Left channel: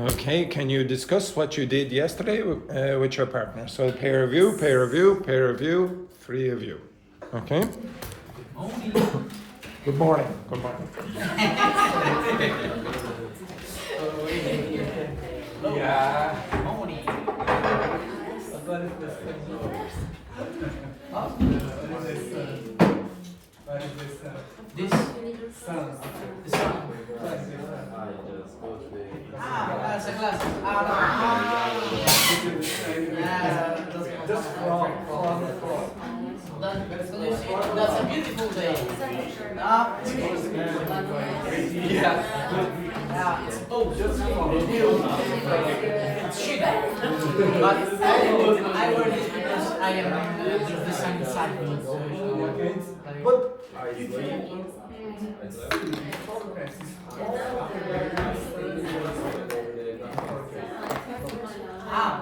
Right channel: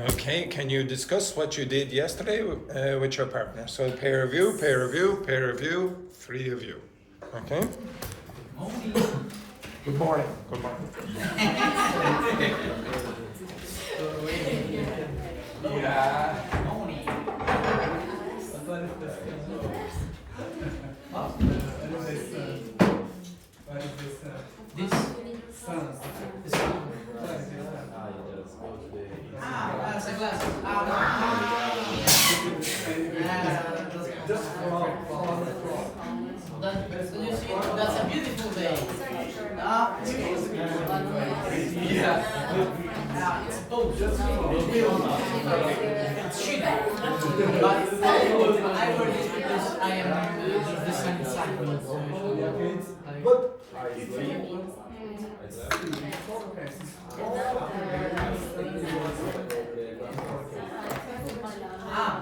Okay, can you discuss what you did yesterday with your partner? So peer review, peer review, peer review, 3 of you. Okay? Good morning. Yeah. This sun. That's a beautiful day. It's both. It's shit. But I wear this because I am the sun inside me. But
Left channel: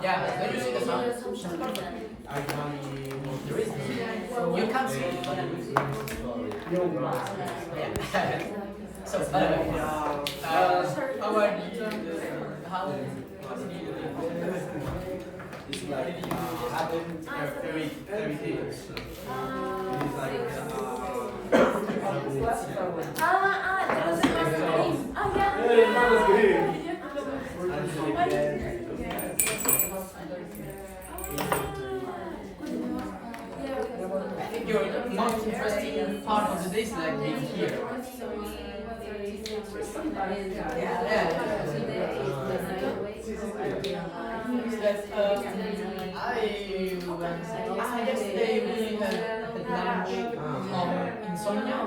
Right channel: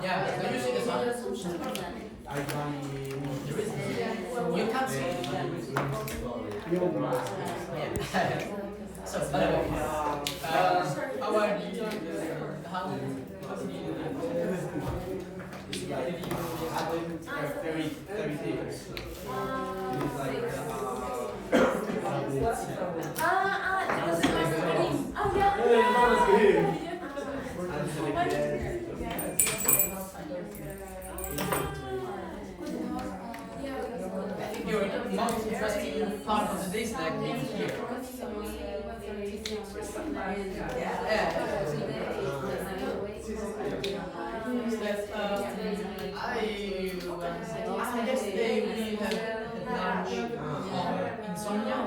yeah, the music is not. You can't see it. So, how are you? How do you it's like I've been 30 days. It's like I think your most interesting part of the day is like being here. I guess they really had lunch insomnia.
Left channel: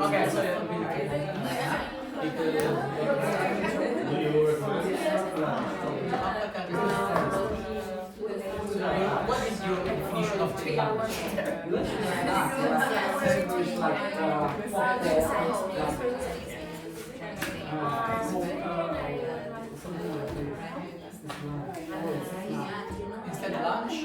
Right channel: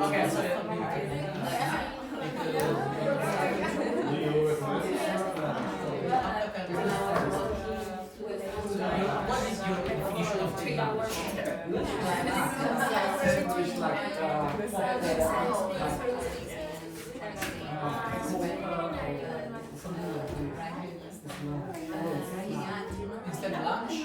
Okay, so what is your definition of technology? Instead of lunch?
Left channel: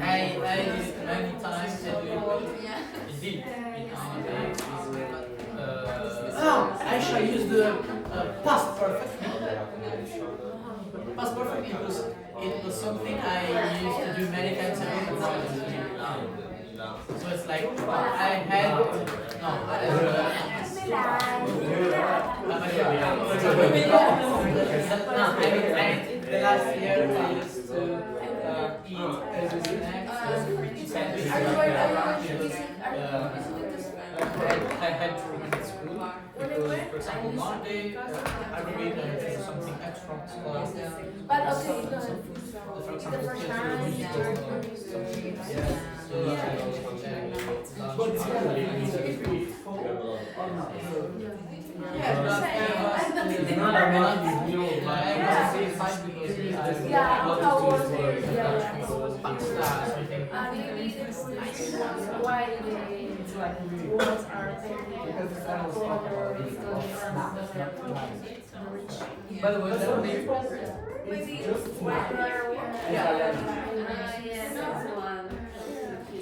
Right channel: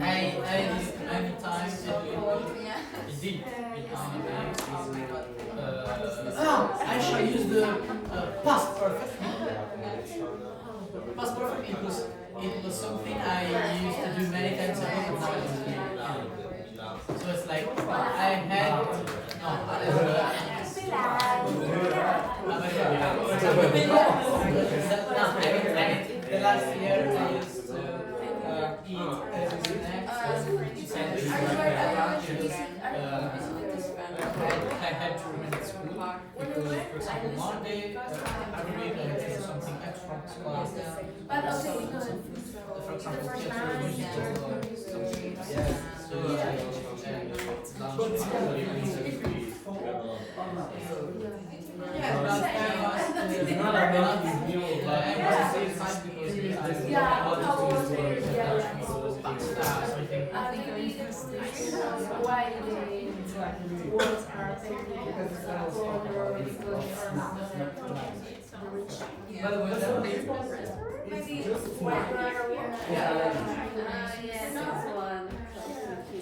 I did it many times. Indeed. I should use the past perfect. Past perfect because it was something I used to do many times a day. So it's like I had the last year I used to eat every night. I had to remember school because, for example, Monday I remember to do something extra class. For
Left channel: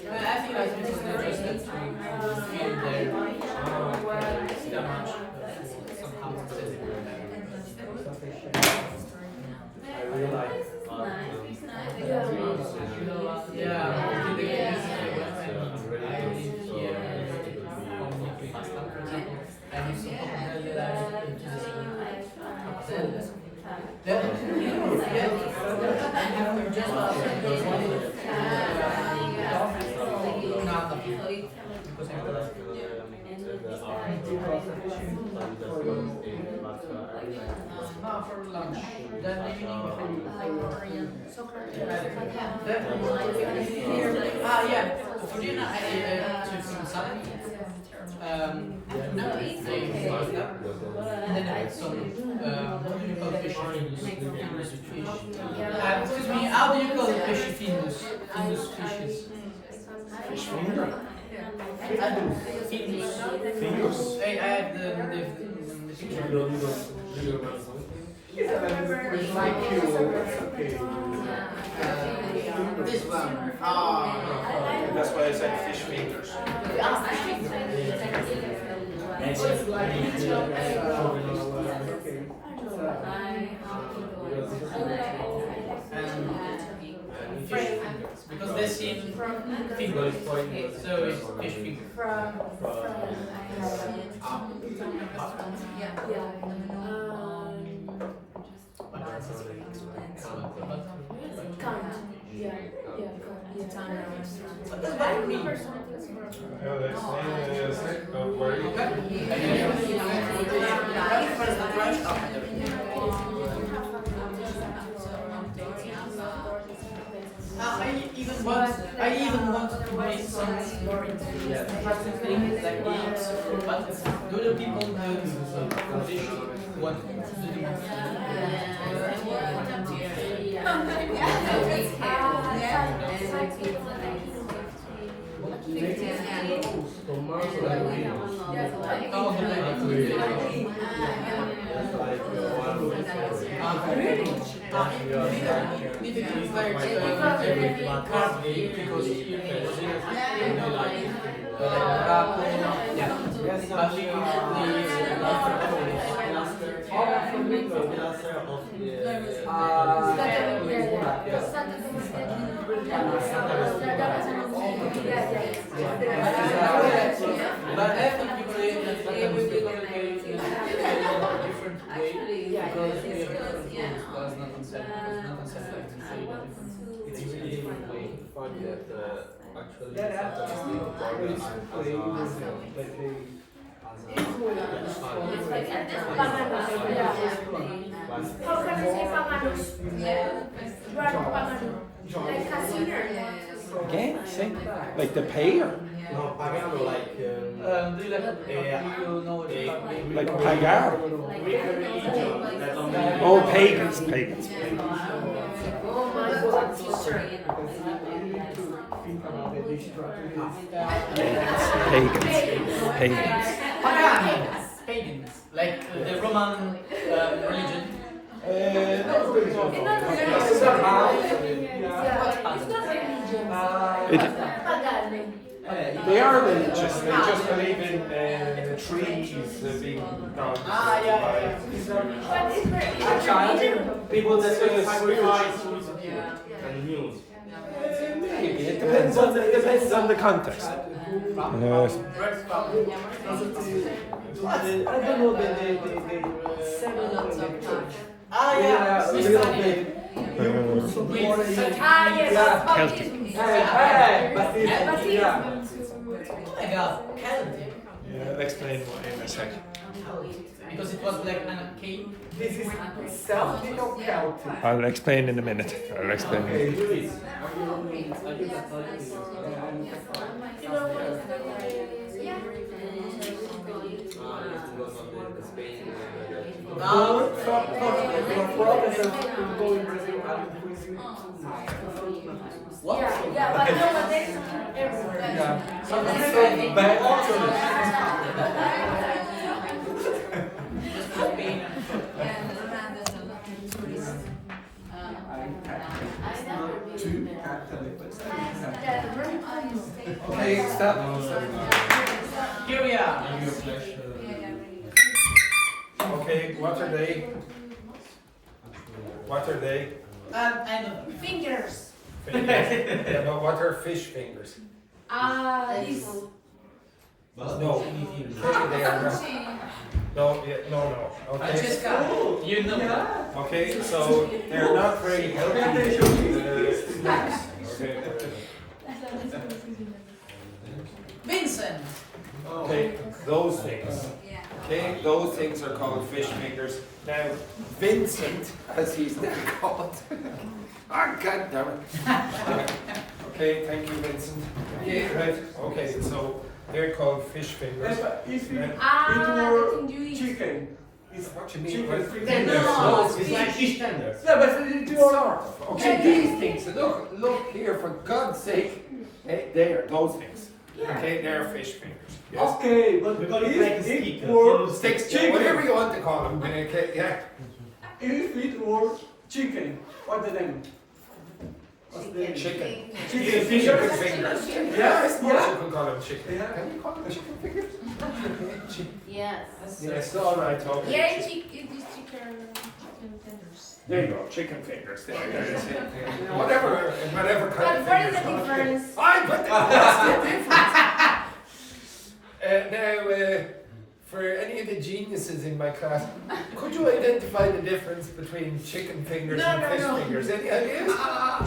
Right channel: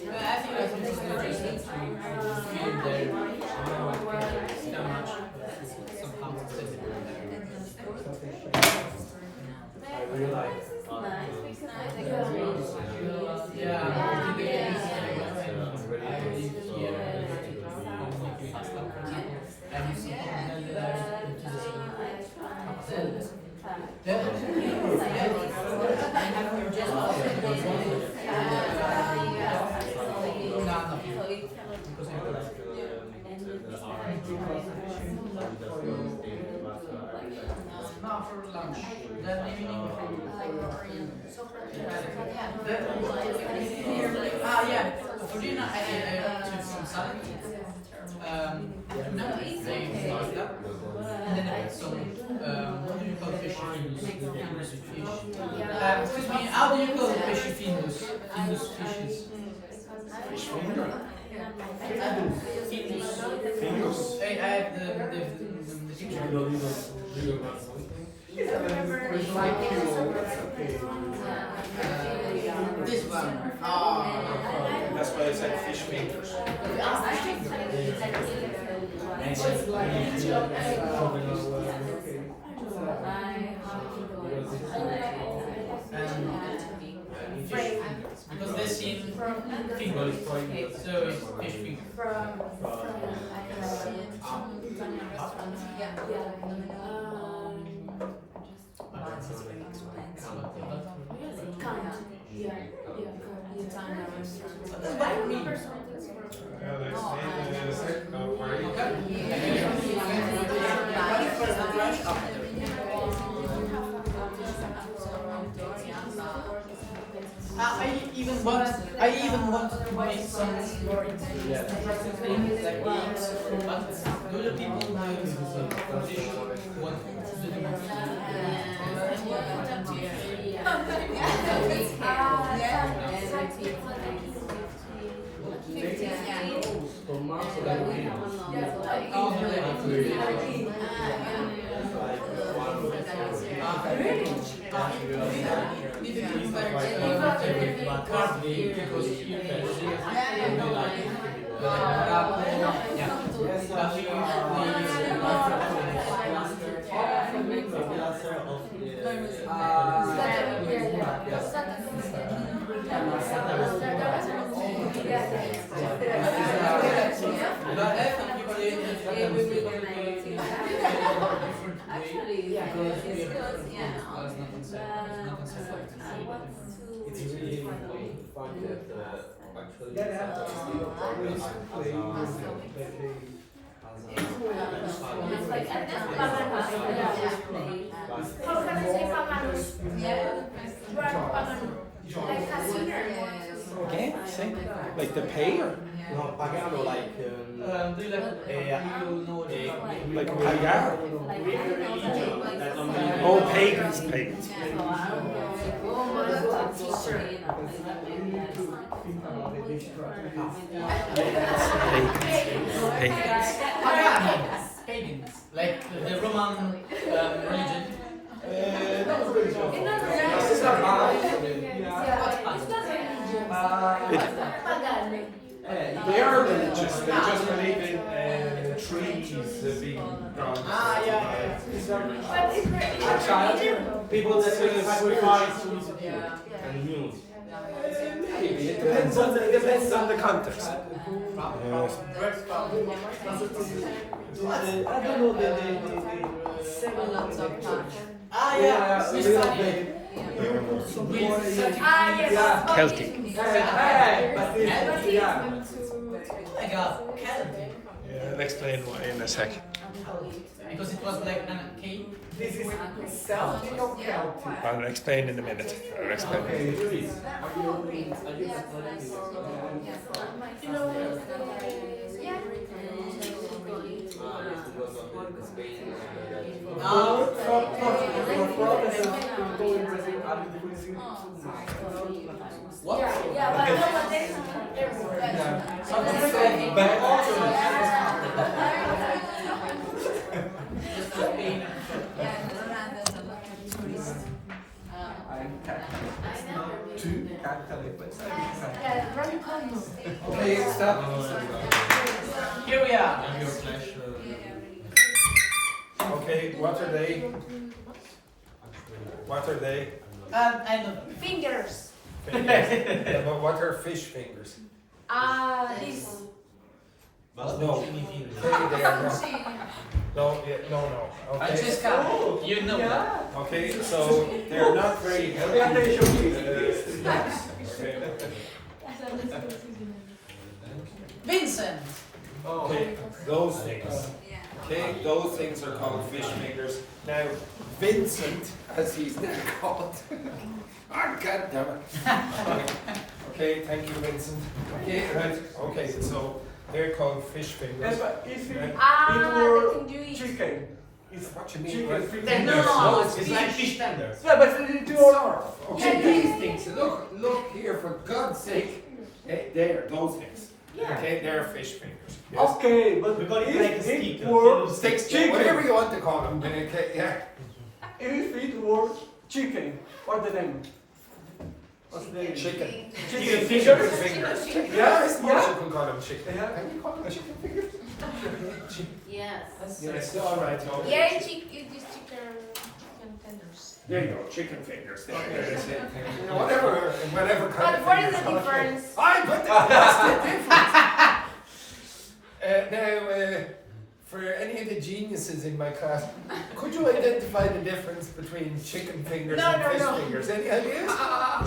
I think I think it's not just that you feel there that much somehow sensible. I realize. Yeah, I live here making pasta, for example. I use some coconut that I into the for lunch. That evening, Yeah. For dinner, I took some salad. And then I had some fish finus. Excuse me, how do you call fish finus? Finus fishes. Fingers. I had the picture. This one. That's why I said fish fingers. Because they seem fingers, so it's fish fingers. I even want to make some more interesting things like this, but do the people want to do But I think people different way because we have It's really important to find that actually How can I say panganus? Like casino. Okay, say like the pay or no pagano like do you know like pagar? Greek religion that only Oh, pagans, pagans. Oh my god, teacher. Pagans. pagans, like the Roman religion. It's not religion. Pagan. They are religious. They just believe in trees being done. Yeah. But it's very people that sacrifice and mules. Maybe it depends on the context. Yes. I don't know the you put some more yes. Celtic. I got Celtic. I'll explain why in a second. Because it was like an cave. This is Celtic or Celtic? I'll explain in a minute. I'll explain. Okay, Luis, You know, from Protestants to go in Brazil, I will bring you to yeah, but nowadays everywhere. some bad options. Two Catholic, but Yeah, very funny. Okay, stop. Here we are. Okay, what are they? What are they? I know. Fingers. Fingers. Yeah, but what are fish fingers? This. No. They are not. No, yeah, no. Okay. Francesca, you know that. Okay, so they're not very healthy. Snacks. Vincent. Okay, those things. Okay, those things are called fish fingers. Now, Vincent, as he's now called, Ah, God damn it. Okay, thank you, Vincent. Okay, right. Okay, so they're called fish fingers. Yeah, but if it the were thing you eat. chicken, It's what you mean. chicken Right? fingers. No, it's it's like like fish tenders. Yeah, but it Sort were of. Okay, these things. Look here, for God's sake. They're those things. Okay, they're fish fingers. Yes. okay, but We call it if like a it stick, were Sticks, chicken, whatever you want to call them. Okay, yeah. if it were chicken, what's the name? What's the name? Chicken. Chicken Chicken fingers. fingers. Yeah, I suppose Yeah. you can call them chicken. Yeah. Can you call them chicken fingers? Yes. Yes, all right. Okay. Yeah, it is chicken tenders. There you go, chicken fingers. There you go. Whatever kind But of what is the fingers. difference? What's the difference? Now, for any of the geniuses in my class, could you identify the difference between chicken fingers No, and no, fish no. fingers? Any ideas?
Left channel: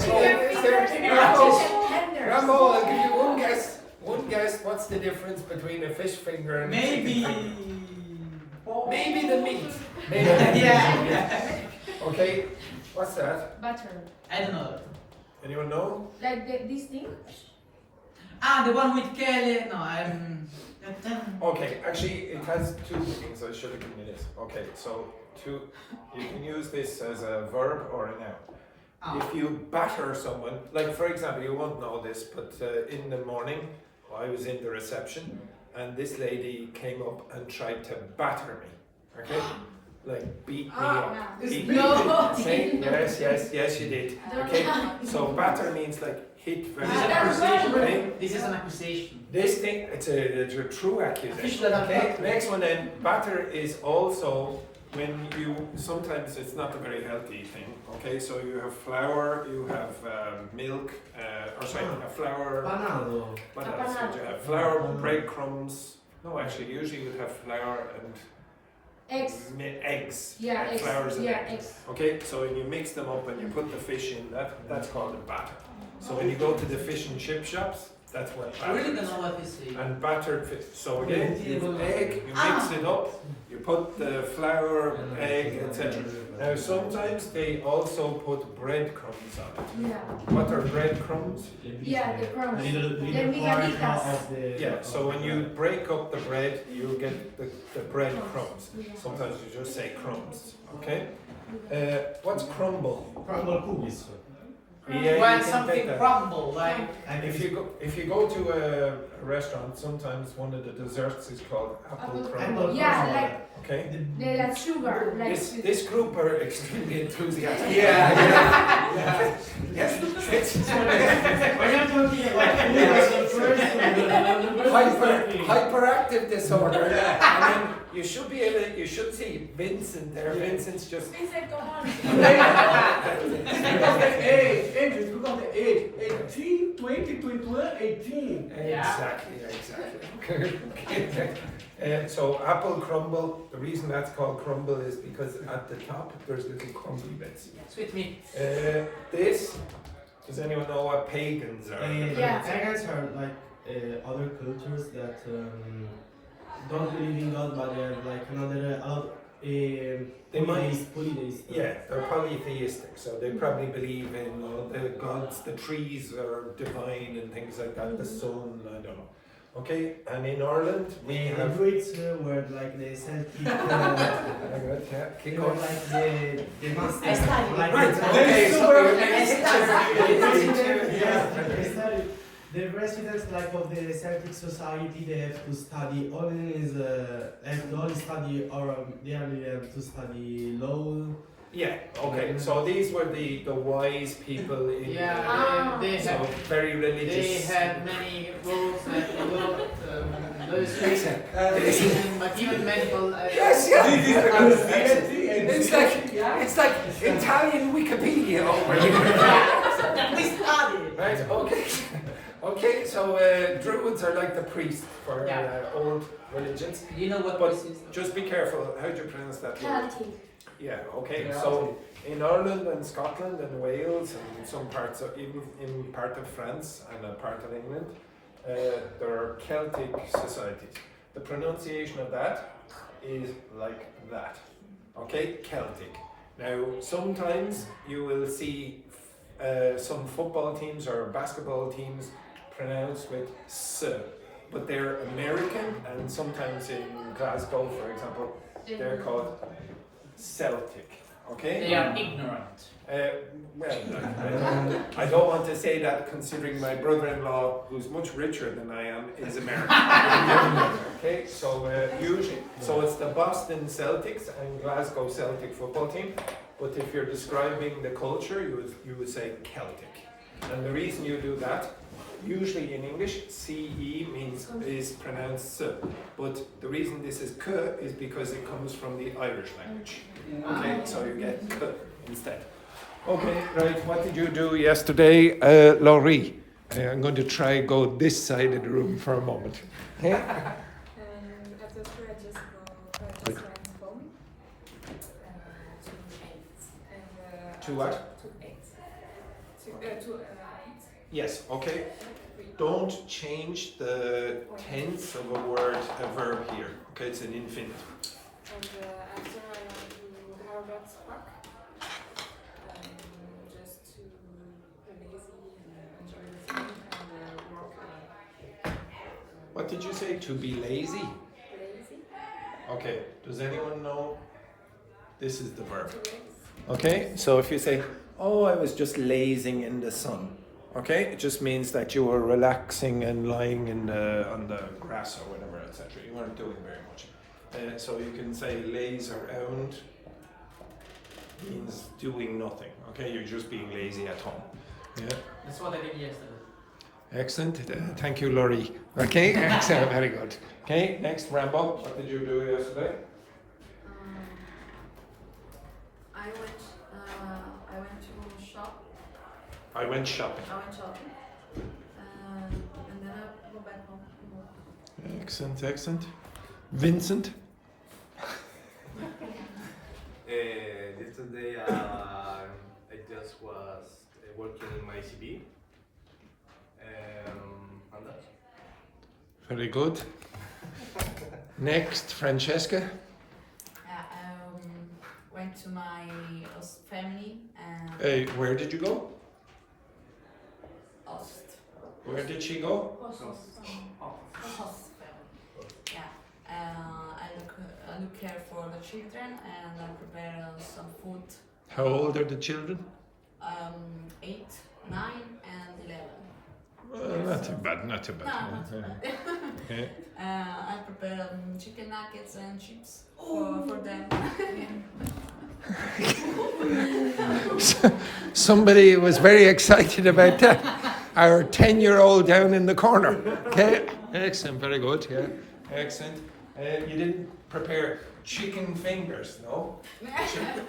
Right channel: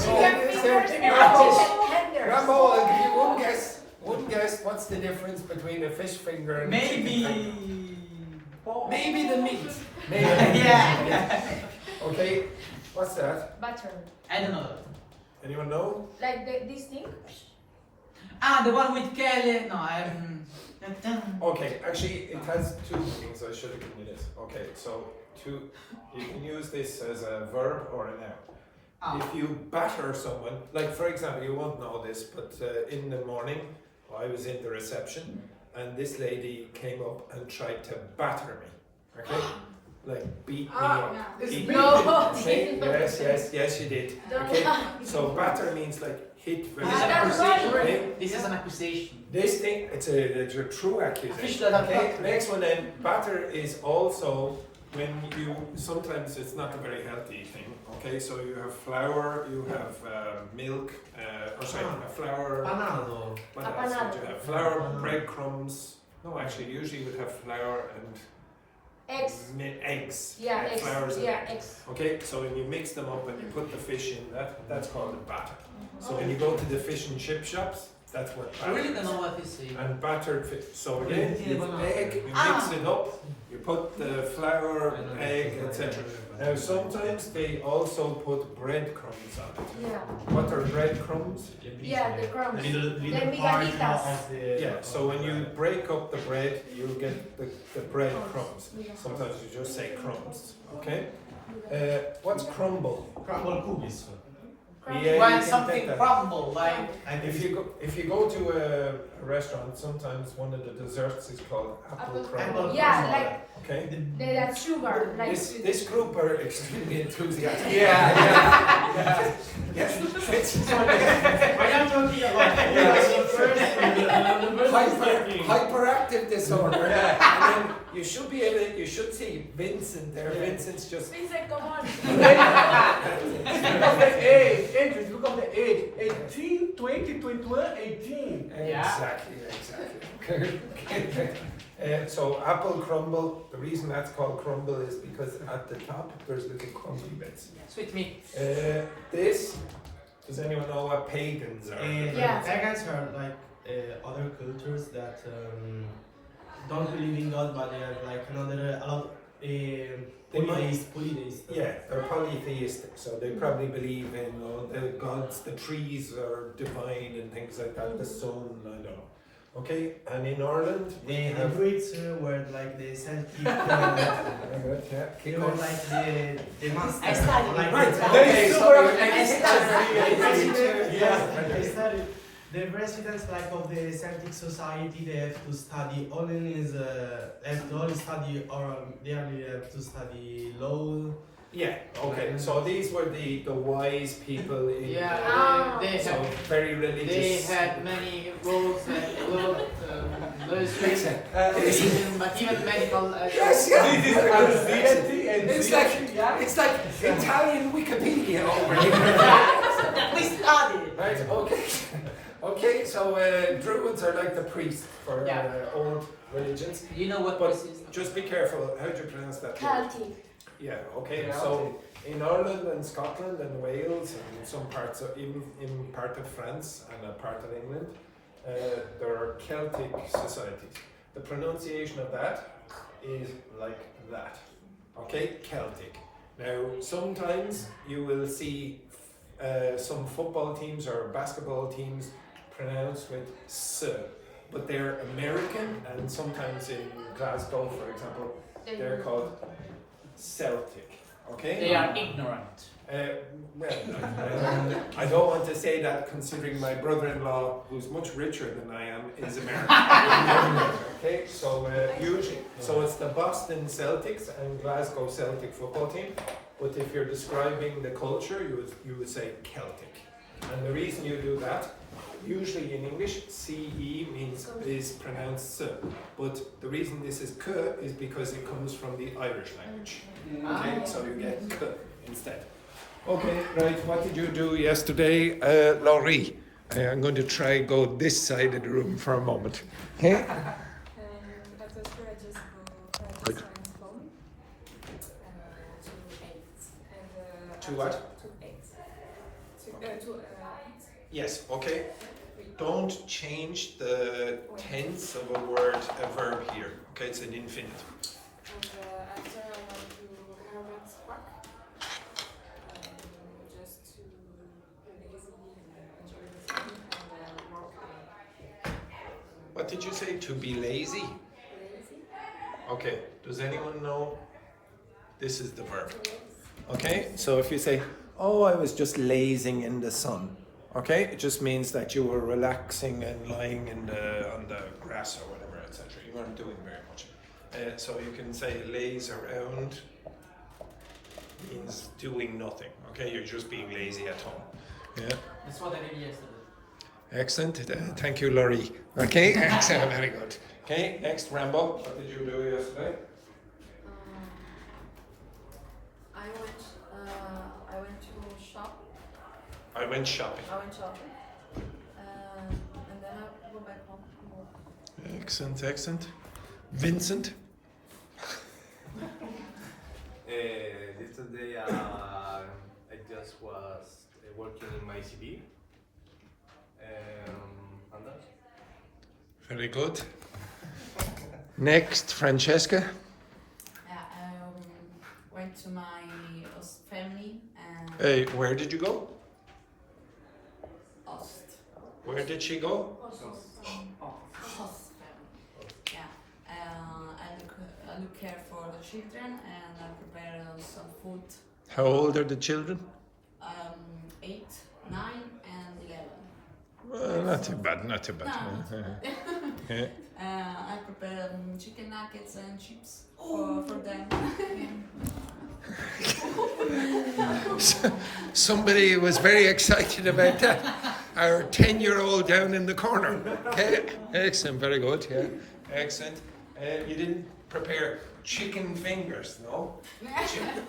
Chicken Is there- fingers Rambo, and chicken tenders. Rambo, I'll give you one guess. One guess. What's the difference between a fish finger and a chicken finger? Maybe. Maybe the meat. Maybe. Yeah. Okay. What's that? Butter. I don't know. Anyone know? Like this thing? The one with Kelly. No, I'm. Okay, actually, it has two meanings. I should have given you this. Okay, so you can use this as a verb or a noun. Oh. If you batter someone, like for example, you won't know this, but in the morning, I was in the reception, and this lady came up and tried to batter me. Okay, like beat me up. Beat me. No. Okay, yes, you did. Okay, so batter means like hit very hard. Okay? This is an accusation. This thing, it's a true accusation. Okay, next one then, batter is also when you, sometimes it's not a very healthy thing, okay, so you have flour, you have milk, a flour, Panado. what else would you have? Flour, breadcrumbs, no actually, usually you would have flour and Eggs. eggs. Yeah, eggs. Flours and Yeah, eggs. eggs. Okay, so when you mix them up and you put the fish in, that's called a batter. So when you go to the fish and chip shops, that's what I batter really is. don't know what this is. And battered fish. So again, you have egg, you mix it up, you put the flour, egg, etc. Now sometimes they also put breadcrumbs on it. Yeah. What are breadcrumbs? Yeah, the crumbs. Little The part migalitas. of the. Yeah, so when you break up the bread, you get the bread crumbs. Sometimes you just say crumbs, okay? What's crumble? Crumble cookies. Yeah, When you can take something that. crumble, like. And If you go to a restaurant, sometimes one of the desserts is called apple crumble. Yeah, like Okay. the sugar. Like This group are extremely enthusiastic. Yeah, Yes. I am talking about Hyperactive disorder. And then you should see Vincent there. Vincent's just. Vincent, come on. because the age, entries, because the age, 18, 20, 21, 18. Exactly. Okay. So apple crumble. The reason that's called crumble is because at the top there's little crumbly bits. Sweet meat. This. Does anyone know what pagans are? Yeah. Pagans are like other cultures that don't believe in God, but they are like another polytheist. Yeah, they're polytheistic, so they probably believe in the gods, the trees are divine and things like that, the sun, I don't know. Okay, and in Ireland we The have. Druids were like the Celtic. Yeah, They kick were on. like the masters. I studied. Like Right, the- okay, so you're The residents like of the Celtic society, they have to study only have to only study or they only have to study law. Yeah, okay, so these were the wise people in Yeah, they so have. very They religious. had many rules that were but even medical. Yes, yeah. It's like Italian Wikipedia over here. We studied. Right, okay. Okay, so Druids are like the priests for Yeah. old religions. You know what But this is? just be careful, how do you pronounce that word? Celtic. Yeah, okay, Yeah. so in Ireland and Scotland and Wales and some parts of, even in part of France and a part of England, there are Celtic societies. The pronunciation of that is like that, okay, Celtic. Now, sometimes you will see some football teams or basketball teams pronounce with S, but they're American, and sometimes in Glasgow, for example, they're called Celtic. Okay? They are ignorant. Well, I don't want to say that, considering my brother-in-law, who's much richer than I am, is American. Okay, so usually, so it's the Boston Celtics and Glasgow Celtic football team. But if you're describing the culture, you would say Celtic. And the reason you do that, usually in English, CE is pronounced S. But the reason this is K is because it comes from the Irish language. Okay, so you get K instead. Okay, right, what did you do yesterday, Laurie? I'm going to try go this side of the room for a moment. Okay? At the school, I just went home to 8. And, To what? To 8. To 8. Yes, okay. Don't change the tense of a word, a verb here. Okay, it's an infinitive. And after I went to Harvard Park. Just to be lazy and enjoy the sun and work. What did you say? To be lazy? Lazy? Okay, does anyone know? This is the verb. To lazy. Okay, so if you say, oh, I was just lazing in the sun. Okay, it just means that you were relaxing and lying on the grass or whatever, etc. You weren't doing very much. So you can say laze around means doing nothing. Okay, you're just being lazy at home. Yeah. That's what I did yesterday. Excellent. Thank you, Laurie. Okay, excellent. Very good. Okay, next, Rambo. What did you do yesterday? I went to shop. I went shopping. And then I go back home and work. Excellent, excellent. Vincent? Yesterday I just was working in my CV. And that's Very good. Next, Francesca? Went to my family and Hey, where did you go? host. Where did she go? Host family. Yeah. I look care for the children and I prepare some food. How old are the children? 8, 9, and 11. Well, not too bad, not too bad. No, not too Yeah. I prepare chicken nuggets and chips for them. Somebody was very excited about that. Our 10-year-old down in the corner. Okay. Excellent, very good. Yeah, excellent. You didn't prepare chicken fingers, no?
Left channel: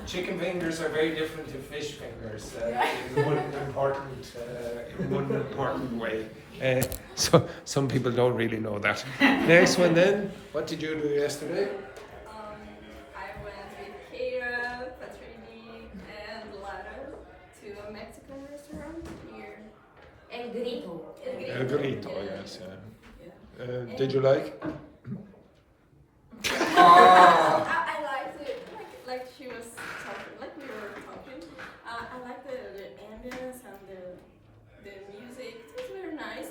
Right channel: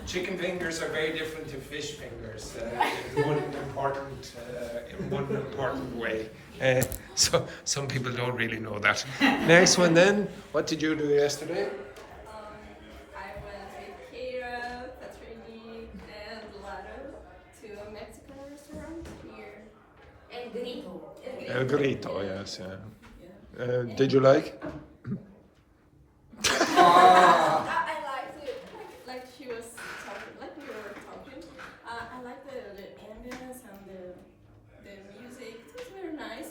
Chicken fingers are very different to fish fingers in one important way. So some people don't really know that. Next one then. What did you do yesterday? I went with Kira, Patrini, and Lara to a Mexican restaurant here. El Grito. El Grito, yes. Yeah. Did you like? I liked it, like she was talking, like we were talking. I like the ambience and the music. It was very nice,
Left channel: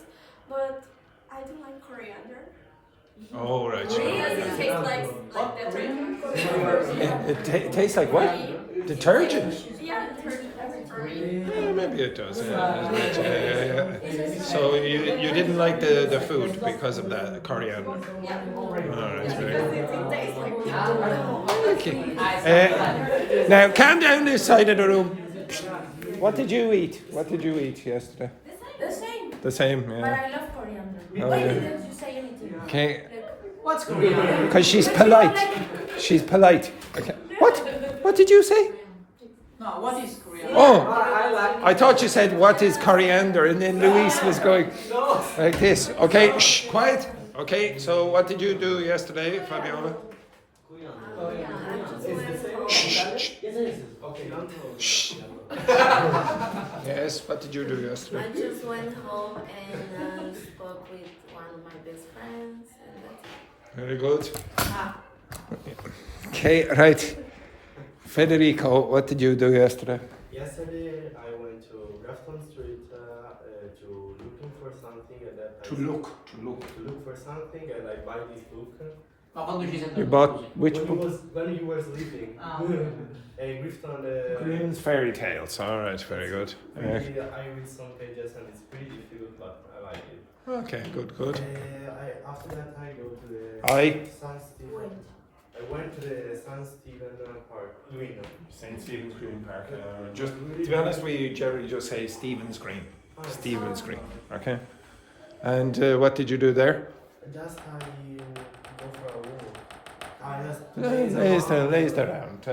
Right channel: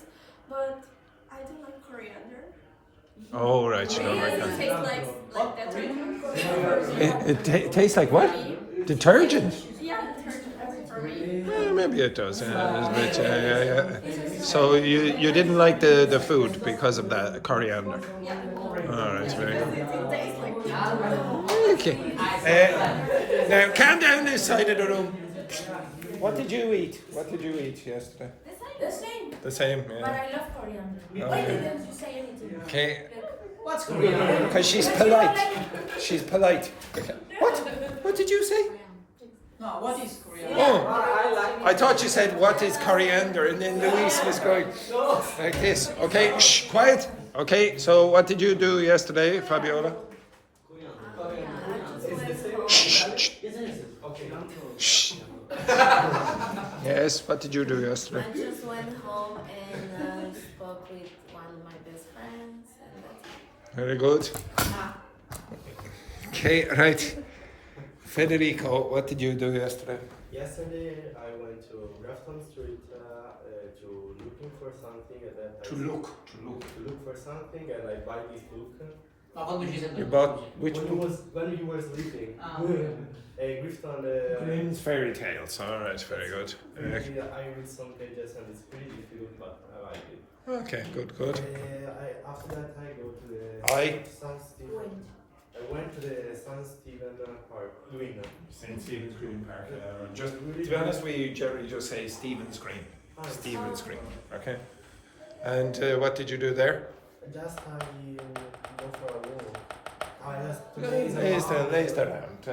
but I don't like coriander. Oh, right. So It tastes like detergent. it tastes like what? Detergent? Yeah, detergent for me. Well, maybe it does. Yeah. So you didn't like the food because of that coriander? Yeah. All right, very good. It tastes like Okay. Now calm down this side of the room. What did you eat? What did you eat yesterday? The same. The same. But Yeah. I love coriander. Oh, Why yeah. didn't you say anything? Okay. What's going on? Because she's polite. She's polite. What? What did you say? No, what is Korean? Oh, I thought you said what is coriander, and then Luis was going like this. Okay, shh, quiet. Okay, so what did you do yesterday, Fabiola? Yes, what did you do yesterday? I just went home and spoke with one of my best friends. And that's Very good. Okay, right. Federico, what did you do yesterday? yesterday I went to Grafton Street to looking for something and that To look for something and I buy this book. Ma quando ci sei You bought which when book? when you were sleeping. Ah, Grafton. Grimm's Fairy Tales. All right, very good. Really, I read some pages and it's pretty difficult, but I like it. Okay, good. After that, I go to the San Stephen. Wait. I went to the San Stephen Park, Green. St. Stephen's Green Park. Just to be honest with you, Jerry, just say Stephen's Green. Stephen's Green. Okay. And what did you do there? Just I go for a walk. I just Lays around.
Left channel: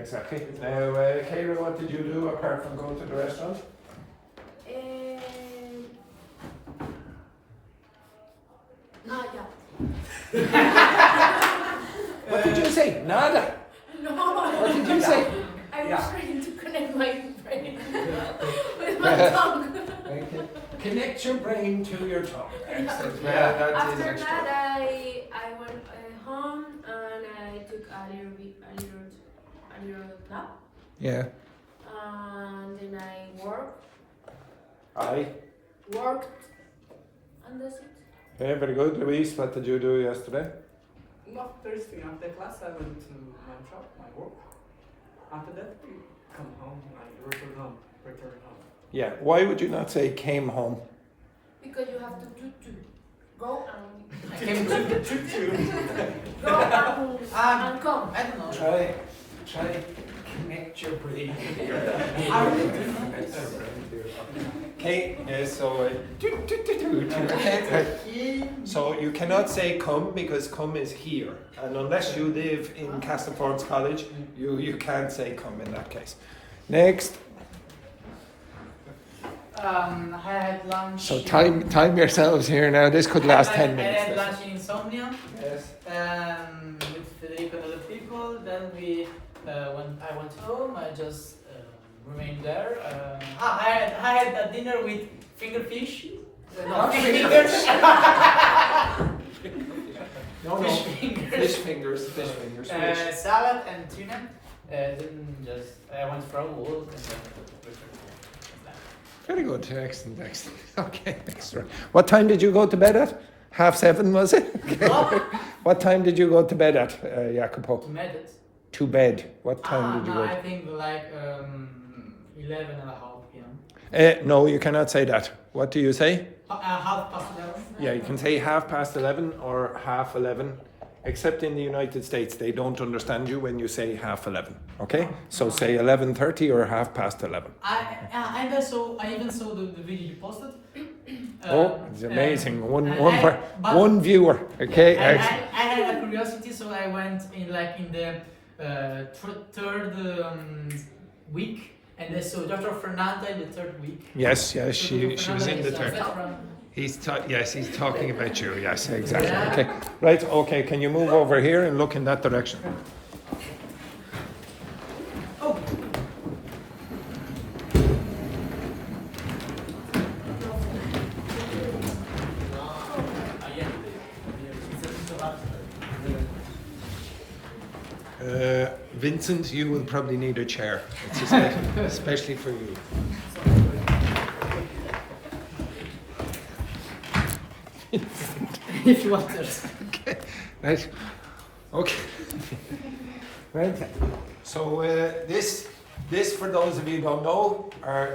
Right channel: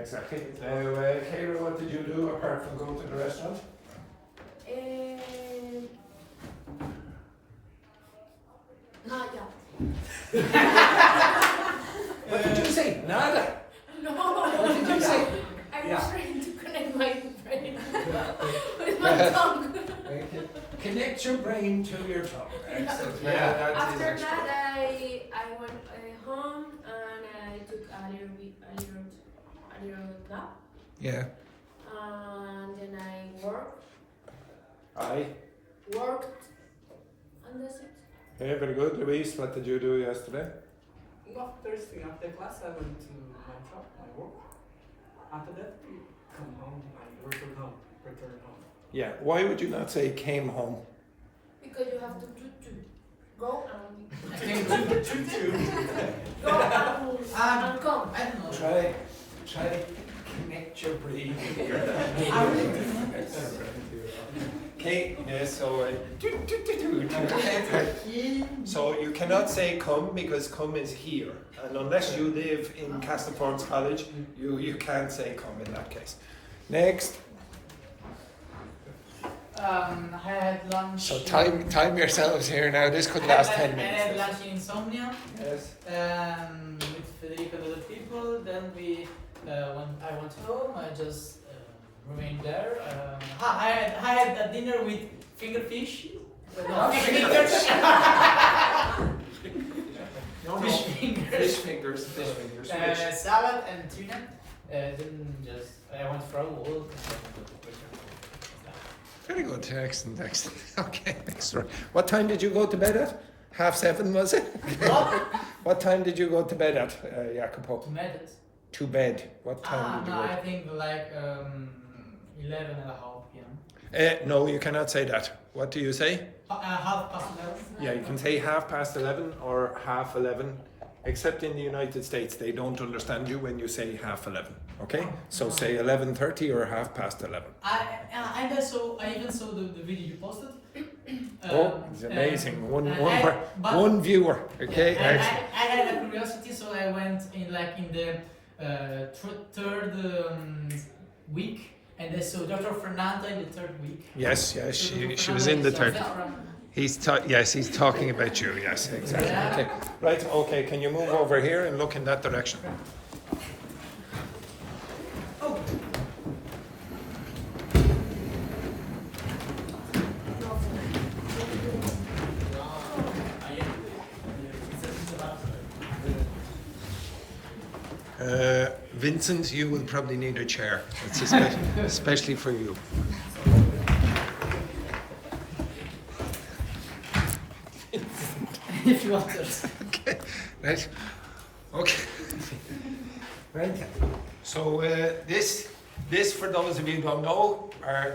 Exactly. Now, Kayra, what did you do apart from going to the restaurant? Yeah. What did you say? Nada. No. What did you say? I was Yeah. trying to connect my brain with my tongue. Connect your brain to your tongue. Excellent. Yeah. that is After excellent. that, I went home and I took a little nap. Yeah. And then I worked, and that's it. Yeah, very good. Luis, what did you do yesterday? Well, first thing after class, I went to my shop, my work. After that, I come home, I return home. Yeah. Why would you not say came home? Because you have to go and I came to go and come. I don't know. Try connect your brain. Okay, so you cannot say come because come is here, and unless you live in Castlefords College, you can't say come in that case. Next. I had lunch. So time yourselves here now. This could last 10 I minutes. had lunch in Insomnia Yes. with Federico and other people. Then when I went home, I just remained there. I had a dinner with fingerfish. No, fish fingers. Fish fingers. Salad and tuna. Then I went for a walk. Very good. Excellent. Okay, extra. What time did you go to bed at? 7:30, was it? What time did you go to bed at, Jacopo? To bed. What time did you go? I think like 11:30 p.m. No, you cannot say that. What do you say? 11:30. Yeah, you can say 11:30 or 11:30. Except in the United States, they don't understand you when you say 11:30. Okay, so say 11:30 or 11:30. I even saw the video you posted. It's amazing. One viewer. Okay. I had a curiosity, so I went in the third week, and I saw Dr. Fernanda in the third week. Yes, she was in the third. He's talking about you. Yes, exactly. Okay, right. Okay, can you move over here and look in that direction? Vincent, you will probably need a chair. It's especially for you. If you want this. Okay, right. Okay. Right. So this for those of you who don't know,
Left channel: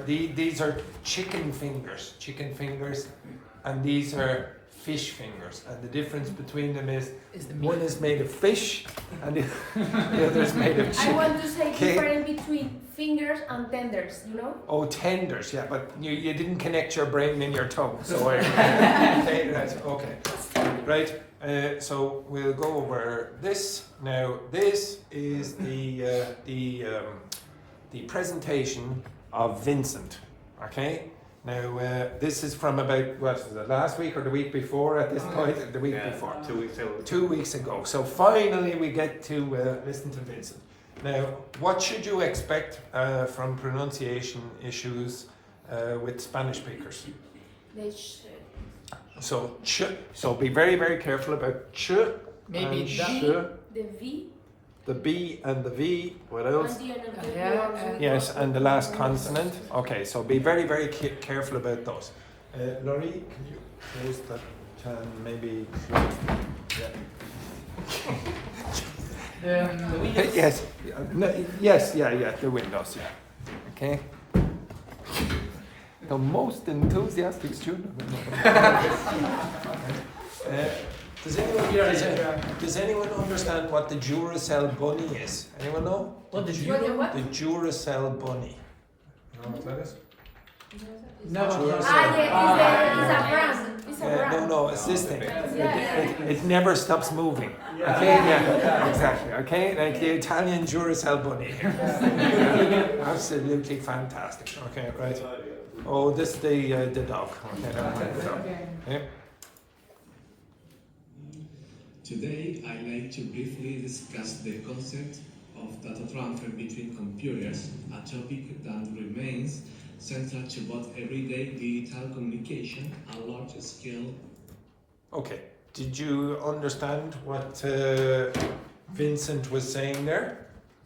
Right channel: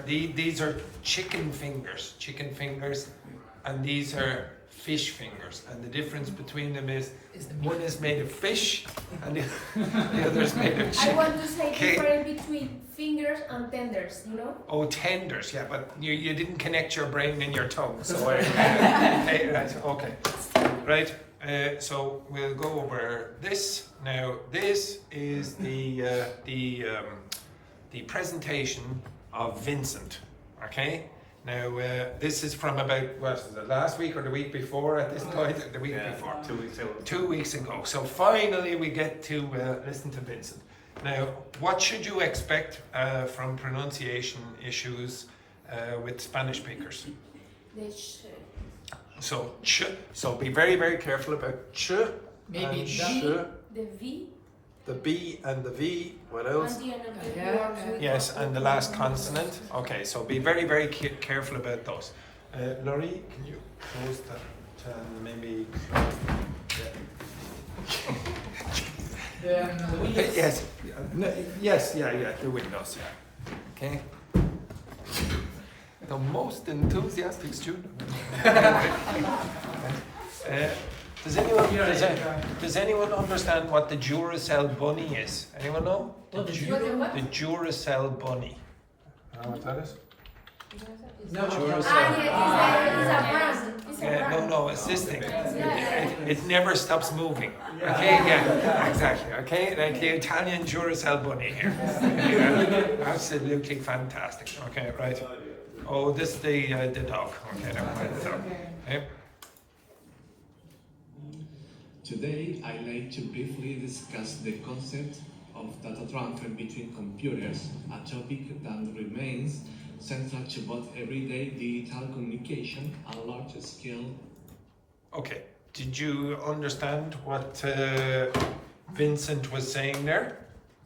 these are chicken fingers, and these are fish fingers. And the difference between them is one is made of fish and the other is made of chicken. I want to say difference between fingers and tenders, Oh, tenders, yeah, but you didn't connect your brain and your tongue. So okay. Right. So we'll go over this now. This is the presentation of Vincent. Okay. Now this is from about last week or the week before at this point? The week before. 2 weeks ago. 2 weeks ago. So finally we get to listen to Vincent. Now, what should you expect from pronunciation issues with Spanish speakers? The sh. So ch. So be very, very careful about ch. Maybe sh. The V. the B and the V. What else? On the end of the Yeah. Yes, and the last consonant. Okay, so be very, very careful about those. Laurie, can you close that? Maybe. The windows. Yes. No, yes. Yeah. The windows. Yeah. Okay. The most enthusiastic student. Does anyone understand what the Duracell bunny is? Anyone know? What did you What? The Duracell bunny. What that is? No. Duracell. It's a brand. It's a brand. No, it's this thing. Yeah. It never stops moving. Okay, yeah, exactly. Okay, like the Italian Duracell bunny here. Absolutely fantastic. Okay, right. Oh, this is the dog. Okay, never mind the dog. Okay. Today, I'd like to briefly discuss the concept of data transfer between computers, a topic that remains central to both everyday digital communication and large-scale. Okay. Did you understand what Vincent was saying there?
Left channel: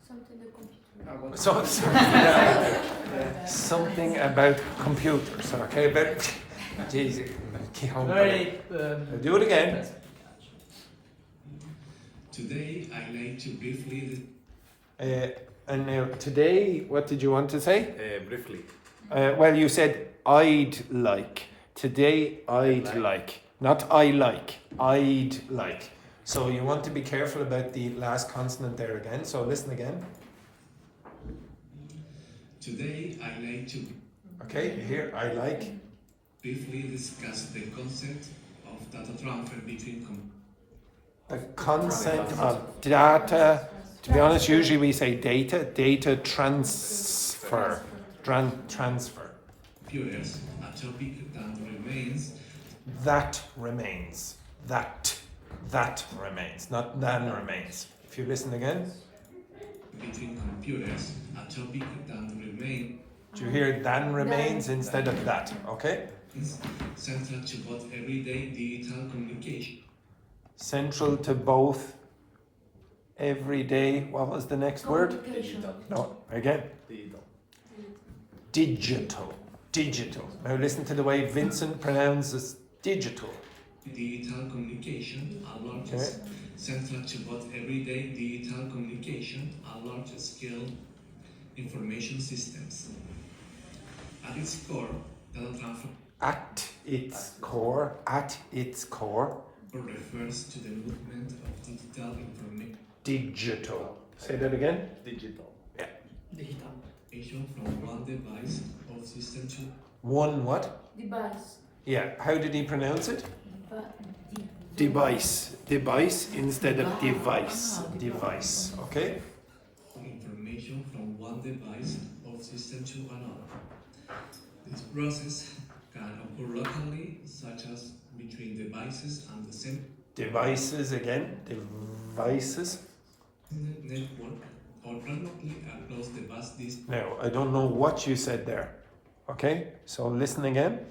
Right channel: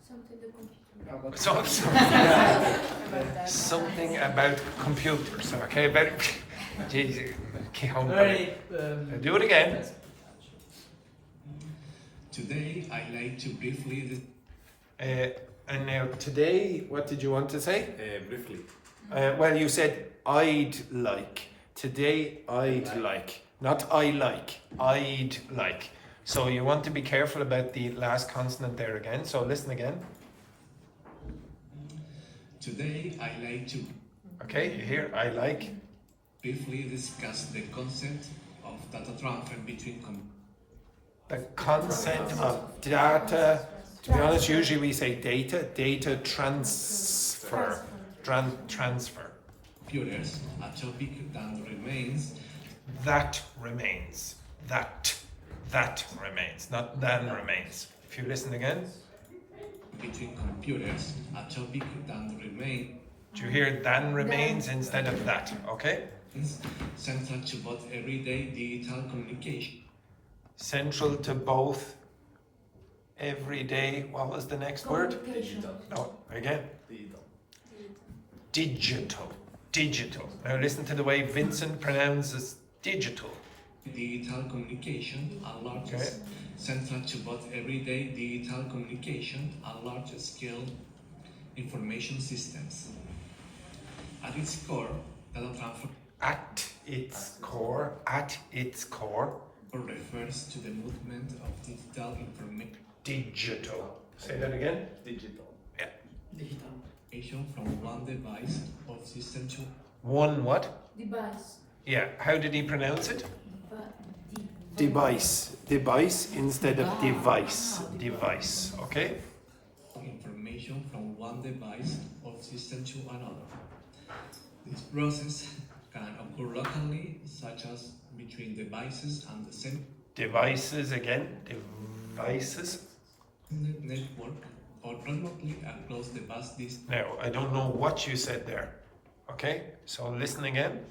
Something the computer. Something about computers. Okay, very. Jesus, Very. do it again. Today, I'd like to briefly And now today, what did you want to say? Briefly. Well, you said I'd like. Today, I'd like. Not I like. I'd like. So you want to be careful about the last consonant there again. So listen again. Today, I'd like to Okay, you hear I like. briefly discuss the concept of data transfer between The concept of data. To be honest, usually we say data transfer. Transfer. computers, a topic that remains That remains. That remains. Not than remains. If you listen again. between computers, a topic that remains Do you hear than remains instead of that? Okay? central to both everyday digital communication. Central to both everyday. What was the next word? Communication. No, again. Digital. Digital. Now listen to the way Vincent pronounces digital. Digital communication, a large Okay. central to both everyday digital communication and large-scale information systems. At its core, data transfer At its core, refers to the movement of digital information digital. Say that again. Digital. from one device or system to One what? Device. Yeah. How did he pronounce it? But Device. Device instead of device. Device. Okay? information from one device or system to another. This process can occur locally, such as between devices and the same Devices again. Devices. network, or remotely across the vast distance. Now, I don't know what you said there. Okay? So listen again.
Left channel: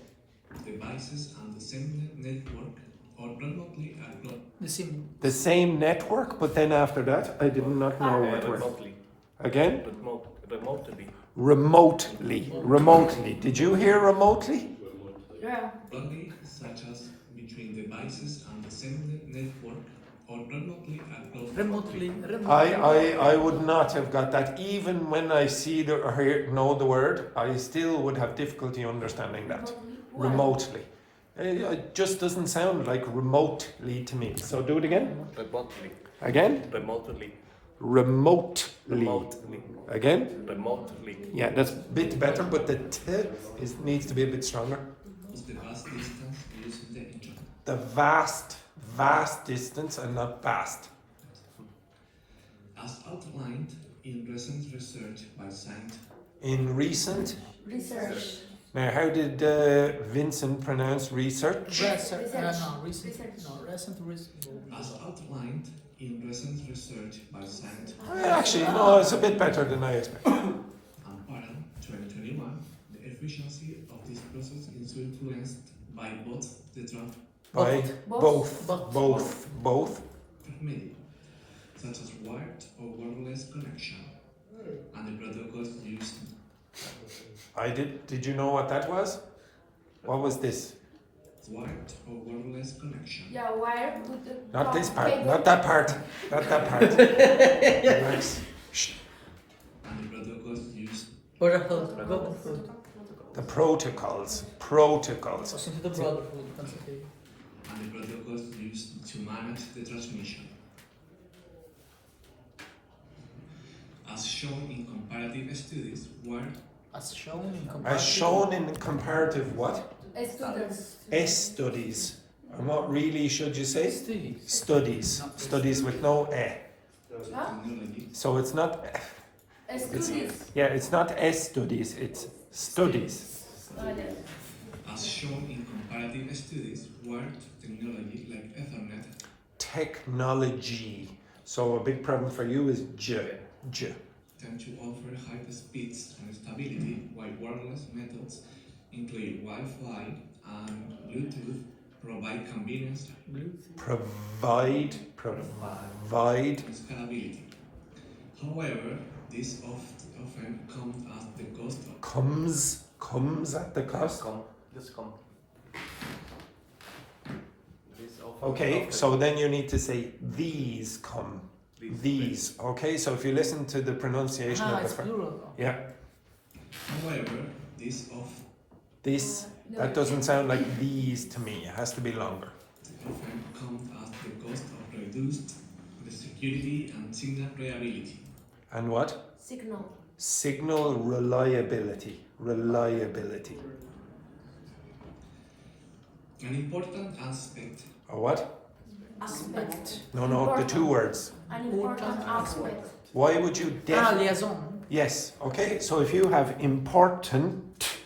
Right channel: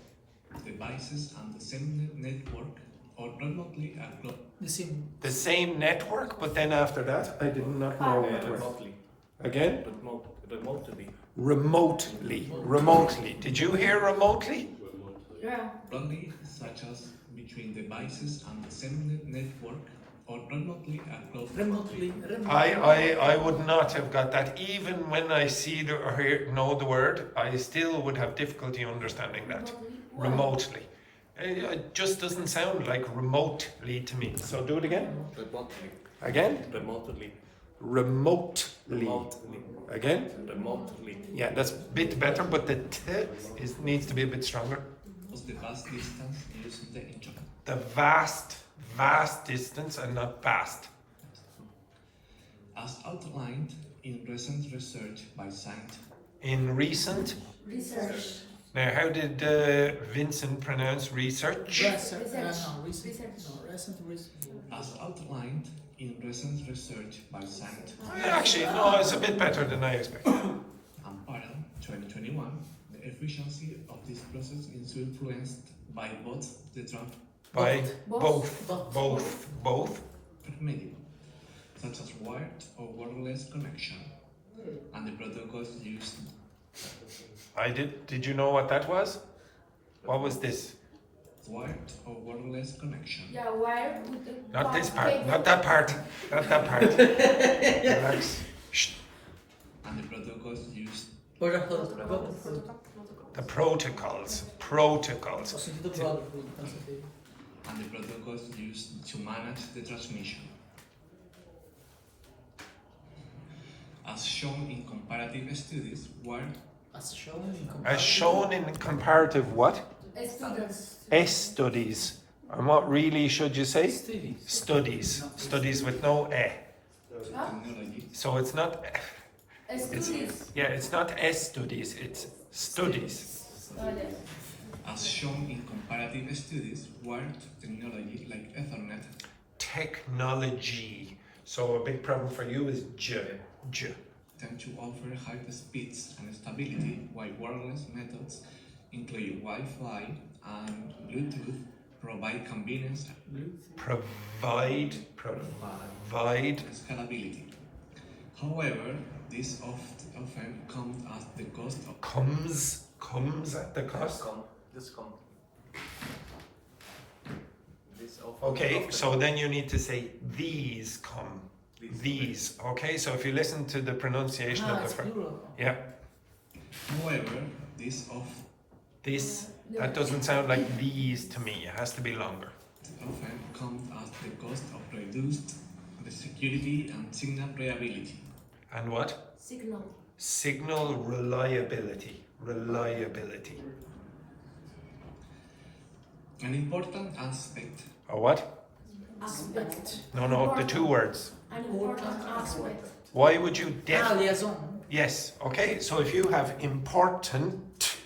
Devices and the same network, or remotely across The same. The same network, but then after that, I did not know what word. Remotely. Again? Remotely. Remotely. Remotely. Did you hear remotely? yeah. locally, such as between devices and the same network, or remotely across Remotely. I would not have got that. Even when I see the or hear, know the word, I still would have difficulty understanding that. Remotely. It just doesn't sound like remotely to me. So do it again. Remotely. Again. Remotely. Remotely. Remotely. Again. Remotely. Yeah, that's a bit better, but the t needs to be a bit stronger. the vast distance using the internet. The vast distance and not vast. As outlined in recent research by scientists. In recent. Research. Now, how did Vincent pronounce research? Recent. Research. No, recent. Research. No, recent. As outlined in recent research by scientists. Actually, no, it's a bit better than I expected. Until 2021, the efficiency of this process is influenced by both the By Both. both. medium. such as wired or wireless connection, and the protocols used. Did you know what that was? What was this? Wired or wireless connection. Yeah, wire with the Not this part, cable. not that part, not that part. Relax. Shh. And the protocols used. The protocols. Protocols. O sentido brotherhood, concentrate. And the protocols used to manage the transmission. As shown in comparative studies, wired As shown in As shown in comparative what? Students. Studies. And what really should you say? studies. Studies. Studies with no e. Huh? technology. So it's not. Studies. Yeah, it's not studies. It's studies. Oh, yeah. As shown in comparative studies, wired technology like Ethernet Technology. So a big problem for you is tend to offer high speeds and stability, while wireless methods, including Wi-Fi and Bluetooth, provide convenience Provide. and scalability. However, this often comes at the cost of Comes at the cost. Just come. This Okay, so then you need to say these come. These. Okay, so if you listen to the pronunciation of the it's first. plural. Yeah, However, this. That doesn't sound like these to me. It has to be longer. often comes at the cost of reduced the security and signal reliability. And what? Signal. Signal reliability. Reliability. An important aspect Or what? Aspect. No, the two words. An important aspect. Why would you Liaison. Yes, okay, so if you have important,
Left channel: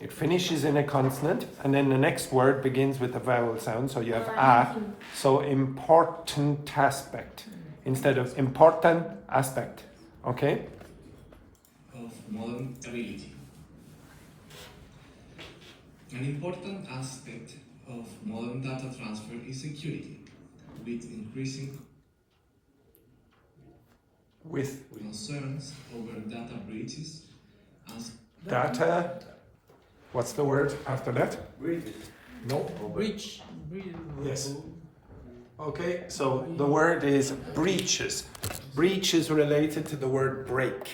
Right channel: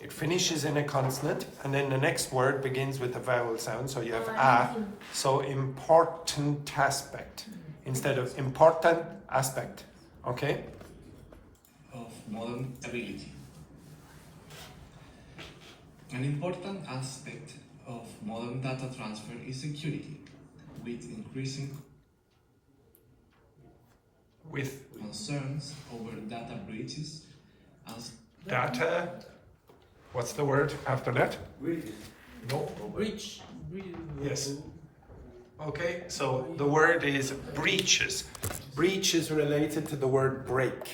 it finishes in a consonant, and then the next word begins with a vowel sound, so you have a, so important aspect, instead of important aspect, okay? of modern ability. An important aspect of modern data transfer is security, with increasing With concerns over data breaches and data, what's the word after that? No. Breach. Yes. Okay, so the word is breaches. Breach is related to the word break.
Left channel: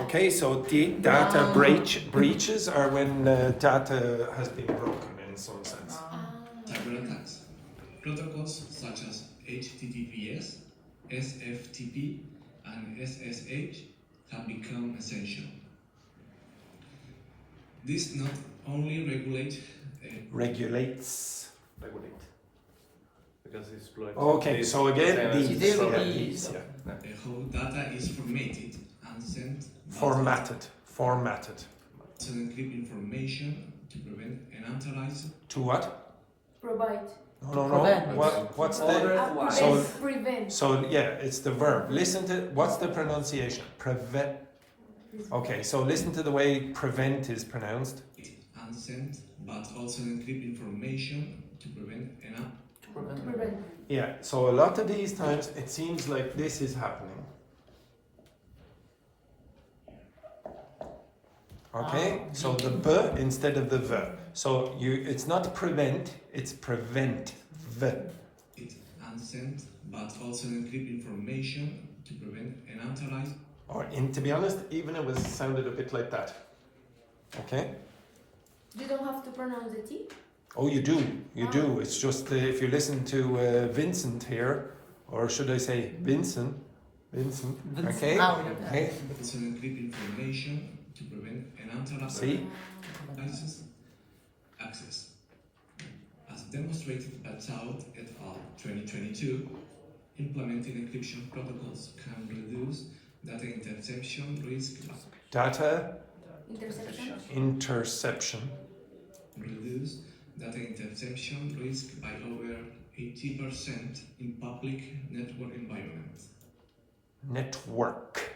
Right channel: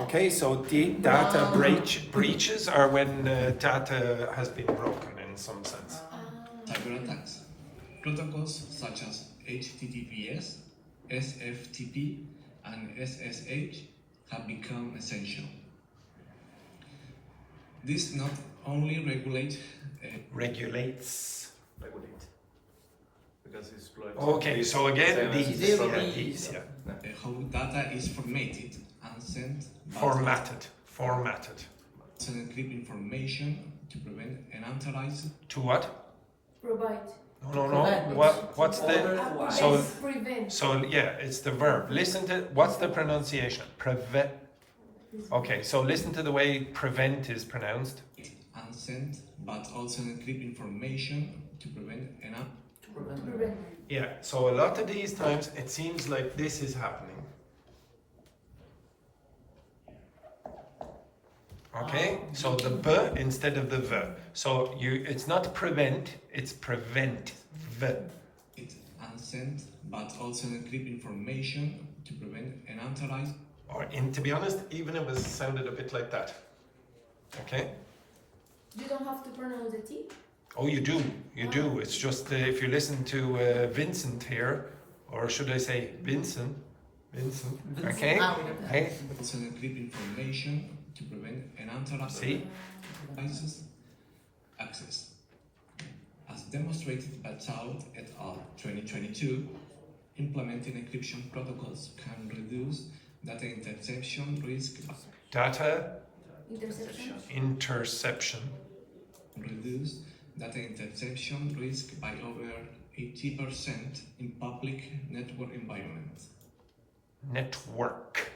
Okay, so the data breaches are when data has been broken in some sense. cyber attacks. Protocols such as HTTPS, SFTP, and SSH have become essential. This not only regulates Regulates. Regulate. Because it's plural. Okay, so again, Same as these, this. yeah, these, yeah. how data is formatted and sent Formatted. to encrypt information to prevent unauthorized To what? Provide. No. What's the? So- Prevent. So yeah, it's the verb. Listen to what's the pronunciation? Prevent. Okay, so listen to the way prevent is pronounced. and sent, but also encrypt information to prevent Prevent. Yeah. So a lot of these times it seems like this is happening. Okay, so the b instead of the v. So it's not prevent, it's prevent. V. it and sent, but also encrypt information to prevent unauthorized Or to be honest, even it was sounded a bit like that. Okay. You don't have to pronounce the T. Oh, you do. It's just if you listen to Vincent here, or should I say Vincent? Okay. Hey. also encrypt information to prevent unauthorized See. access. As demonstrated by Chow et al. 2022, implementing encryption protocols can reduce data interception risk Data Intersection. reduce data interception risk by over 80% in public network environments. Network.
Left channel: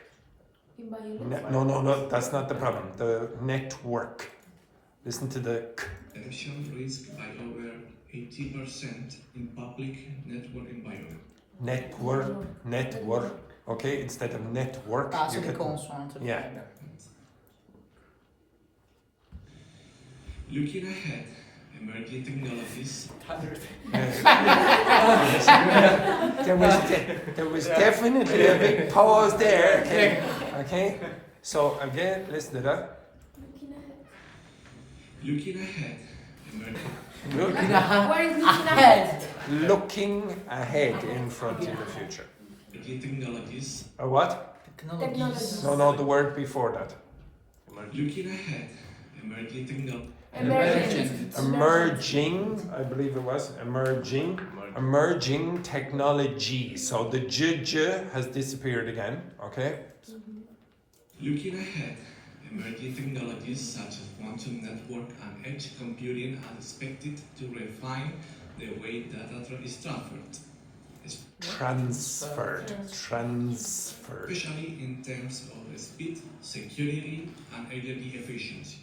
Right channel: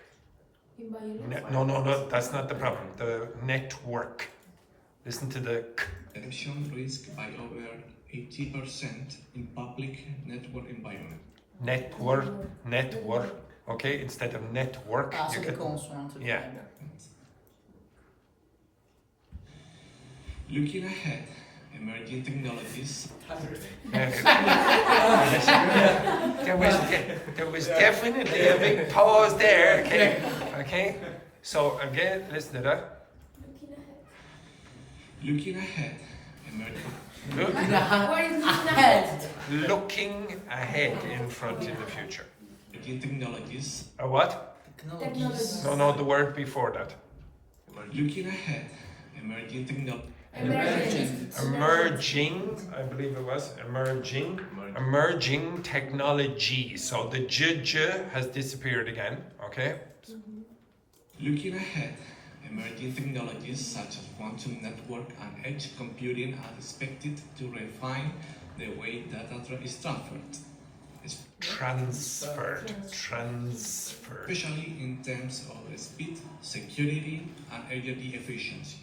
Environment. No, that's not the problem. The network. Listen to the k. Interception risk by over 80% in public network environment. network. Okay, instead of network, Ah, you c'est get. des consonnes. Yeah. Looking ahead, emerging technologies. There was definitely a big pause there. Okay. Okay. So again, listen to that. Looking ahead, emerging. Where is looking ahead? Looking ahead in front in the future. Emerging technologies. A what? Technologies. No, the word before that. Looking ahead, emerging technologies. Emerging, I believe it was, emerging technology. So the j has disappeared again, okay? Looking ahead, emerging technologies such as quantum network and edge computing are expected to refine the way data is transferred. Transferred. Especially in terms of speed, security, and energy efficiency.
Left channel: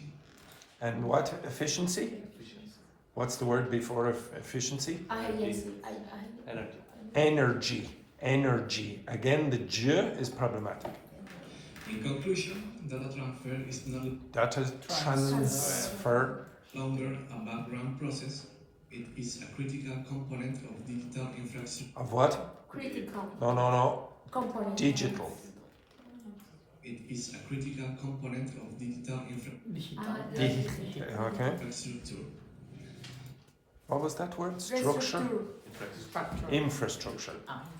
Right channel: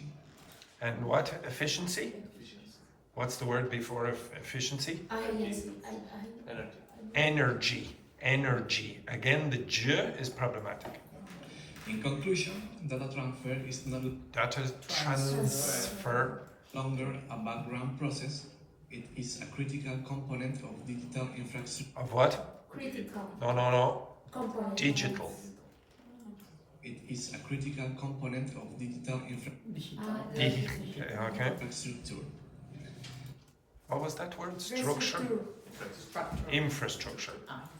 And what? Efficiency? What's the word before efficiency? Energy. Energy. Again, the j is problematic. In conclusion, data transfer is not Data transfer. longer a background process. It is a critical component of digital infrastructure. Of what? Critical. No. Component. Digital. It is a critical component of digital Okay. infrastructure. What was that word? Structure? Infrastructure.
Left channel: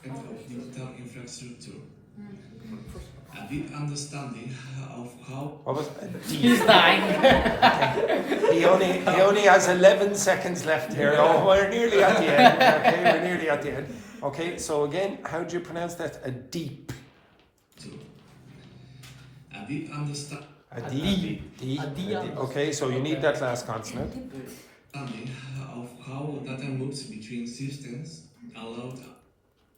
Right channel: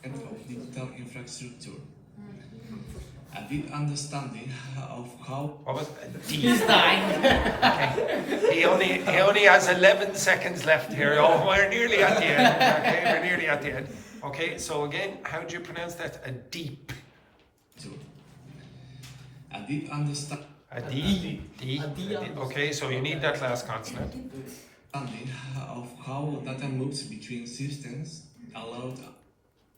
And of digital infrastructure. A deep understanding of how. What was He's dying. Okay. He only has 11 seconds left here. Oh, we're nearly at the end. Okay, we're nearly at the end. Okay, so again, how do you pronounce that? A deep. A deep understanding. A deep. Okay, so you need that last consonant. Of how data moves between systems, allowed.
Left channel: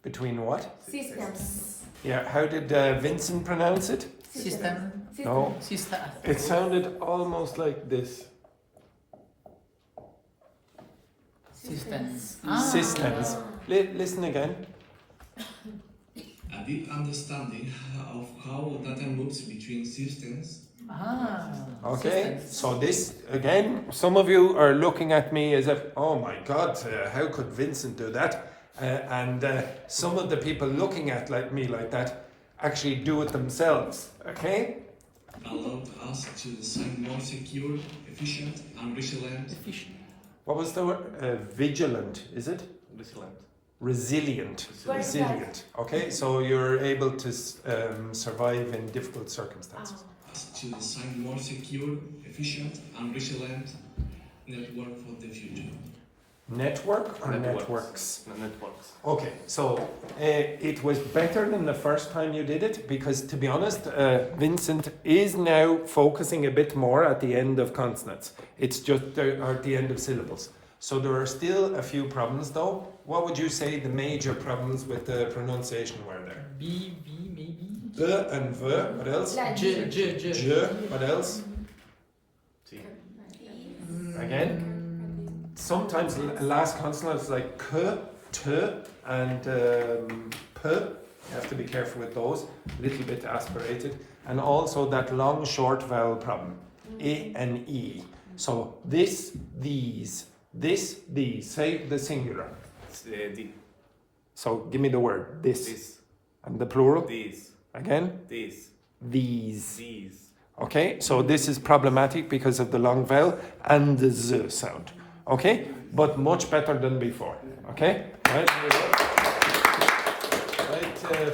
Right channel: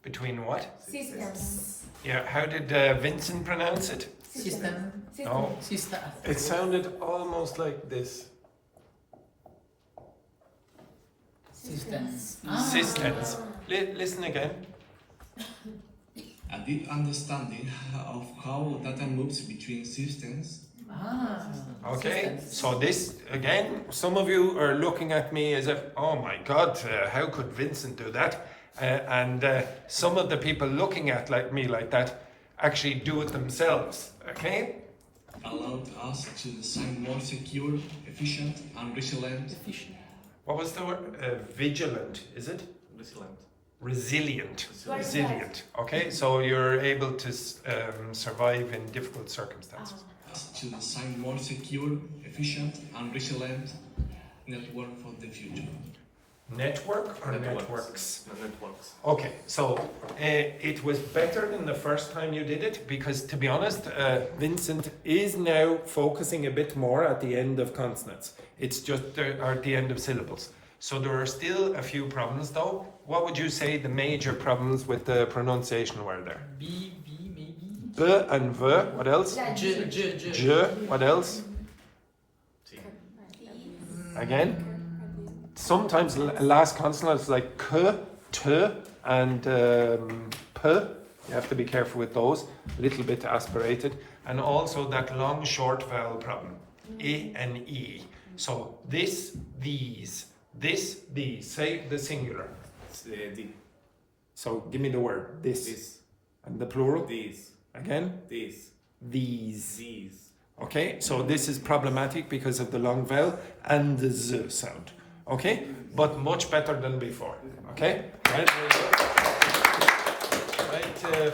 Between what? Systems. Yeah, how did Vincent pronounce it? System. No. System. It sounded almost like this. Systems. Systems. Listen again. A deep understanding of how data moves between systems. Okay, so this again, some of you are looking at me as if, oh my God, how could Vincent do that? And some of the people looking at me like that actually do it themselves. Okay? Allowed us to design more secure, efficient, and resilient. What was the word? Vigilant, is it? Resilient. Okay, so you're able to survive in difficult circumstances. To design more secure, efficient, and resilient network for the future. Network or networks? Networks. Okay, so it was better than the first time you did it because, to be honest, Vincent is now focusing a bit more at the end of consonants. It's just at the end of syllables. So there are still a few problems though. What would you say the major problems with the pronunciation were there? B, maybe. B and V, what else? J, what else? Again? Sometimes last consonants like K, T and P. You have to be careful with those. A little bit aspirated. And also that long short vowel problem. A and E. So this, these. This, these. Say the singular. The. So give me the word. This. This. And the plural? These. Again? This. These. These. Okay, so this is problematic because of the long vowel and the Z sound. Okay, but much better than before. Okay? Right,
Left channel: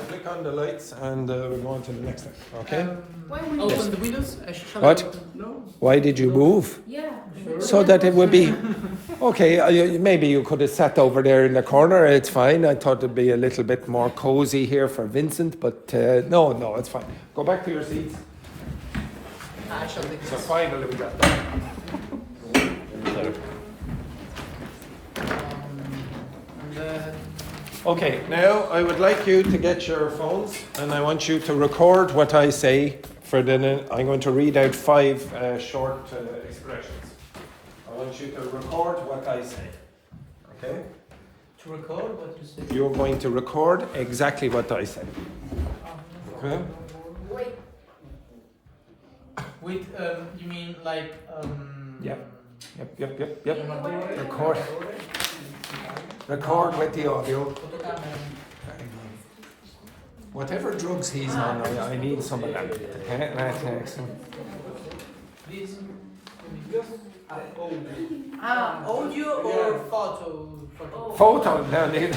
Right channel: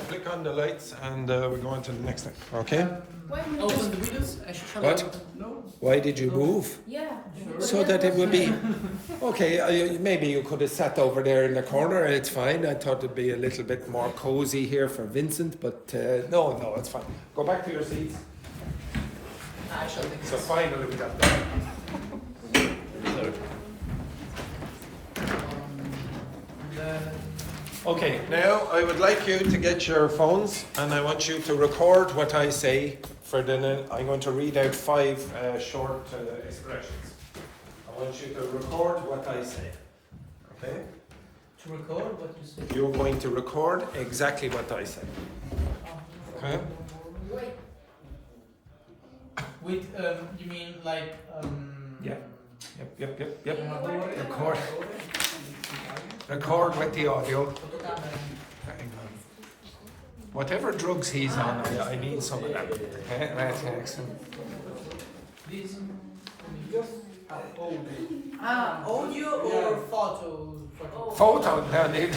flick on the lights and we're going to the next thing. Okay? Open the windows. What? No. Why did you move? Yeah. So that it would be okay. Maybe you could have sat over there in the corner. It's fine. I thought it'd be a little bit more cozy here for Vincent, but no, it's fine. Go back to your seats. So fine. Look at that. Okay, now I would like you to get your phones and I want you to record what I say for the. I'm going to read out 5 short expressions. I want you to record what I say. Okay? To record what you said. You're going to record exactly what I said. Okay? Wait. With you mean like Yep. Yep. Record with the audio. Whatever drugs he's on, I need some. Okay, that's excellent. Audio or photo? Photo, then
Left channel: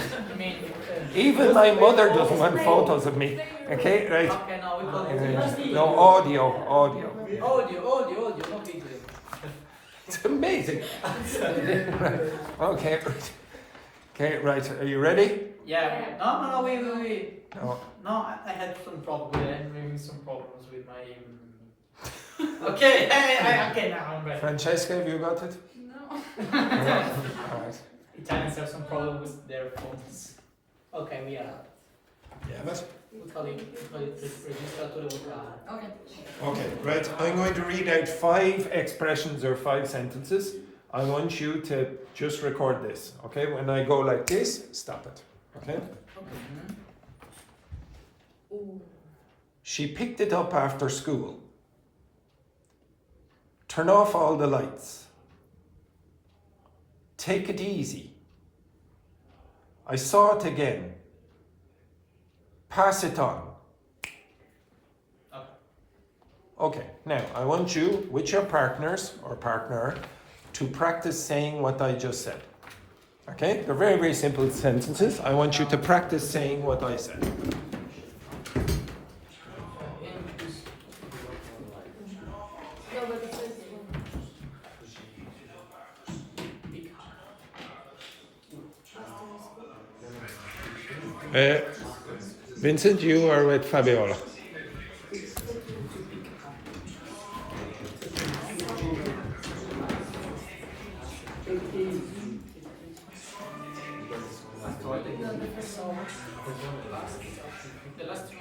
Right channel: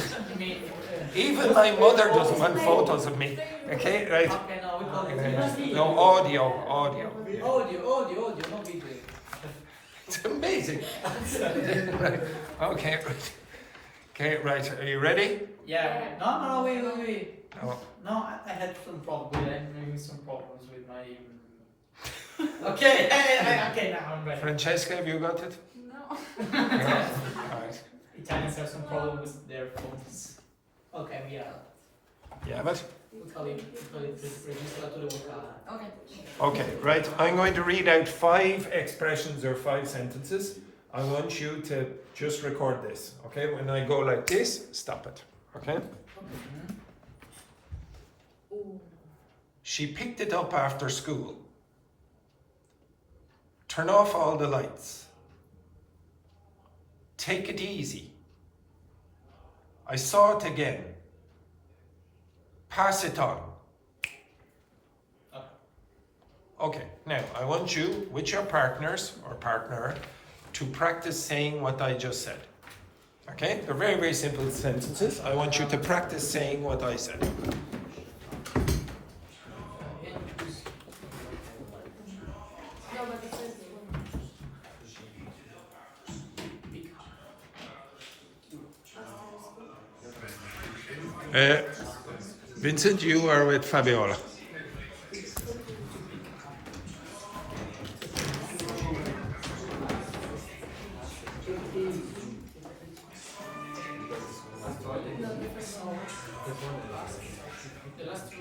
even my mother doesn't want photos of me. Okay, right? Okay, no, we call it No, audio. Audio, not video. It's amazing. Okay. Okay, right. Are you ready? Yeah. No, wait. No. No, I had some problems with it. Maybe some problems with my. Okay, okay, now I'm ready. Francesca, have you got it? No. No. All right. Italians have some problems with their phones. Ok, via. Yeah, but. Registratore vocale. Okay. Okay, right. I'm going to read out 5 expressions or 5 sentences. I want you to just record this. Okay, when I go like this, stop it. Okay? She picked it up after school. Turn off all the lights. Take it easy. I saw it again. Pass it on. Okay, now I want you, with your partners or partner, to practice saying what I just said. Okay? They're very, very simple sentences. I want you to practice saying what I said. Vincent, you are with Fabiola. The last two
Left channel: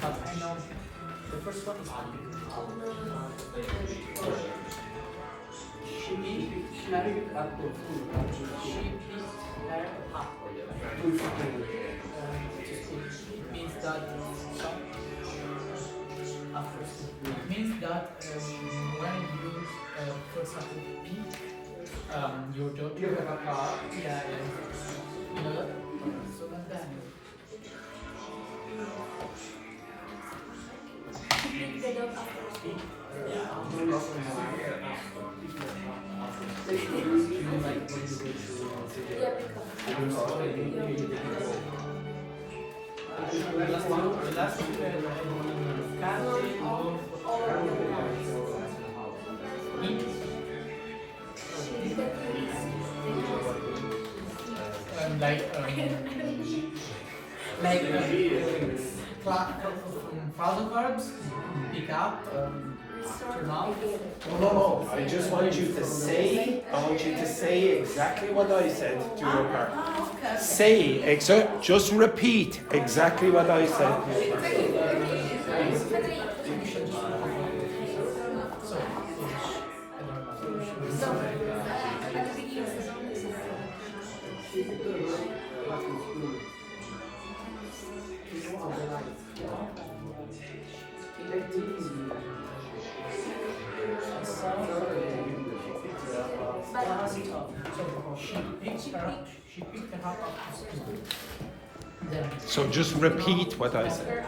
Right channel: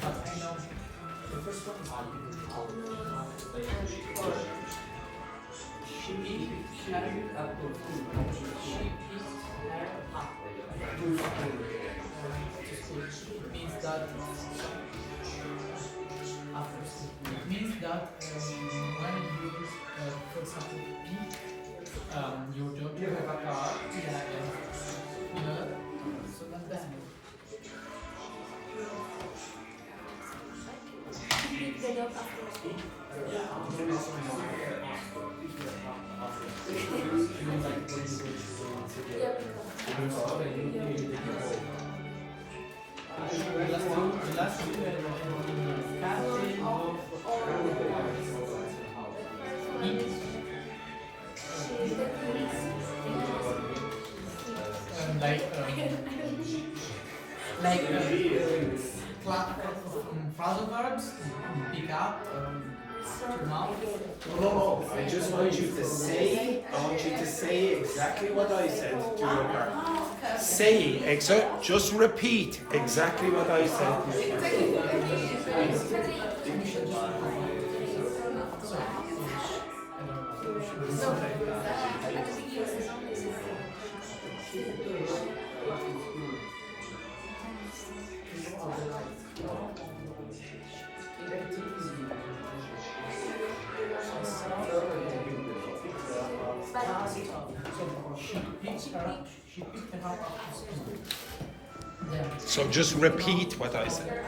but I know the first one is she picked her up. It means that it means that when you for example pick your daughter, you have a car, yeah, you know that? So not bad. Phrasal verbs, pick up, turn off. No. I just want you to say. I want you to say exactly what I said to your partner. Say just repeat exactly what I said. She picked her up after school. So just repeat what I said.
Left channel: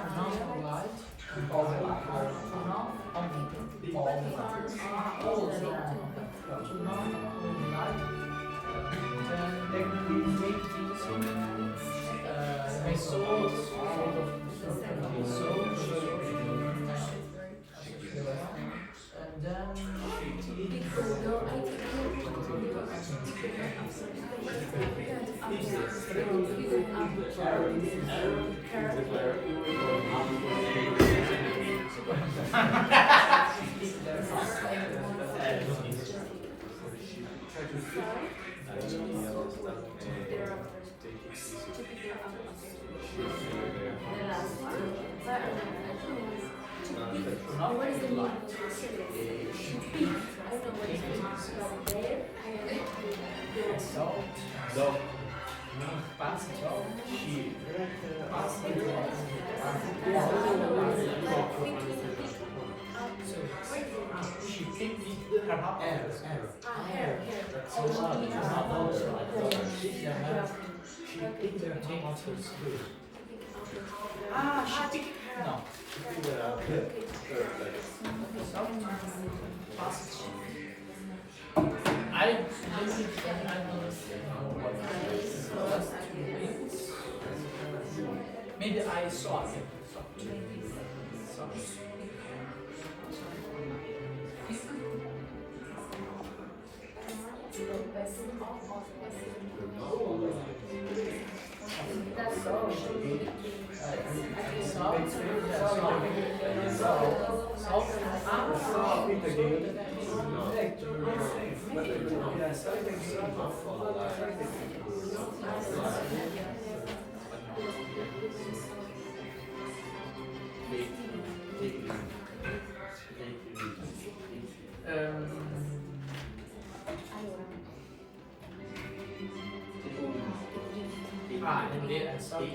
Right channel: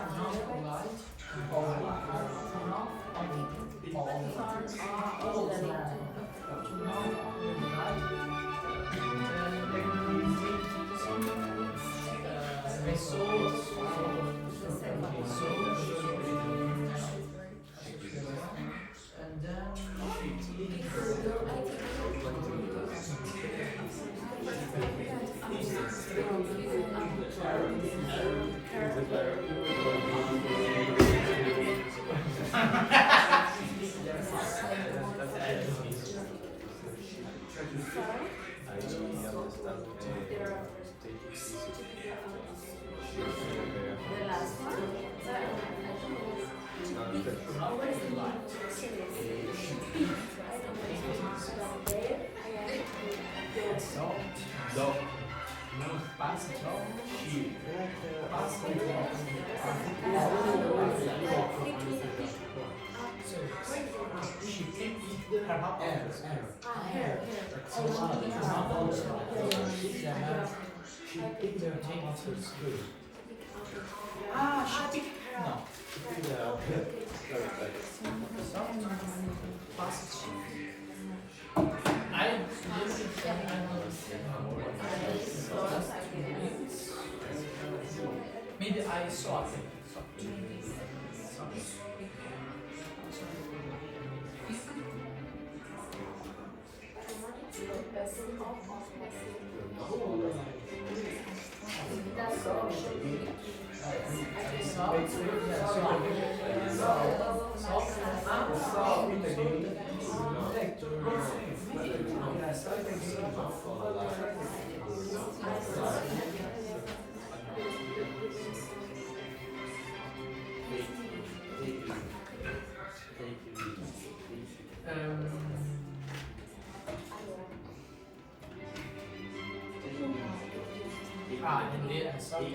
No. Pass it off. She. So she picked her up. She picked her things. Ah, she picked. No. I really think I know. Maybe I saw it. And then I saw it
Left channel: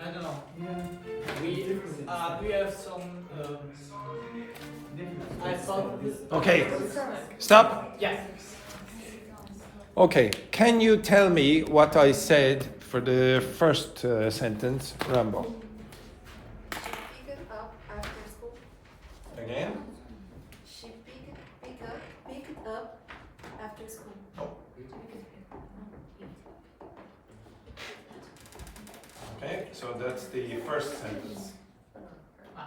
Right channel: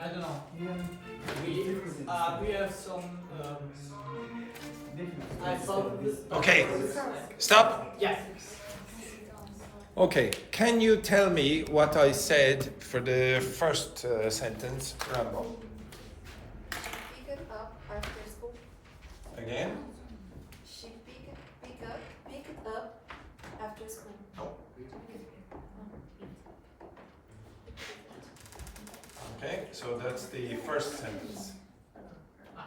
I don't know. We have some. I thought. Okay, stop. Yeah. Okay, can you tell me what I said for the first sentence, Rambo? Pick it up after school. Again? She pick it up after school. Okay, so that's the first sentence.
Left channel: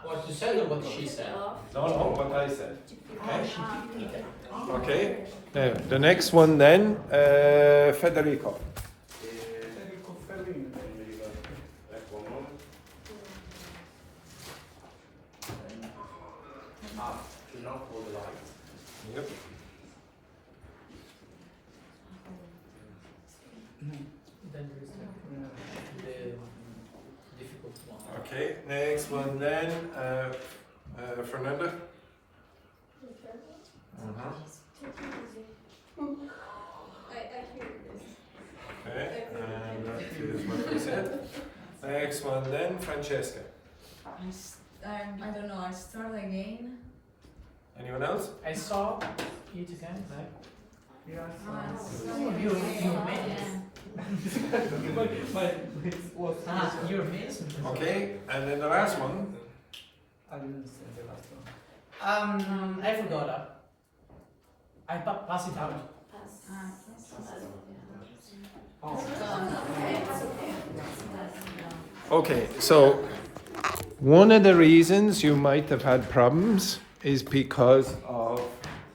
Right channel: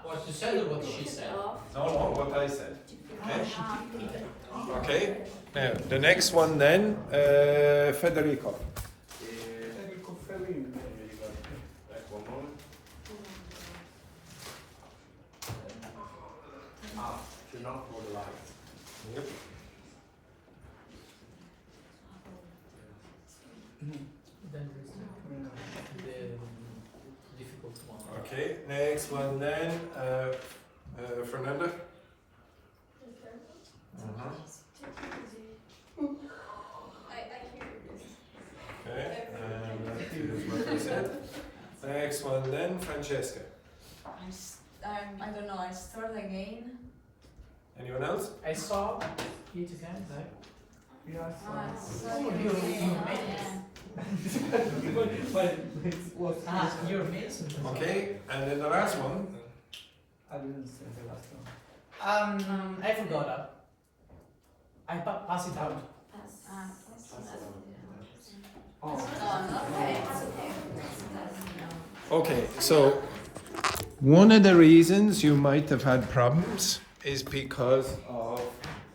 What you said or what she said? No, what I said. Okay. The next one then, Federico. Yep. Then the difficult one. Okay, next one then, Fernanda. I hear this. Okay, and that is what I said. Next one then, Francesca. I don't know, I start again. Anyone else? I saw Peter's hand, like. You're amazing. Okay, and then the last one. I didn't understand the last one. I forgot that. I pass it out. Okay, so one of the reasons you might have had problems is because of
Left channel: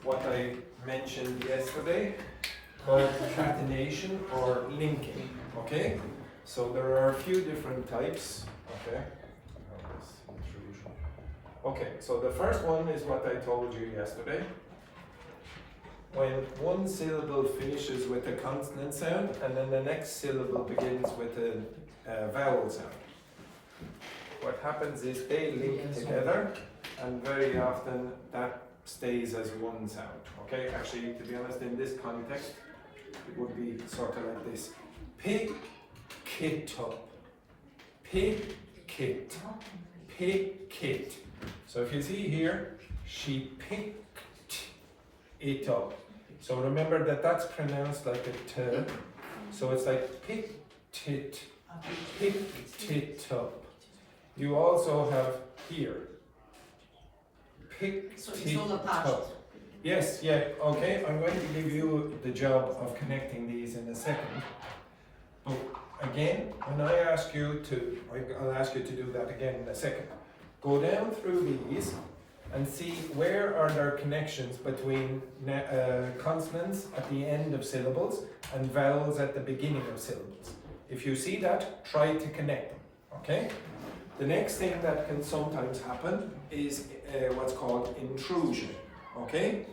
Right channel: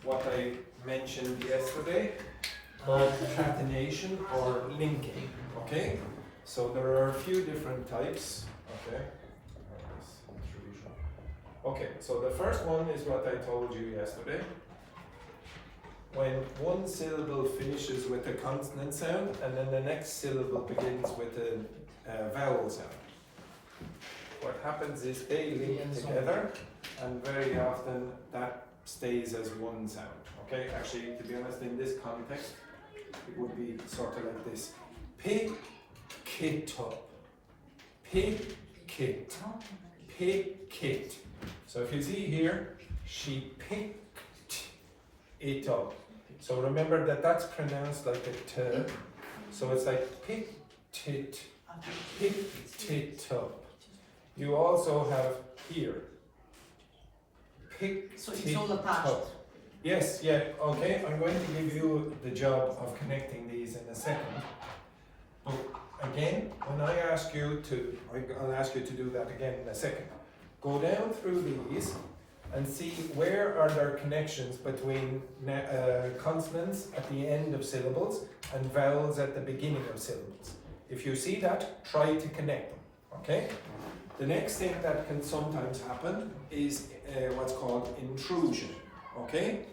what I mentioned yesterday called catenation or linking. Okay, so there are a few different types. Okay. Okay, so the first one is what I told you yesterday. When one syllable finishes with a consonant sound and then the next syllable begins with a vowel sound. What happens is they link together and very often that stays as one sound. Okay, actually to be honest in this context it would be sort of like this. Pick it up. Pick it. Pick it. So if you see here, she picked it up. So remember that that's pronounced like a T. So it's like picked it up. You also have here, picked it up. Yes, yeah, okay, I'm going to give you the job of connecting these in a second. But again, when I ask you to, I'll ask you to do that again in a second. Go down through these and see where are there connections between consonants at the end of syllables and vowels at the beginning of syllables. If you see that, try to connect them, okay? The next thing that can sometimes happen is what's called intrusion, okay?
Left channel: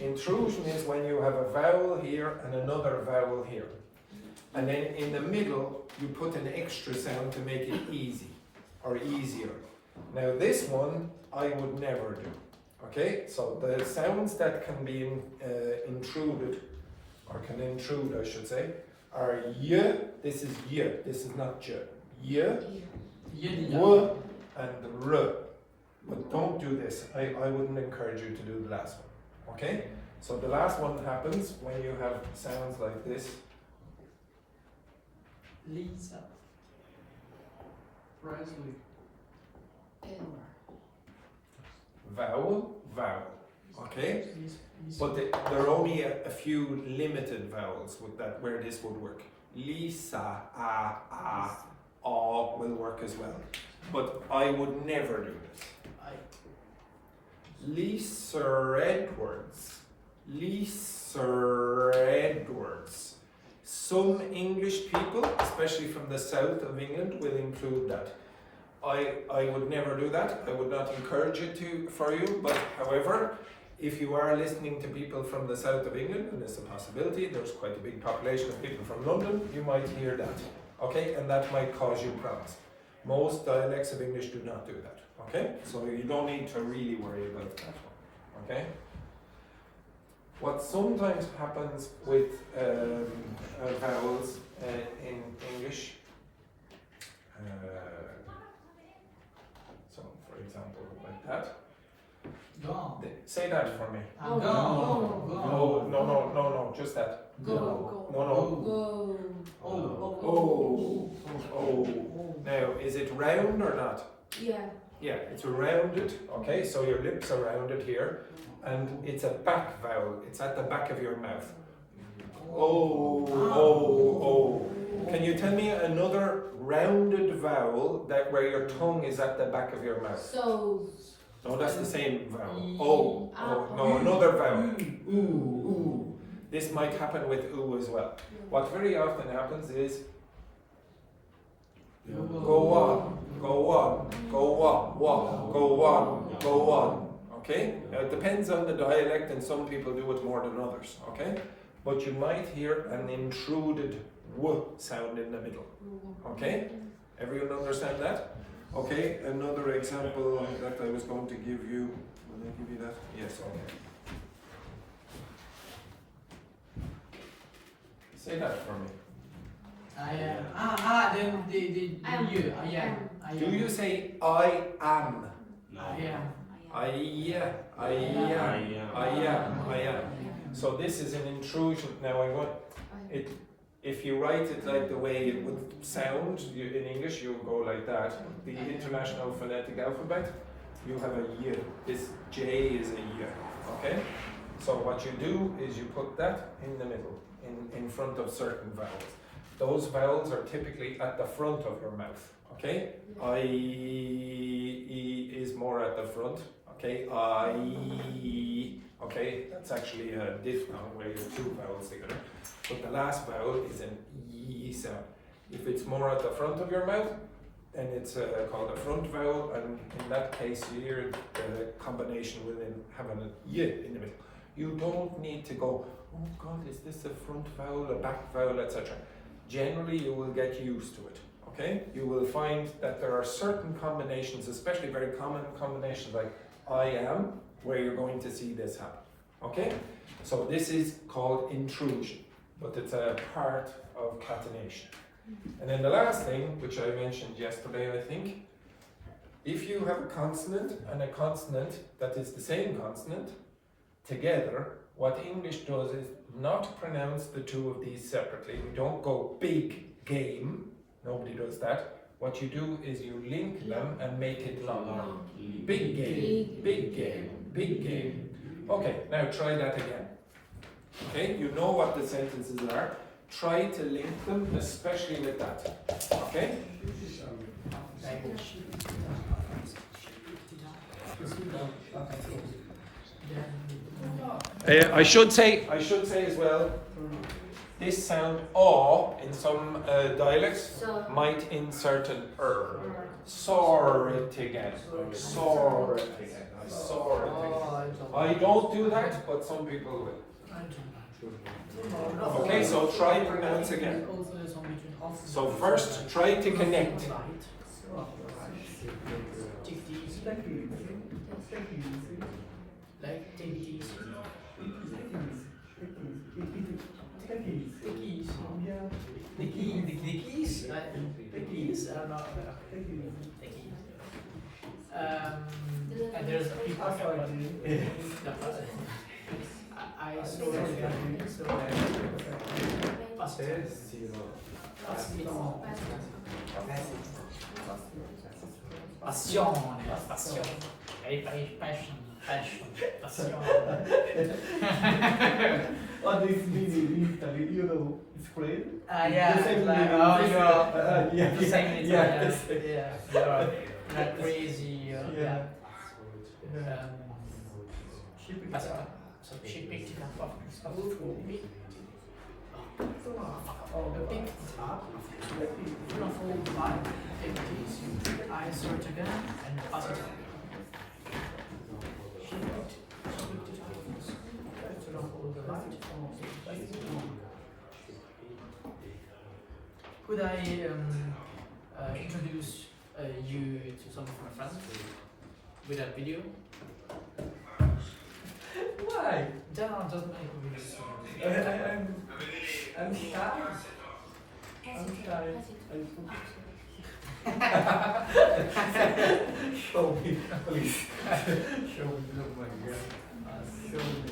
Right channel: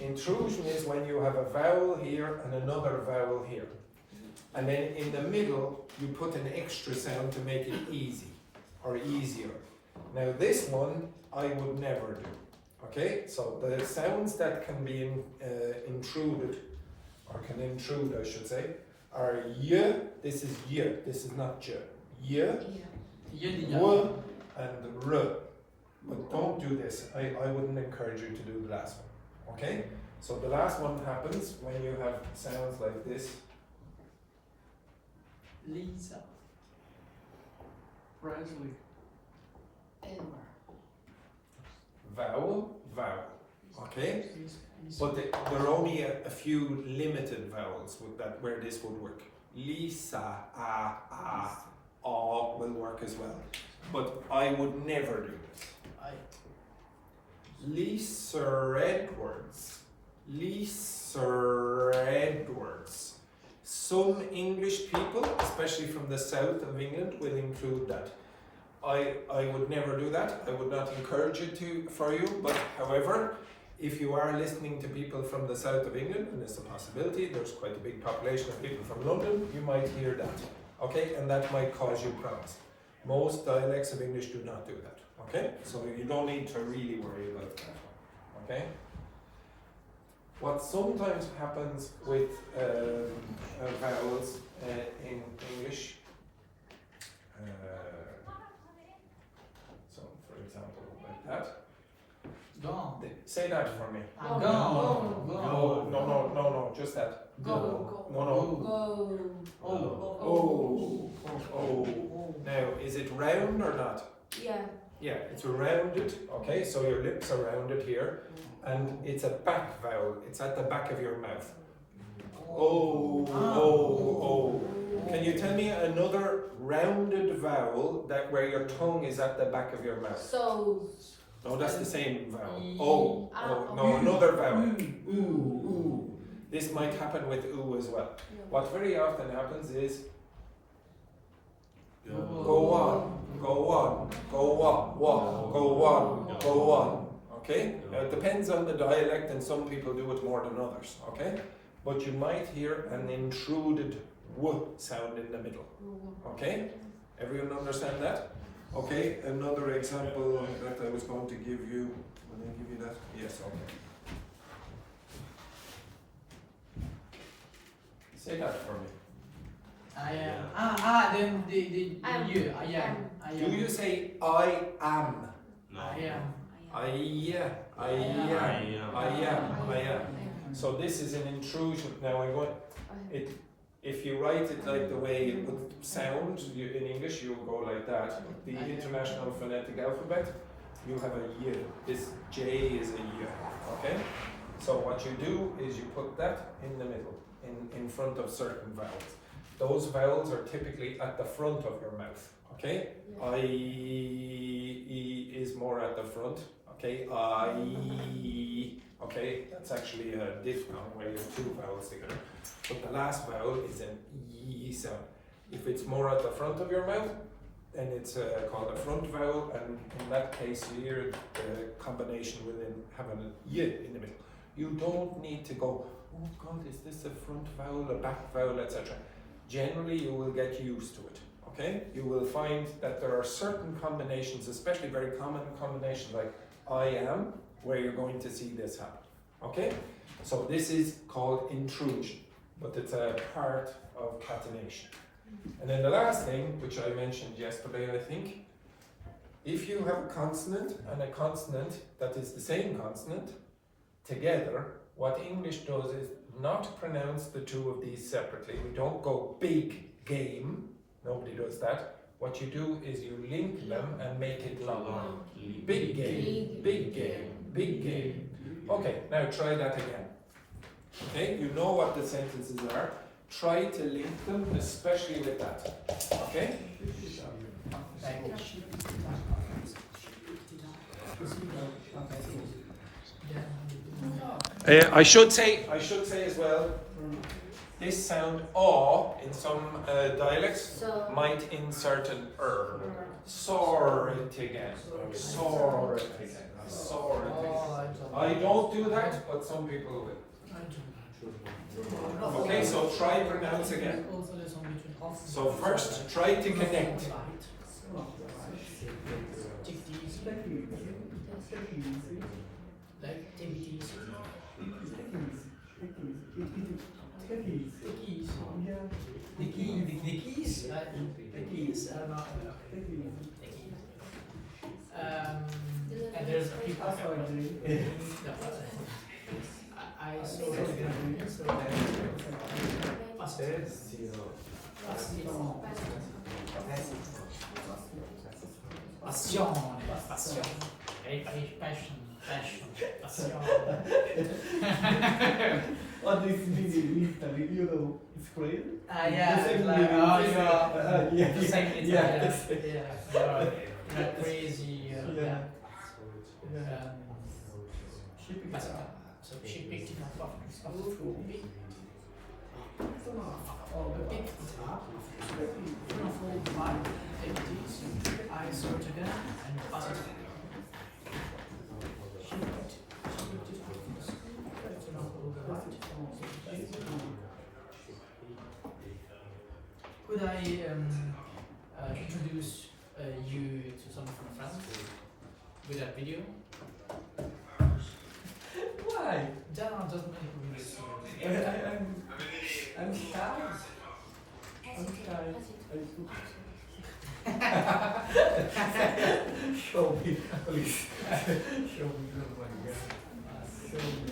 Intrusion is when you have a vowel here and another vowel here. And then in the middle, you put an extra sound to make it easy or easier. Now this one, I would never do, okay? So the sounds that can be intruded, or can intrude I should say, are y, this is y, this is not j. Y, w, and r. But don't do this, I wouldn't encourage you to do the last one, okay? So the last one happens when you have sounds like this. Lisa. Presley. Vowel, vowel, okay? But there are only a few limited vowels with that where this would work. Lisa, will work as well. But I would never do this. Lisa Edwards. Lisa Edwards. Some English people, especially from the south of England, will include that. I would never do that. I would not encourage it for you, but however, if you are listening to people from the south of England, and it's a possibility, there's quite a big population of people from London, you might hear that, okay? And that might cause you problems. Most dialects of English do not do that, okay? So you don't need to really worry about that, okay? What sometimes happens with vowels in English, so for example, like that. Go. Say that for me. Go. Go. No, just that. Go. No. Go. Oh. Now, is it round or not? Yeah. Yeah, it's rounded, okay, so your lips are rounded here, and it's a back vowel, it's at the back of your mouth. Oh. Can you tell me another rounded vowel where your tongue is at the back of your mouth? So. No, that's the same vowel. No, another vowel. Ooh. This might happen with ooh as well. What very often happens is go on. Okay? Now it depends on the dialect, and some people do it more than others. Okay? But you might hear an intruded w sound in the middle. Okay? Everyone understand that? Okay, another example that I was going to give you. Will I give you that? Yes, okay. Say that for me. I am. Then the you. I am. Do you say I am? No. I am. I am. So this is an intrusion. Now I'm going. If you write it like the way it would sound in English, you would go like that. The International Phonetic Alphabet, you have a y. This J is a y. Okay? So what you do is you put that in the middle, in front of certain vowels. Those vowels are typically at the front of your mouth. Okay? I, E is more at the front. Okay? I. Okay? That's actually a diphthong where you have two vowels together. But the last vowel is an E sound. If it's more at the front of your mouth, then it's called a front vowel, and in that case here, the combination will then have an Y in the middle. You don't need to go, oh God, is this a front vowel, a back vowel, etc. Generally, you will get used to it, okay? You will find that there are certain combinations, especially very common combinations like I am, where you're going to see this happen, okay? So this is called intrusion, but it's a part of catenation. And then the last thing, which I mentioned yesterday, I think, if you have a consonant and a consonant that is the same consonant together, what English does is not pronounce the two of these separately. We don't go big game, nobody does that. What you do is you link them and make it long. Big game, big game, big game. Okay, now try that again. Okay, you know what the sentences are. try to link them, especially with that. Okay? I should say as well, this sound "aw" in some dialects might insert an Soar it again. Soar it again. Soar it again. I don't do that, but some people will. Okay, so try pronounce again. So first, try to connect. And there's people I saw Passione. Passion. What does it mean in Italy? You know, it's crazy. Yeah. The same Like, meaning in Italy. yeah. The same in Italy. Yes. Yeah. You're not crazy. Yeah. So she picked it up off the floor. Picked it up. Hold the line. Take these. I search again and pass it. Could I introduce you to some of my friends with a video? Why? Doesn't make videos. I'm shy. Show me, please. Show me. Oh my God. Show me.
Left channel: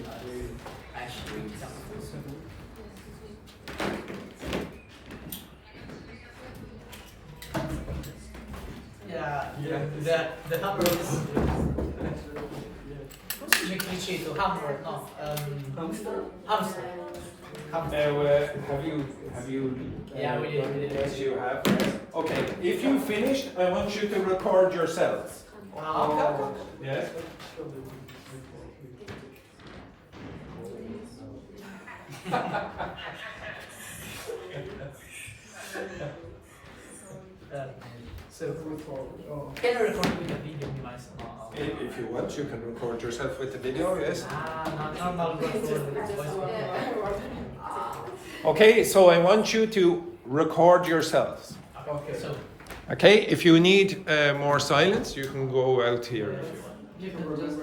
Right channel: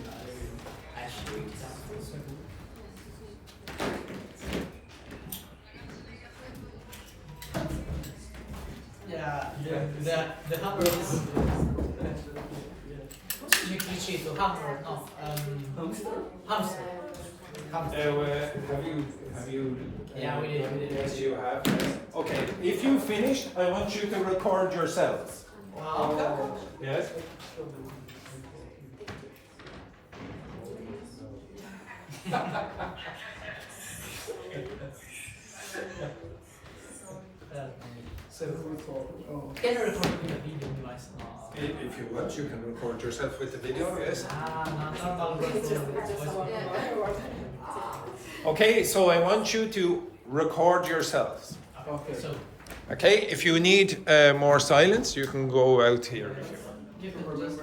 Actually, the hammer is. What's the cliché to hammer? No. Hamster. Have you? Yeah, we did. Yes, you have. Okay, if you finish, I want you to record yourselves. Okay. Yes. Can I record with a video device? If you want, you can record yourself with the video. Yes. Normal record. Okay, so I want you to record yourselves. Okay. So Okay, if you need more silence, you can go out here. you can just.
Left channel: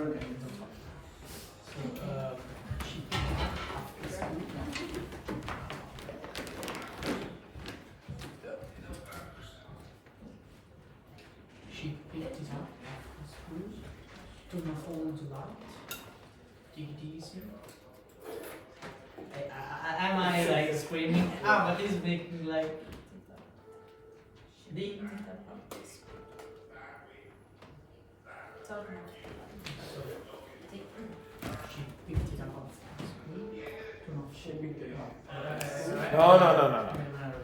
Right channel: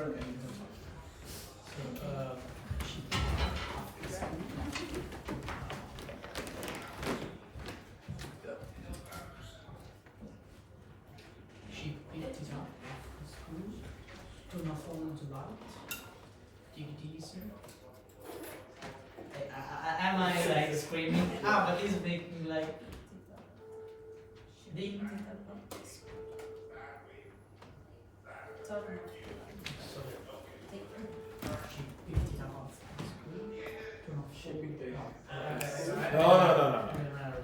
She picked it up. Turn off all the light. Take it easy. Am I like screaming? But it's making like. Ding. No.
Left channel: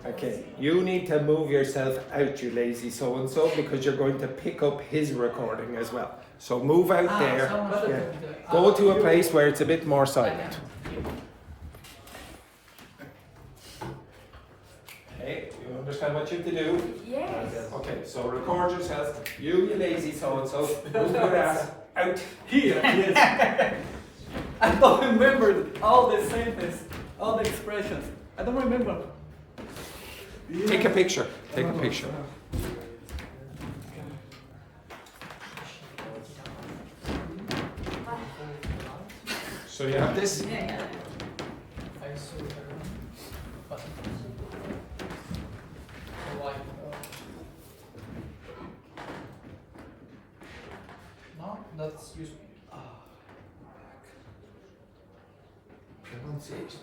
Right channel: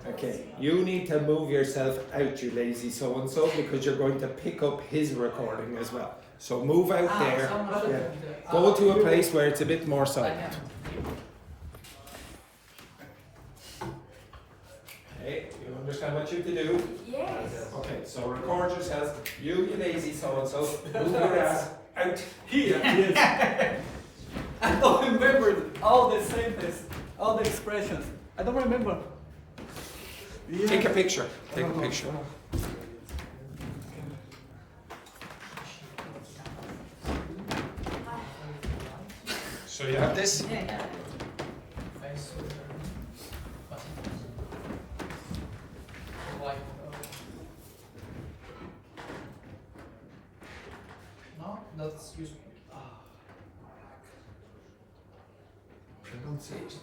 Okay, you need to move yourself out, you lazy so-and-so, because you're going to pick up his recording as well. So move out there. Yeah. Go to a place where it's a bit more silent. Okay, you understand what you have to do? Yes. Okay, so record yourself. You lazy so-and-so, move your ass out. Here, yes. I don't remember all the sentences, all the expressions. I don't remember. Take a picture. Take a picture. So you have this? No, that's useful.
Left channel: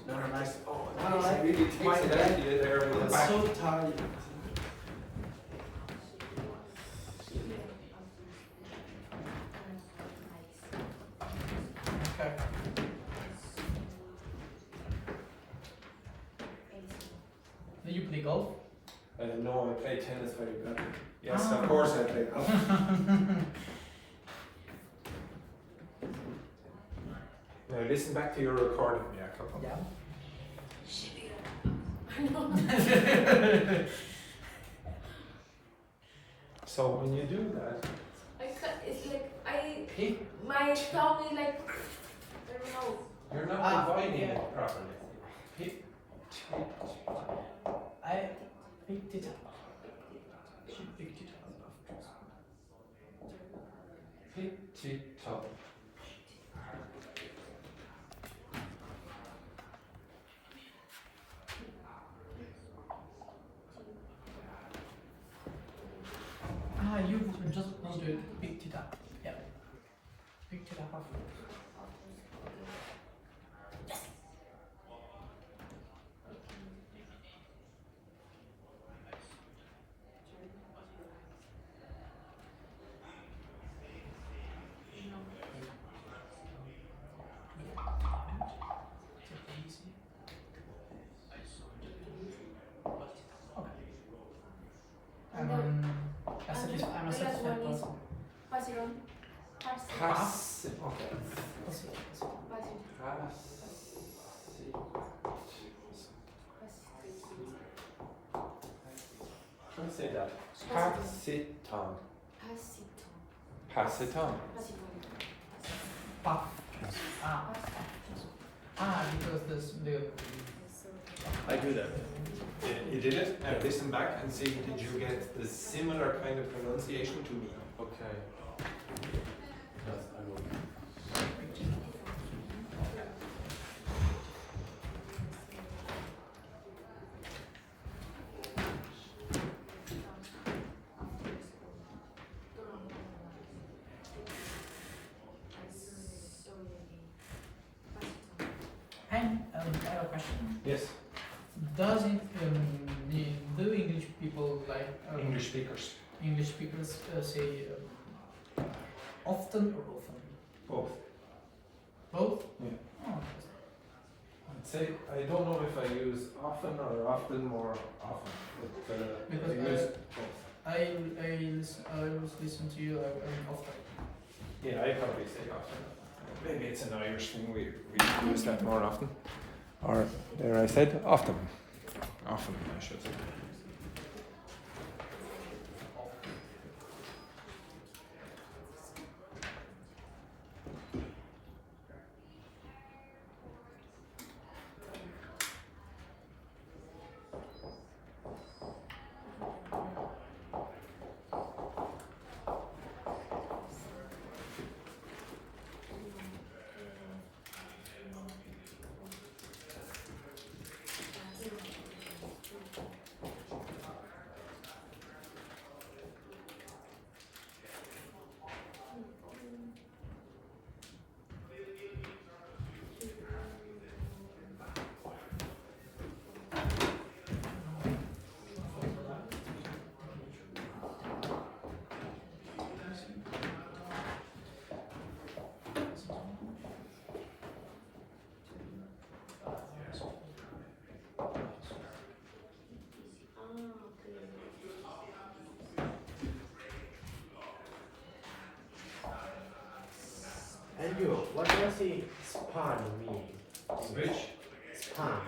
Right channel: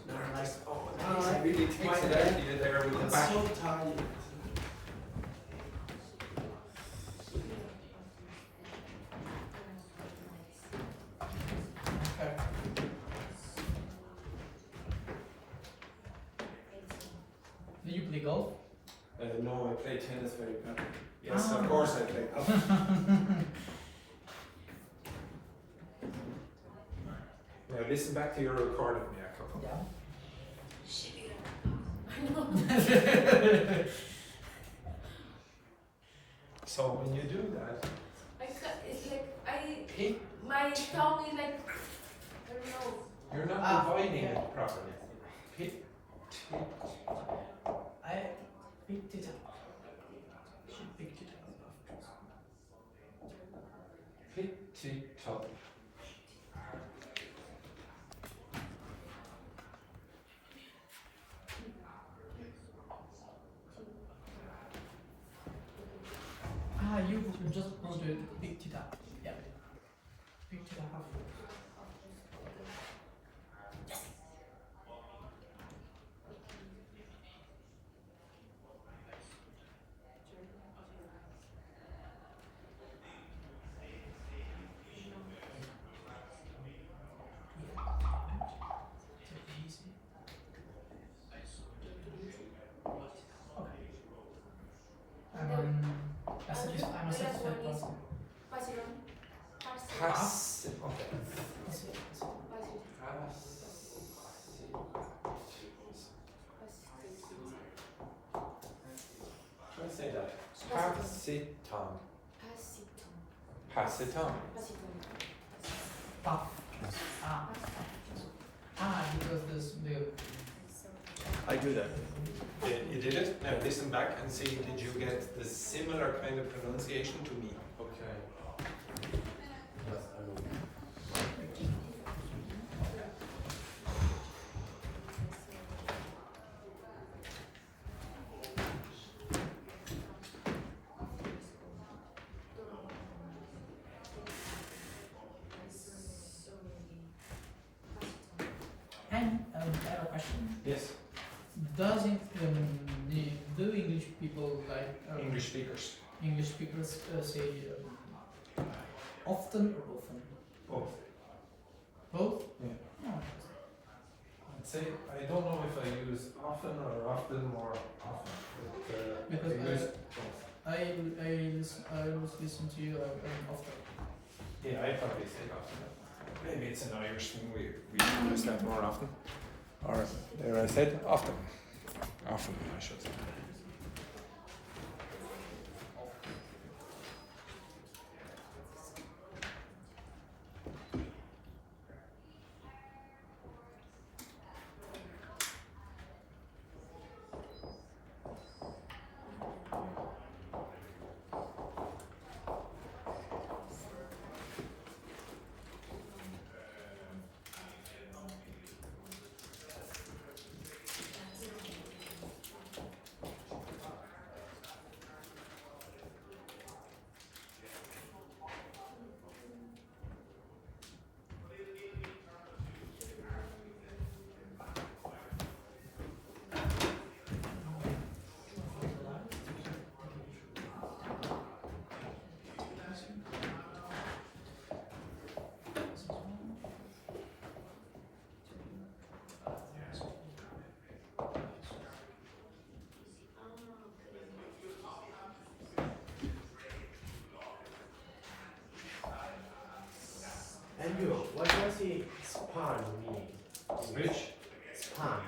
Very nice. Oh, it really takes it out of you there in the I'm back. so tired. Okay. Do you play golf? No, I play tennis very badly. Yes, of course I play golf. Now listen back to your recording, Jakob. Yeah. So when you do that, It's like my tongue is like, I don't know. you're not dividing it properly. I picked it up. She picked it up. Pit-tit-top. You just want to pick it up. Yeah. Picked it up afterwards. I'm a satisfied person. Pasión. Pass. Okay. Try to say that. Pass it on. Pass it on. Puff. Because this the. I do that. Yeah, you did it. Now listen back and see, did you get the similar kind of pronunciation to me? Okay. Yes, I will. And I have a question. Yes. Doesn't do English people like English speakers. English speakers say often or often? Both. Both? Yeah. Oh, I'd say, I don't know if I use often or often or often. But, Because I use I listen to you often. yeah, I probably say often. Maybe it's an Irish thing, we use that more often. Or there I said often. Often, I should say. And you, what does the span mean? Which? Span.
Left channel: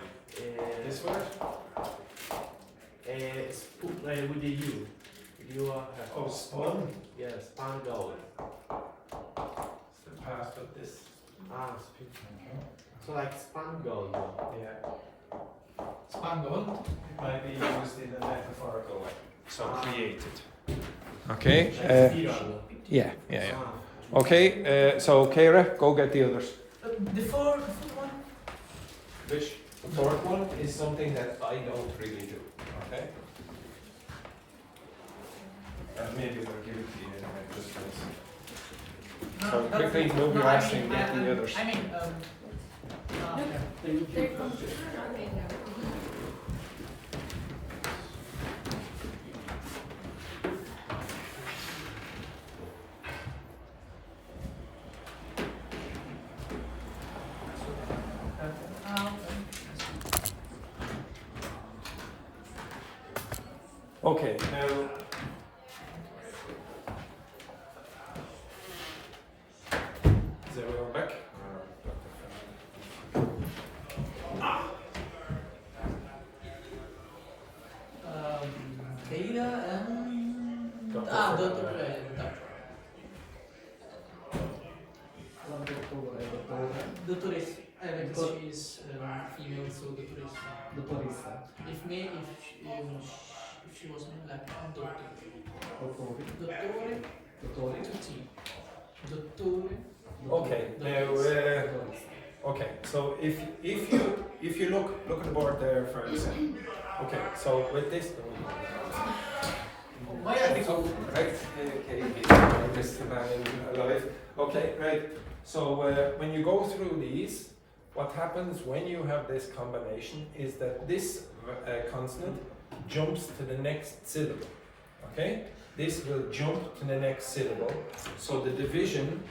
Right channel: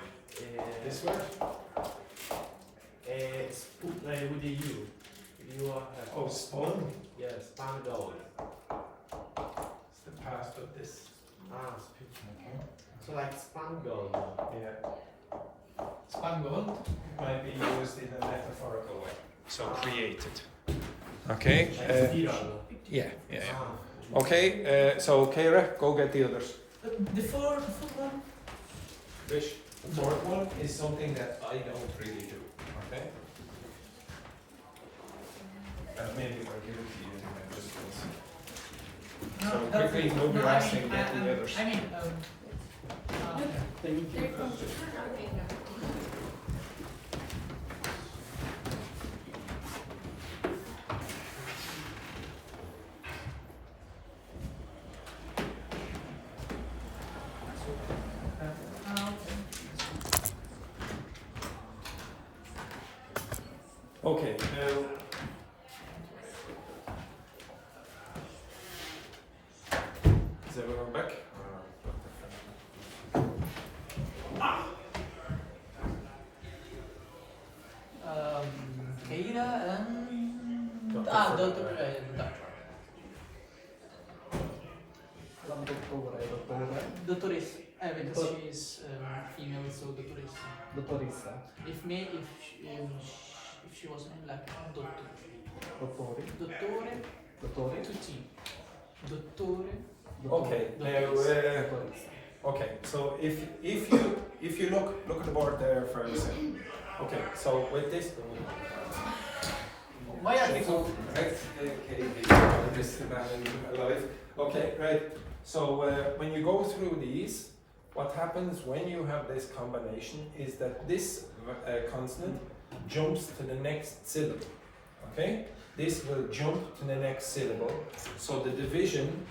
This word? With the U. You have. Oh, spawn? Yeah, span goal. It's the past, but this. Speak. So like span goal. Yeah. Spangled. Might be used in a metaphorical way. So created. Okay. Like spiral. Yeah. Okay, so Kara, go get the others. The fourth one. Which? The fourth one is something that I don't really do. Okay? And maybe they'll give it to you anyway, just listen. So quickly, nobody asking, get the others. I mean, There comes Okay, now is everyone back? Keira and Dr. Dr. Fernando. Dottoressa. Because she's female, so dottoressa. Dottoressa. If she was named like a doctor. Dottore. Dottore. Dottore. Tutti. Dottore. Okay, now okay, so if you look at the board there for a second. Okay, so with this Why are you so right? This man alive. Okay, right. So when you go through these, what happens when you have this combination is that this consonant jumps to the next syllable. Okay, this will jump to the next syllable. So the division.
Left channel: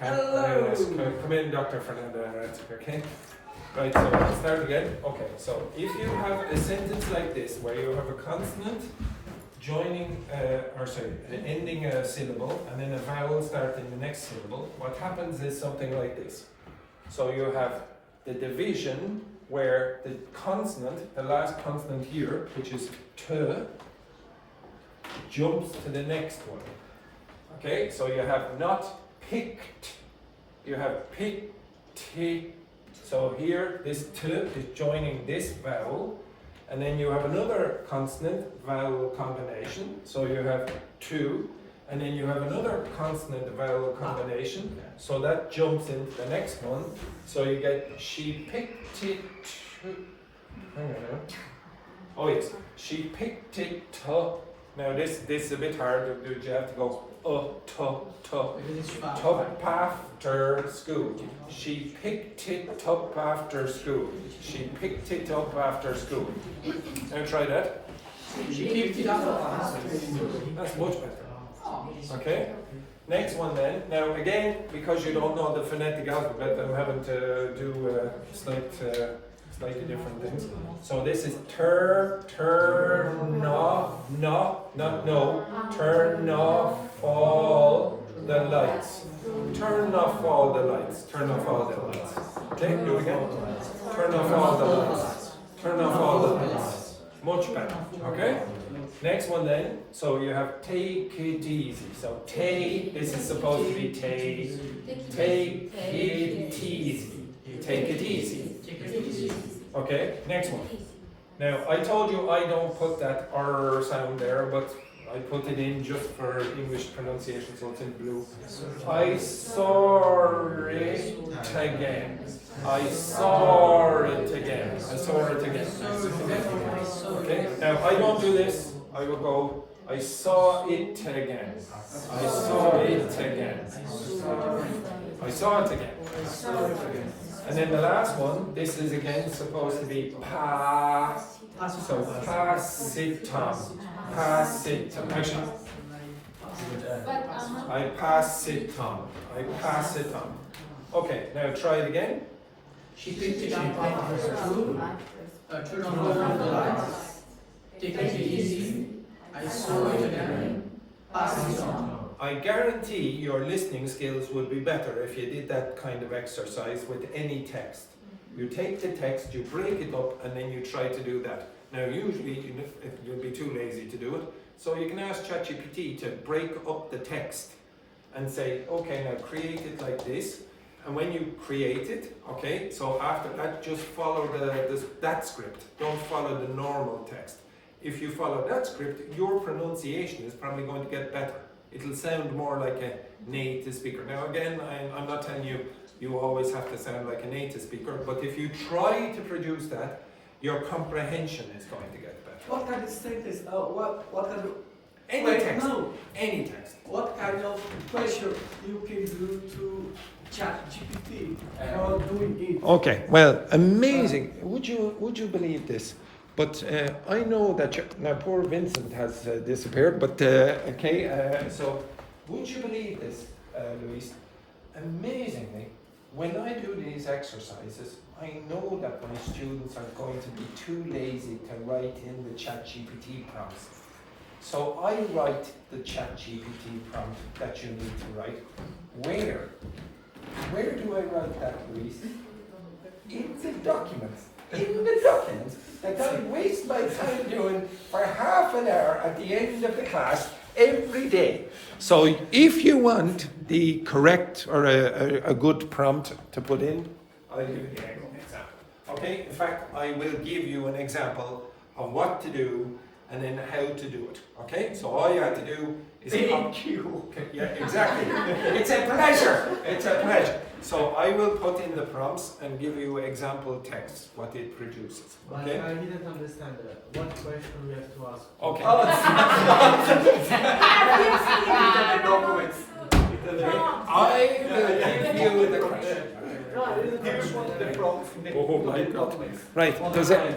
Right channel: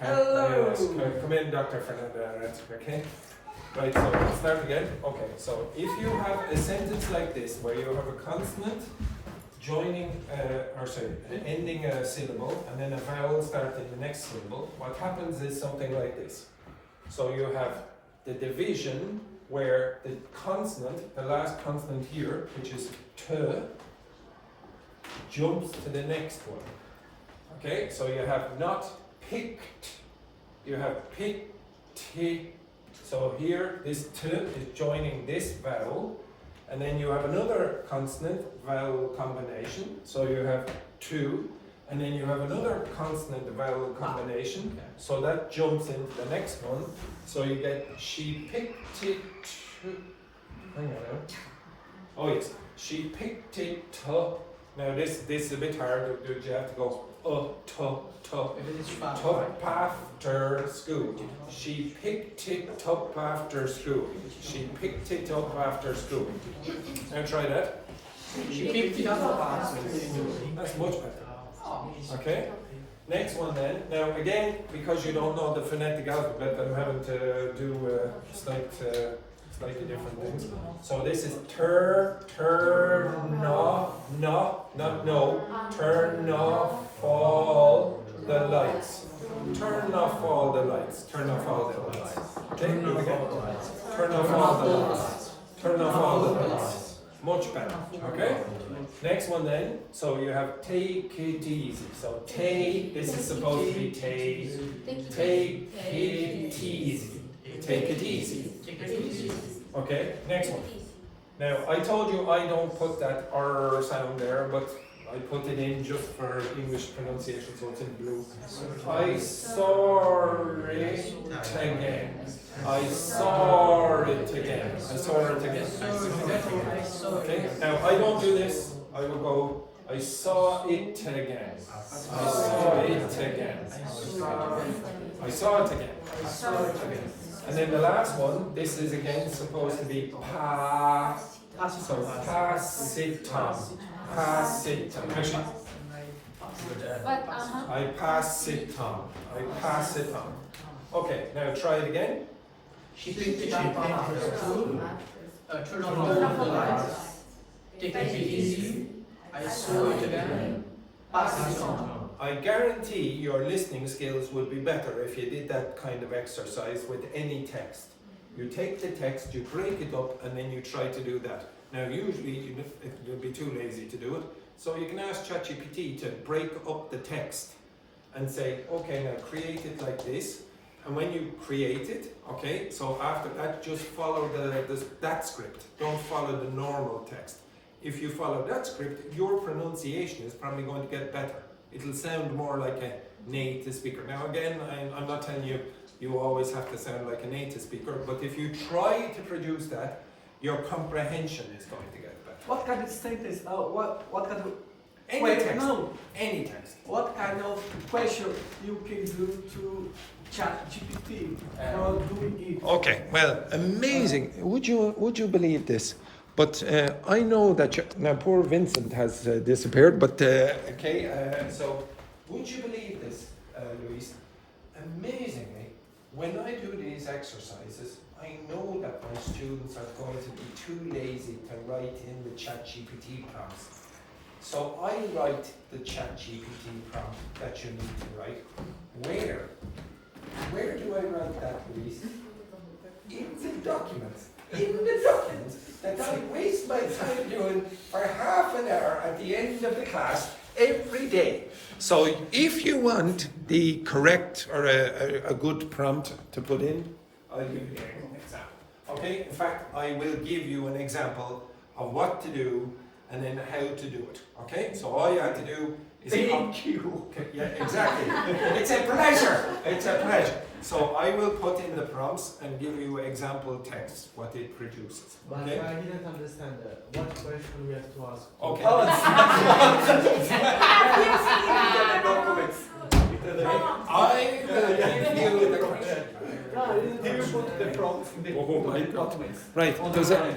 Come in, Dr. Fernando. Okay. Right. So let's start again. Okay. So if you have a sentence like this, where you have a consonant joining, ending a syllable, and then a vowel starting the next syllable, what happens is something like this. So you have the division where the consonant, the last consonant here, which is t, jumps to the next one. Okay, so you have not picked, you have picked. So here, this t is joining this vowel, and then you have another consonant vowel combination. So you have two, and then you have another consonant vowel combination. So that jumps into the next one. So you get she picked it. Hang on now. Oh yes, she picked it. Now this is a bit hard. You have to go up after school. She picked it up after school. She picked it up after school. Now try that. She picked it up after school. That's much better. Okay. Next one then. Now again, because you don't know the phonetic alphabet, I'm having to do slightly different things. So this is turn off, not no, turn off all the lights. Turn off all the lights. Turn off all the lights. Okay, do it again. Turn off all the lights. Turn off all the lights. Much better. Okay? Next one then. So you have take it easy. So this is supposed to be take it easy. Take it easy. Okay, next one. Now, I told you I don't put that R sound there, but I put it in just for English pronunciation, so it's in blue. I saw it again. I saw it again. I saw it again. Okay, now I don't do this. I will go, I saw it again. I saw it again. I saw it again. And then the last one, this is again supposed to be pass. So pass it on. Pass it on. Actually, I pass it on. I pass it on. Okay, now try it again. She picked it up after school. Turn on all the lights. Take it easy. I saw it again. Pass it on. I guarantee your listening skills would be better if you did that kind of exercise with any text. You take the text, you break it up, and then you try to do that. Now, usually you'll be too lazy to do it, so you can ask ChatGPT to break up the text and say, okay, now create it like this. And when you create it, okay, so after that, just follow that script. Don't follow the normal text. If you follow that script, your pronunciation is probably going to get better. It'll sound more like a native speaker. Now again, I'm not telling you you always have to sound like a native speaker, but if you try to produce that, your comprehension is going to get better. What kind of sentence? What kind of Any text. No. Any text. What kind of question you can do to ChatGPT or doing it? Okay, well, amazing. Would you believe this? But I know that now poor Vincent has disappeared. But so would you believe this, Luis? Amazingly, when I do these exercises, I know that my students are going to be too lazy to write in the ChatGPT prompts. So I write the ChatGPT prompt that you need to write. Where? Where do I write that, Louise? In the documents. In the documents that I waste my time doing for half an hour at the end of the class every day. So if you want the correct or a good prompt to put in, I'll give you an example. Okay, in fact, I will give you an example of what to do and then how to do it. Okay, so all you have to do is Thank you. Okay, yeah, exactly. It's a pleasure. It's a pleasure. So I will put in the prompts and give you example text, what it produces. But Okay. I didn't understand what question we have to ask. Okay. I will give you the question. Oh my God. Right.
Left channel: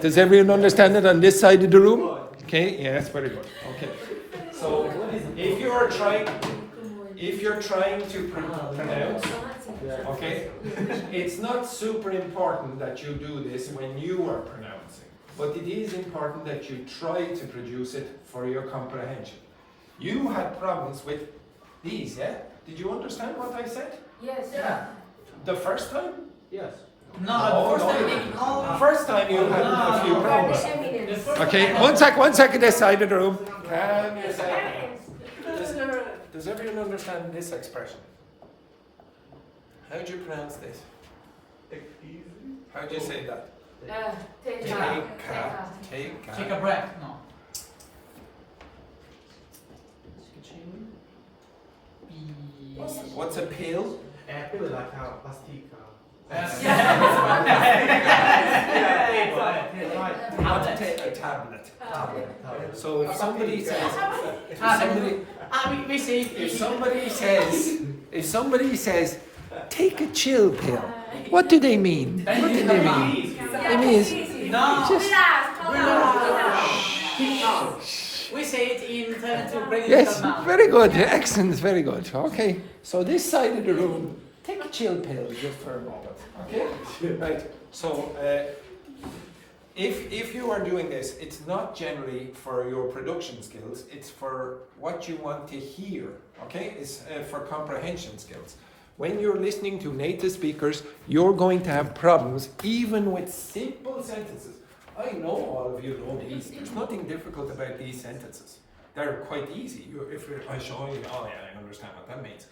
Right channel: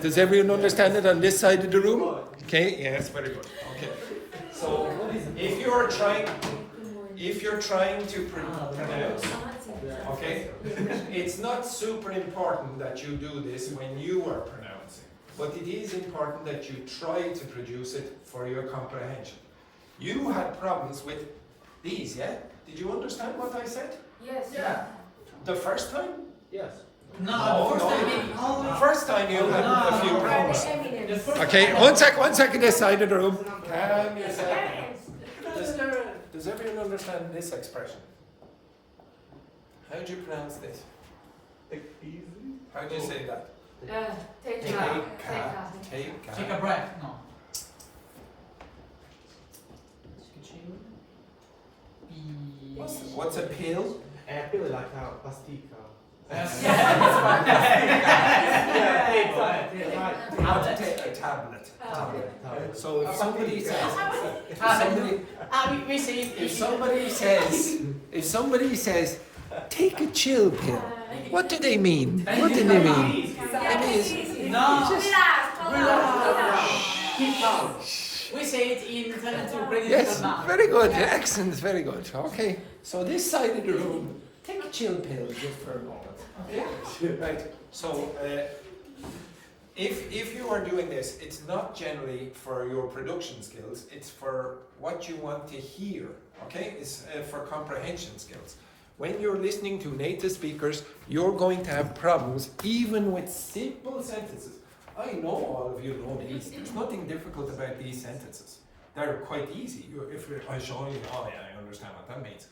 Does everyone understand it on this side of the room? Okay. Yes. Very good. Okay. So if you're trying to pronounce, okay, it's not super important that you do this when you are pronouncing, but it is important that you try to produce it for your comprehension. You had problems with these, yeah? Did you understand what I said? Yes. Yeah. The first time? Yes. No, First time you had a few problems. Okay, one second this side of the room. Calm yourself. Does everyone understand this expression? How do you pronounce this? How do you say that? Take Take a breath. No. What's a pill? Pill like a pastica. A tablet. So if somebody says, if somebody says, take a chill pill, what do they mean? What do they mean? It means We say it in 72 yes, now. very good, excellent, very good. Okay, so this side of the room, take a chill pill just for a moment. Okay, right. So if you are doing this, it's not generally for your production skills. It's for what you want to hear. Okay, it's for comprehension skills. When you're listening to native speakers, you're going to have problems even with simple sentences. I know all of you know these. There's nothing difficult about these sentences. They're quite easy. If I show you, oh yeah, I understand what that means.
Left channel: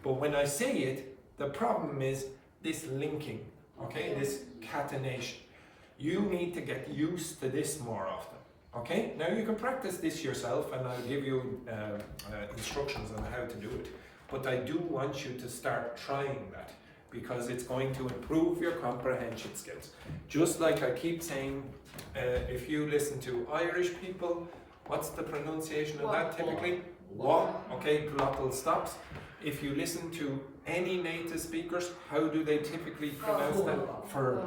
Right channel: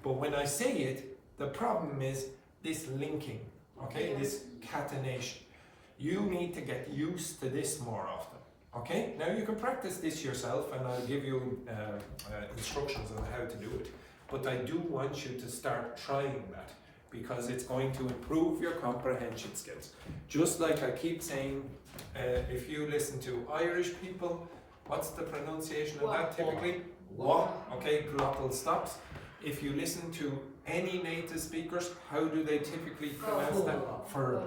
But when I say it, the problem is this linking, okay, this catenation. You need to get used to this more often, okay? Now you can practice this yourself and I'll give you instructions on how to do it. But I do want you to start trying that because it's going to improve your comprehension skills. Just like I keep saying, if you listen to Irish people, what's the pronunciation of that typically? Wa, okay, glottal stops. If you listen to any native speakers, how do they typically pronounce that? Fur.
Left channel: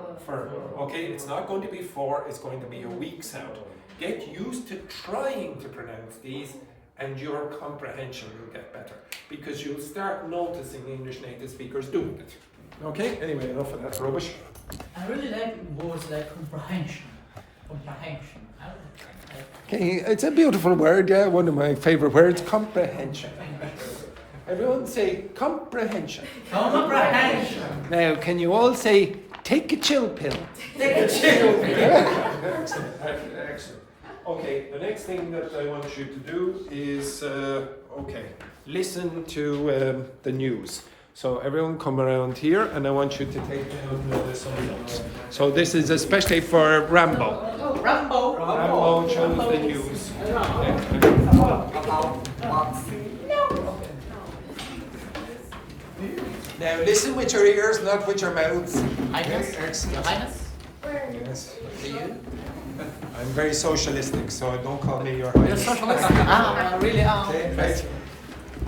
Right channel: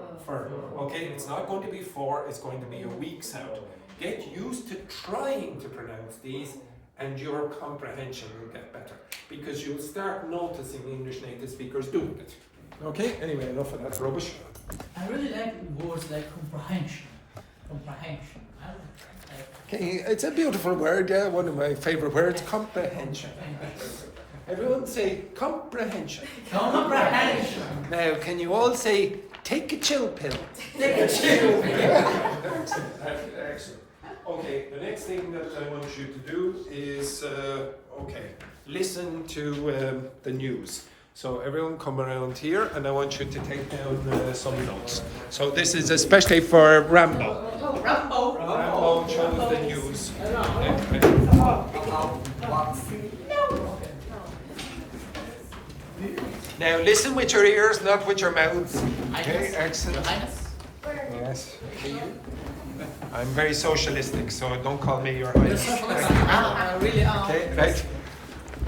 Okay, it's not going to be for, it's going to be a weak sound. Get used to trying to pronounce these and your comprehension will get better because you'll start noticing English native speakers doing it. Okay, anyway, enough of that rubbish. I really like words like comprehension. Comprehension. Okay, it's a beautiful word, yeah, one of my favorite words, comprehension. Everyone say comprehension. Comprehension. Now, can you all say, take a chill pill? Take a chill pill. Excellent. Okay, the next thing that I want you to do is, listen to the news. So everyone come around here and I want you to take down some notes. So this is especially for Rambo. Rambo shows the news. Now listen with your ears, not with your mouths. Okay, excellent. Yes. I'm very socialistic, so don't call me your Irish. Okay, right.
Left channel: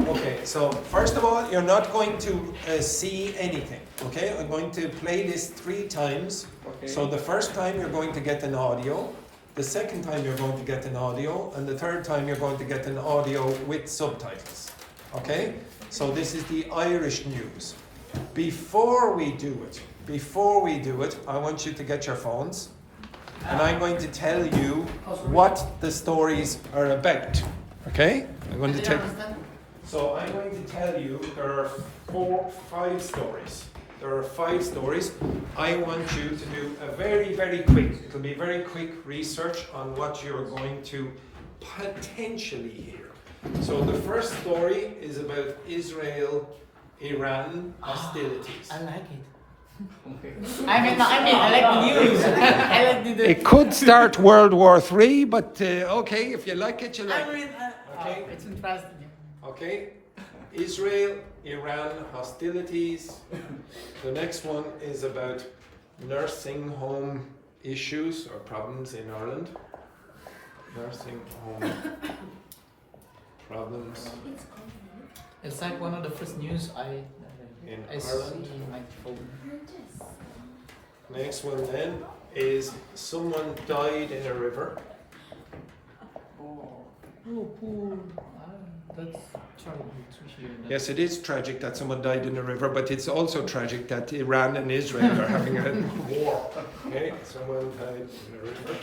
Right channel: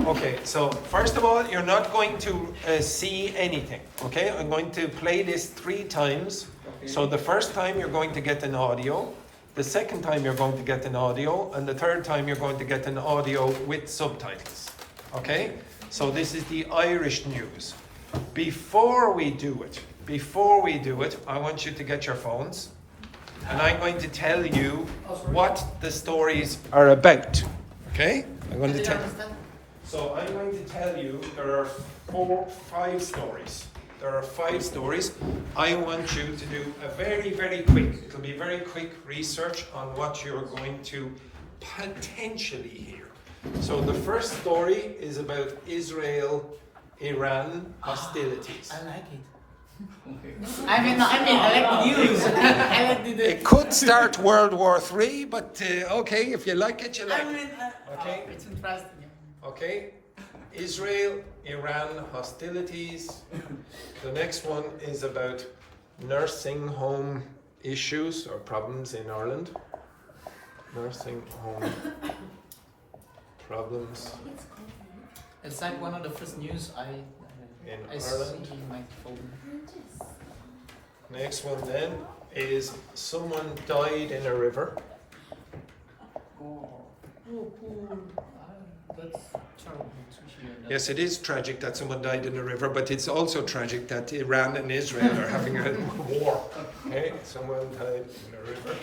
Okay, so first of all, you're not going to see anything. Okay, I'm going to play this 3 times. Okay. So the first time you're going to get an audio, the second time you're going to get an audio, and the third time you're going to get an audio with subtitles. Okay, so this is the Irish news. Before we do it, I want you to get your phones. and I'm going to tell you what the stories are about. Okay? I'm going to tell. So I'm going to tell you there are 5 stories. There are 5 stories. I want you to do a very, very quick, it'll be very quick research on what you're going to potentially hear. So the first story is about Israel-Iran hostilities. I like it. I like the news. I like the It could start World War III, but okay, if you like it, you like it. Okay? It's interesting. Okay? Israel-Iran hostilities. The next one is about nursing home issues or problems in Ireland. Nursing home problems It's like one of the first news I see Ireland. in my phone. Next one then is someone died in a river. Oh, poor. That's terrible to hear. Yes, it is tragic that someone died in a river, but it's also tragic that Iran and Israel are having a war. Okay, someone died in a river.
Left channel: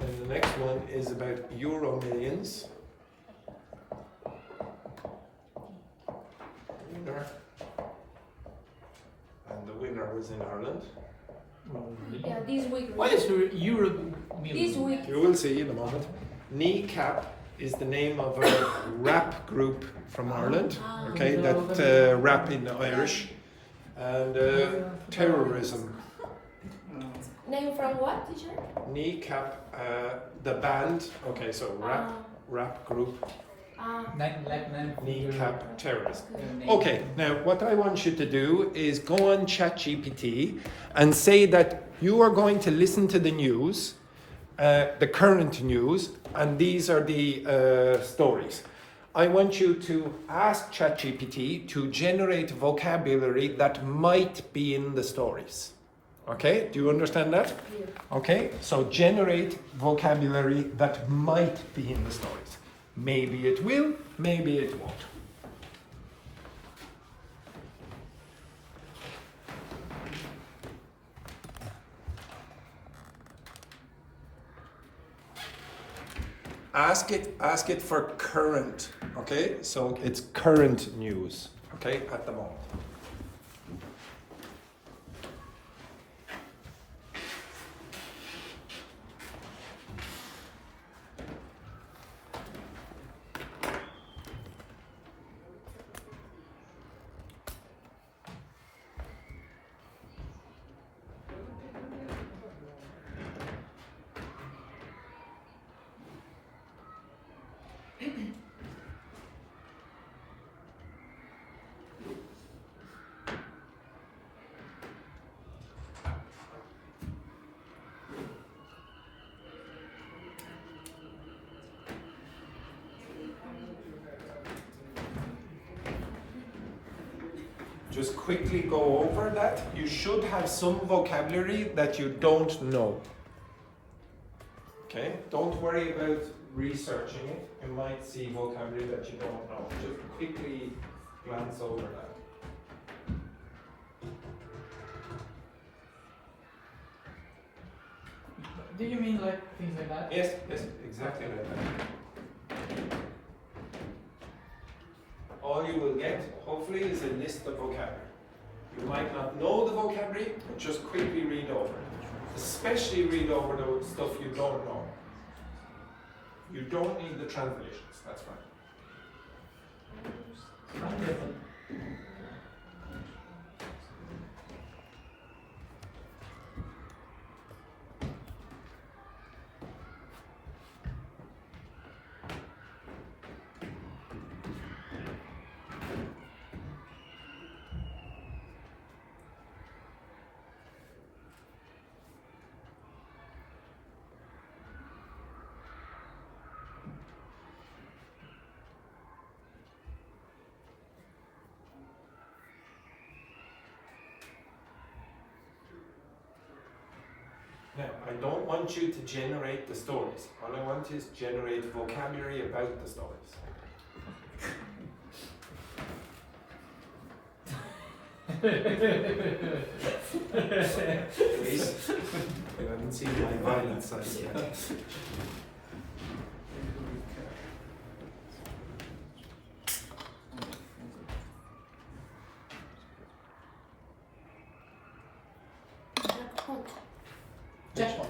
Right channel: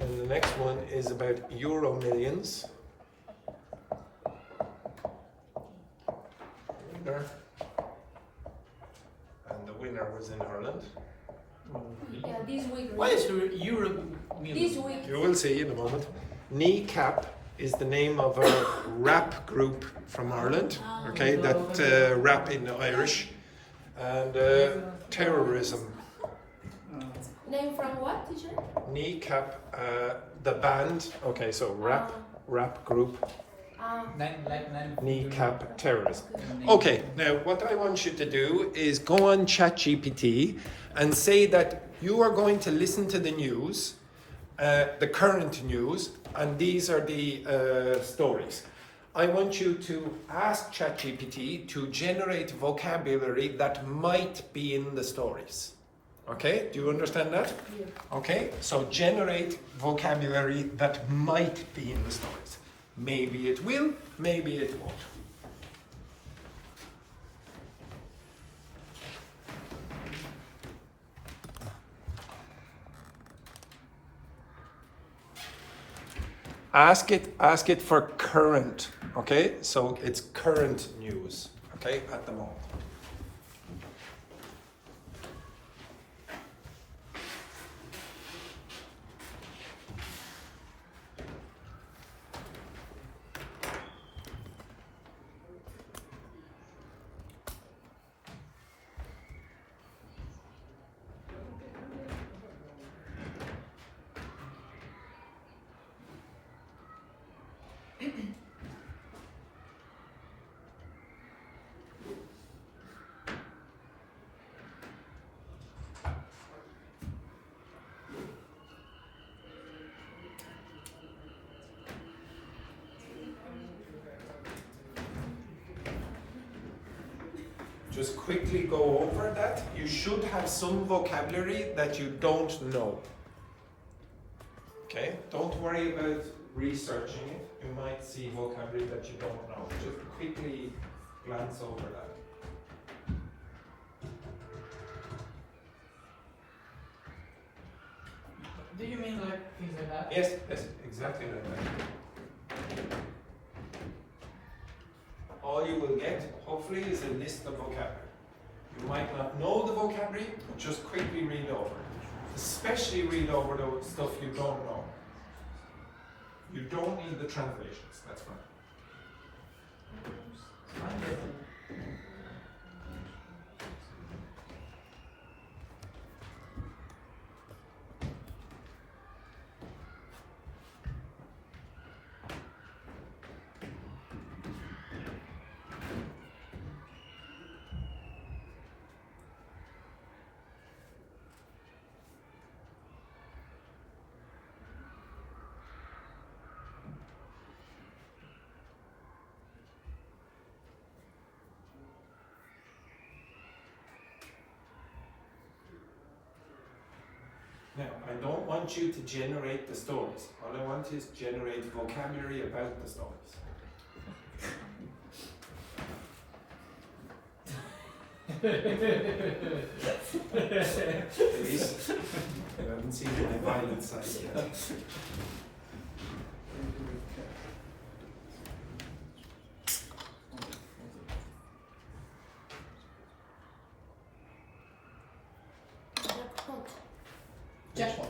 And the next one is about Euro millions. Winner. And the winner was in Ireland. Yeah, this week. Why is Euro This week. You will see in a moment. Kneecap is the name of a rap group from Ireland, okay, that rap in Irish. And terrorism. Name from what, teacher? Kneecap, the band, okay, so rap group, Kneecap terrorism. Okay, now what I want you to do is go on ChatGPT and say that you are going to listen to the news, the current news, and these are the stories. I want you to ask ChatGPT to generate vocabulary that might be in the stories. Okay, do you understand that? Yeah. Okay, so generate vocabulary that might be in the stories. Maybe it will, maybe it won't. Ask it for current, okay? So it's current news, okay, at the moment. Just quickly go over that. You should have some vocabulary that you don't know. Okay? Don't worry about researching it. You might see vocabulary that you don't know. Just quickly glance over that. Do you mean like things like that? Yes, exactly like that. All you will get, hopefully, is a list of vocabulary. You might not know the vocabulary, but just quickly read over it. Especially read over the stuff you don't know. You don't need the translations, that's fine. Now, I don't want you to generate the stories. All I want is generate vocabulary about the stories. Please. I haven't seen any violent side yet. Jackpot.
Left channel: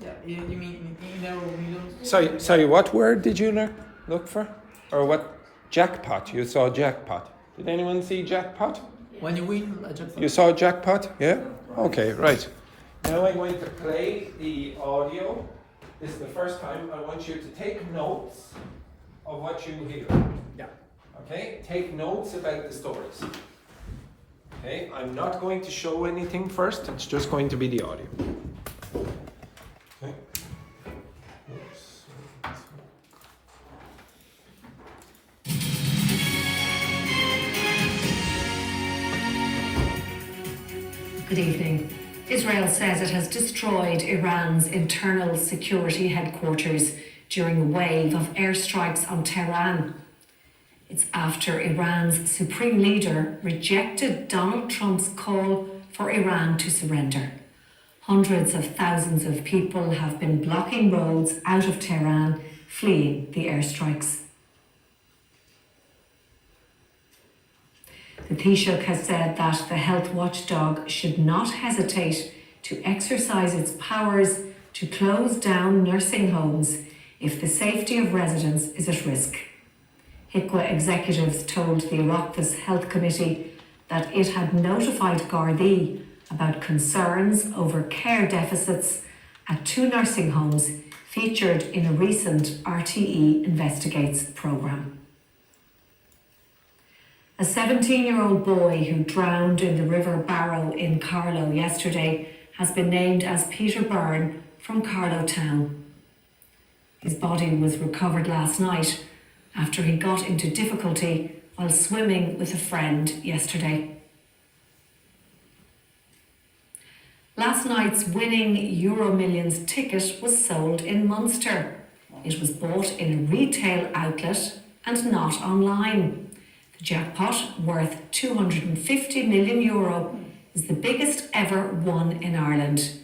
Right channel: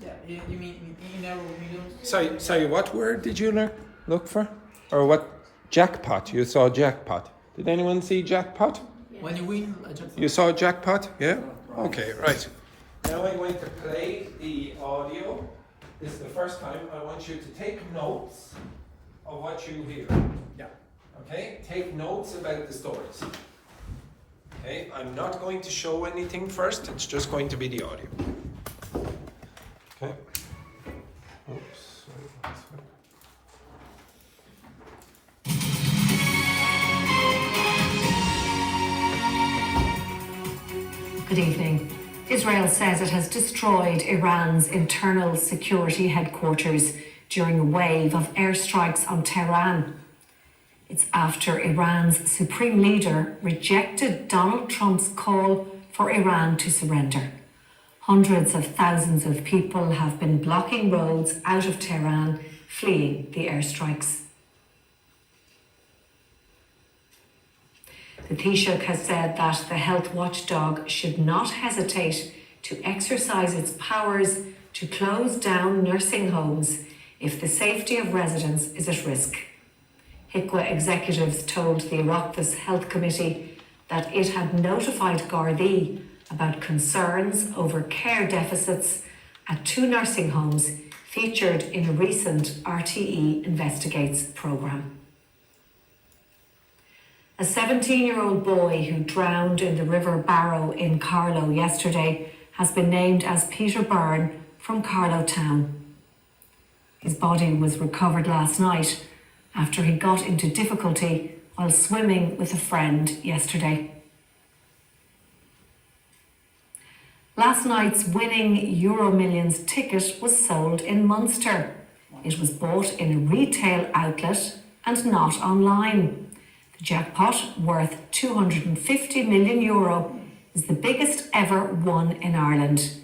Yeah, you mean we don't. Sorry, what word did you look for? Or what? Jackpot. You saw jackpot. Did anyone see jackpot? When you win a jackpot. You saw jackpot? Yeah? Okay, right. Now I'm going to play the audio. This is the first time. I want you to take notes of what you hear. Yeah. Okay? Take notes about the stories. Okay? I'm not going to show anything first. It's just going to be the audio. Okay? Oops. Good evening. Israel says it has destroyed Iran's internal security headquarters during a wave of airstrikes on Tehran. It's after Iran's supreme leader rejected Donald Trump's call for Iran to surrender. Hundreds of thousands of people have been blocking roads out of Tehran, fleeing the airstrikes. The Taoiseach has said that the health watchdog should not hesitate to exercise its powers to close down nursing homes if the safety of residents is at risk. HIQA executives told the Oireachtas Health Committee that it had notified Gardaí about concerns over care deficits at 2 nursing homes featured in a recent RTE Investigates programme. A 17-year-old boy who drowned in the River Barrow in Carlow yesterday has been named as Peter Byrne from Carlow Town. His body was recovered last night after he got into difficulty while swimming with a friend yesterday. Last night's winning EuroMillions ticket was sold in Munster. It was bought in a retail outlet and not online. The jackpot, worth €250 million, is the biggest ever won in Ireland.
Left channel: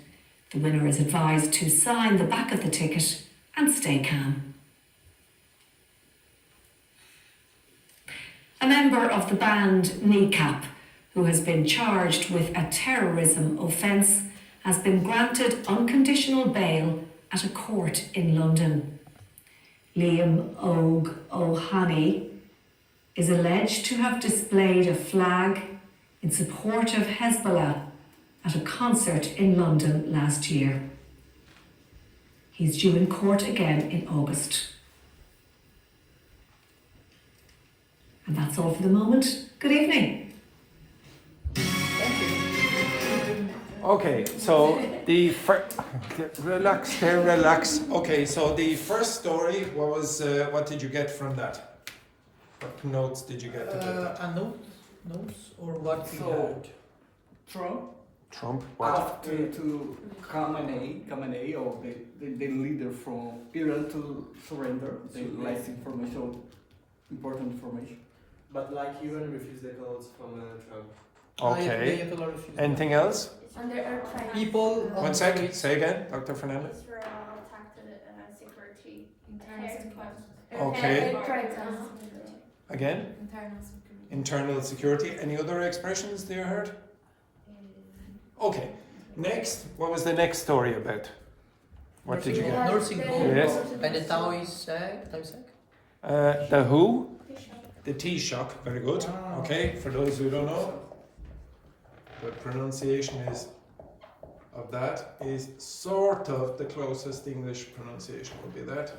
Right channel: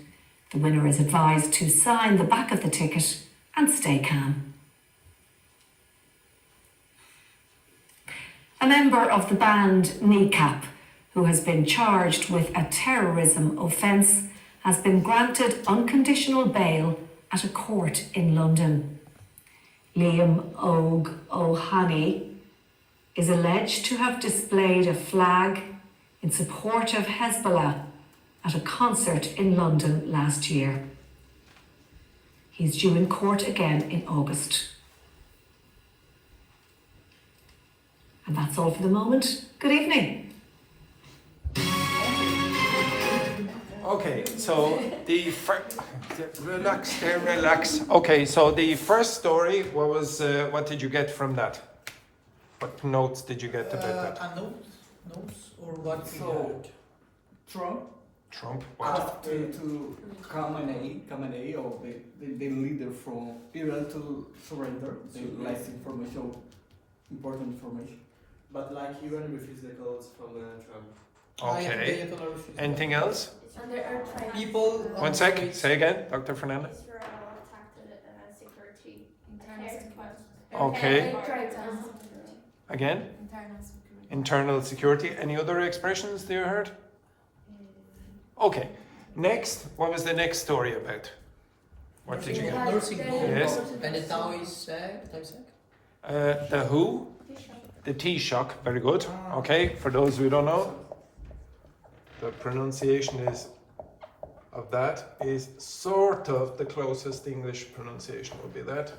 The winner is advised to sign the back of the ticket and stay calm. A member of the band Kneecap, who has been charged with a terrorism offence, has been granted unconditional bail at a court in London. Liam O'Hany is alleged to have displayed a flag in support of Hezbollah at a concert in London last year. He's due in court again in August. And that's all for the moment. Good evening. Okay, so the relax. Okay, so the first story, what did you get from that? What notes did you get about that? Notes or what? So, Trump. after to Khamenei, or the leader from Iran, to surrender, the last information, important information. But like Iran refused the calls from Trump. Okay. Anything else? And there are trying People. One sec. Say again, Dr. Fernanda. Israel attacked the security. Okay. to Again. Internal security. Any other expressions that you heard? Okay. Next, what was the next story about? What did you get? Nursing home. Yes. And the Taoiseach. The who? The Taoiseach. Very good. Okay. For those who don't know, the pronunciation of that is sort of the closest English pronunciation would be that.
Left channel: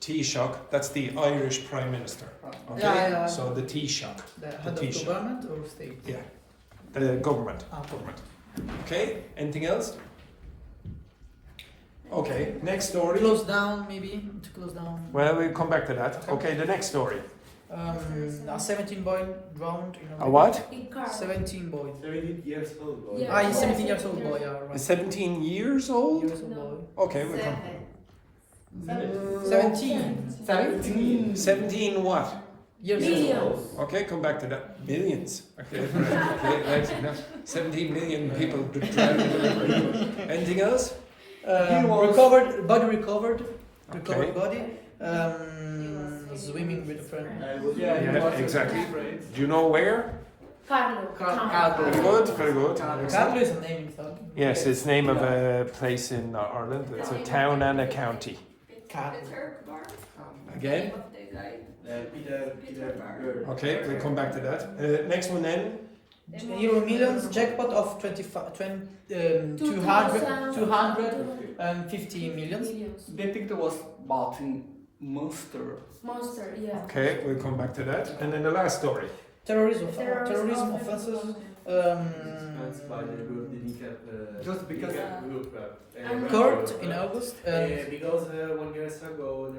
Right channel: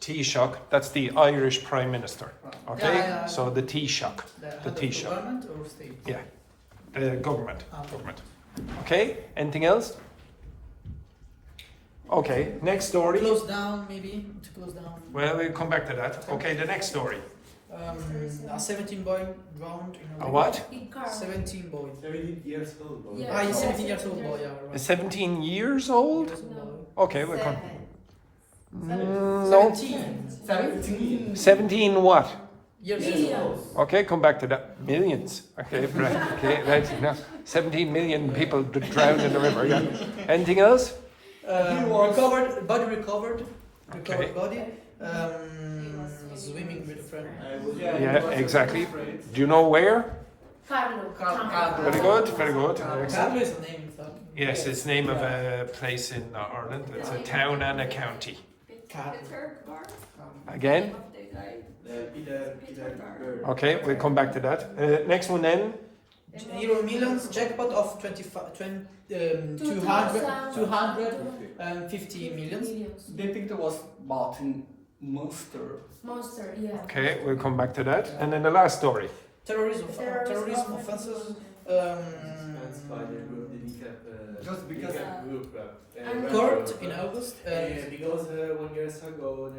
Taoiseach, that's the Irish Prime Minister. Okay? Yeah. So the Taoiseach. The Taoiseach. Government or state? Yeah. The government. Government. Okay? Anything else? Okay, next story. Close down, maybe? To close down. Well, we'll come back to that. Okay, the next story. A 17 boy drowned in A what? 17 boy. 17 years old. Boy. Yeah. He's 17 years old boy, yeah. Right. 17 years old? Okay, we'll come. No. 17. 17. 17 what? Millions. Okay, come back to that. Millions. Okay, right. Okay, right. Now, 17 million people drowned in the river. Yeah. Anything else? Recovered body. Okay. Body. Swimming with a friend. Yeah, exactly. Do you know where? Carlo. Very good, very good. Carlo Excellent. is a name. So. Yes, it's name of a place in Ireland. It's a town and a county. Peter Bar. Again? Name of the guy. Peter Bar. Okay, we'll come back to that. Next one then. Euro millions jackpot of 250 millions. They think there was bought in Munster. Monster, yeah. Okay, we'll come back to that. And then the last story. Terrorism offenses. Just because Court in August. Because 1 year ago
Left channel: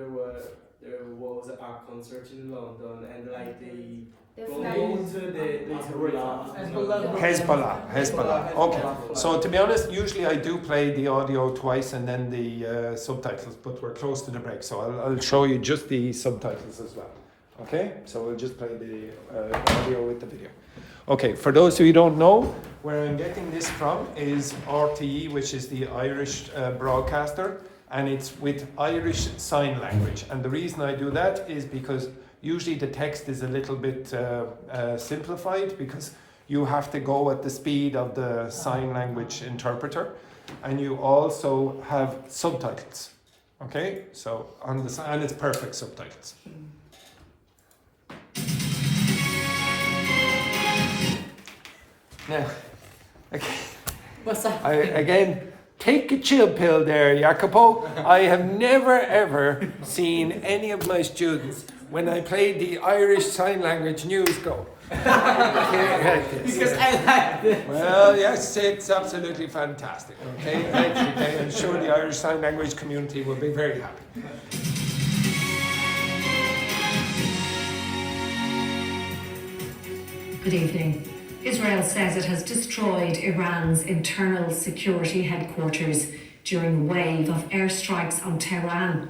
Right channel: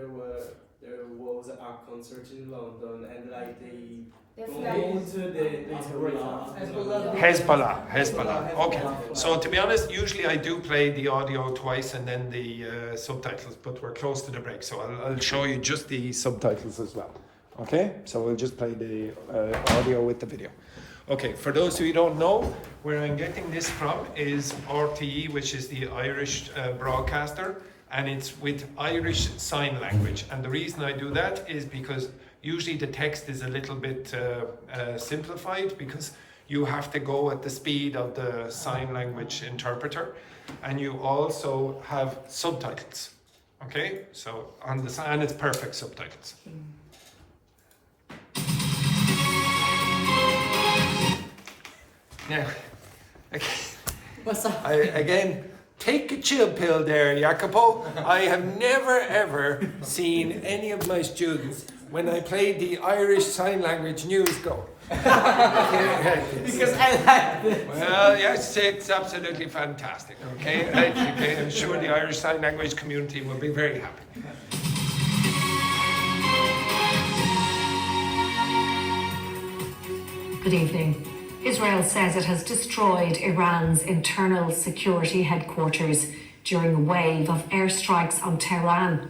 there was a concert in London and like they promote the Hezbollah. Okay. So to be honest, usually I do play the audio twice and then the subtitles, but we're close to the break, so I'll show you just the subtitles as well. Okay, so we'll just play the audio with the video. Okay, for those who don't know, where I'm getting this from is RTE, which is the Irish broadcaster, and it's with Irish Sign Language. And the reason I do that is because usually the text is a little bit simplified, because you have to go at the speed of the sign language interpreter, and you also have subtitles. Okay, so on the and it's perfect subtitles. Now, okay. What's up? Again, take a chill pill there, Jacopo. I have never ever seen any of my students, when I played the Irish Sign Language news, go. Because I like it. Well, yes, it's absolutely fantastic. Okay, right, okay. I'm sure the Irish Sign Language community will be very happy. Good evening. Israel says it has destroyed Iran's internal security headquarters during a wave of airstrikes on Tehran.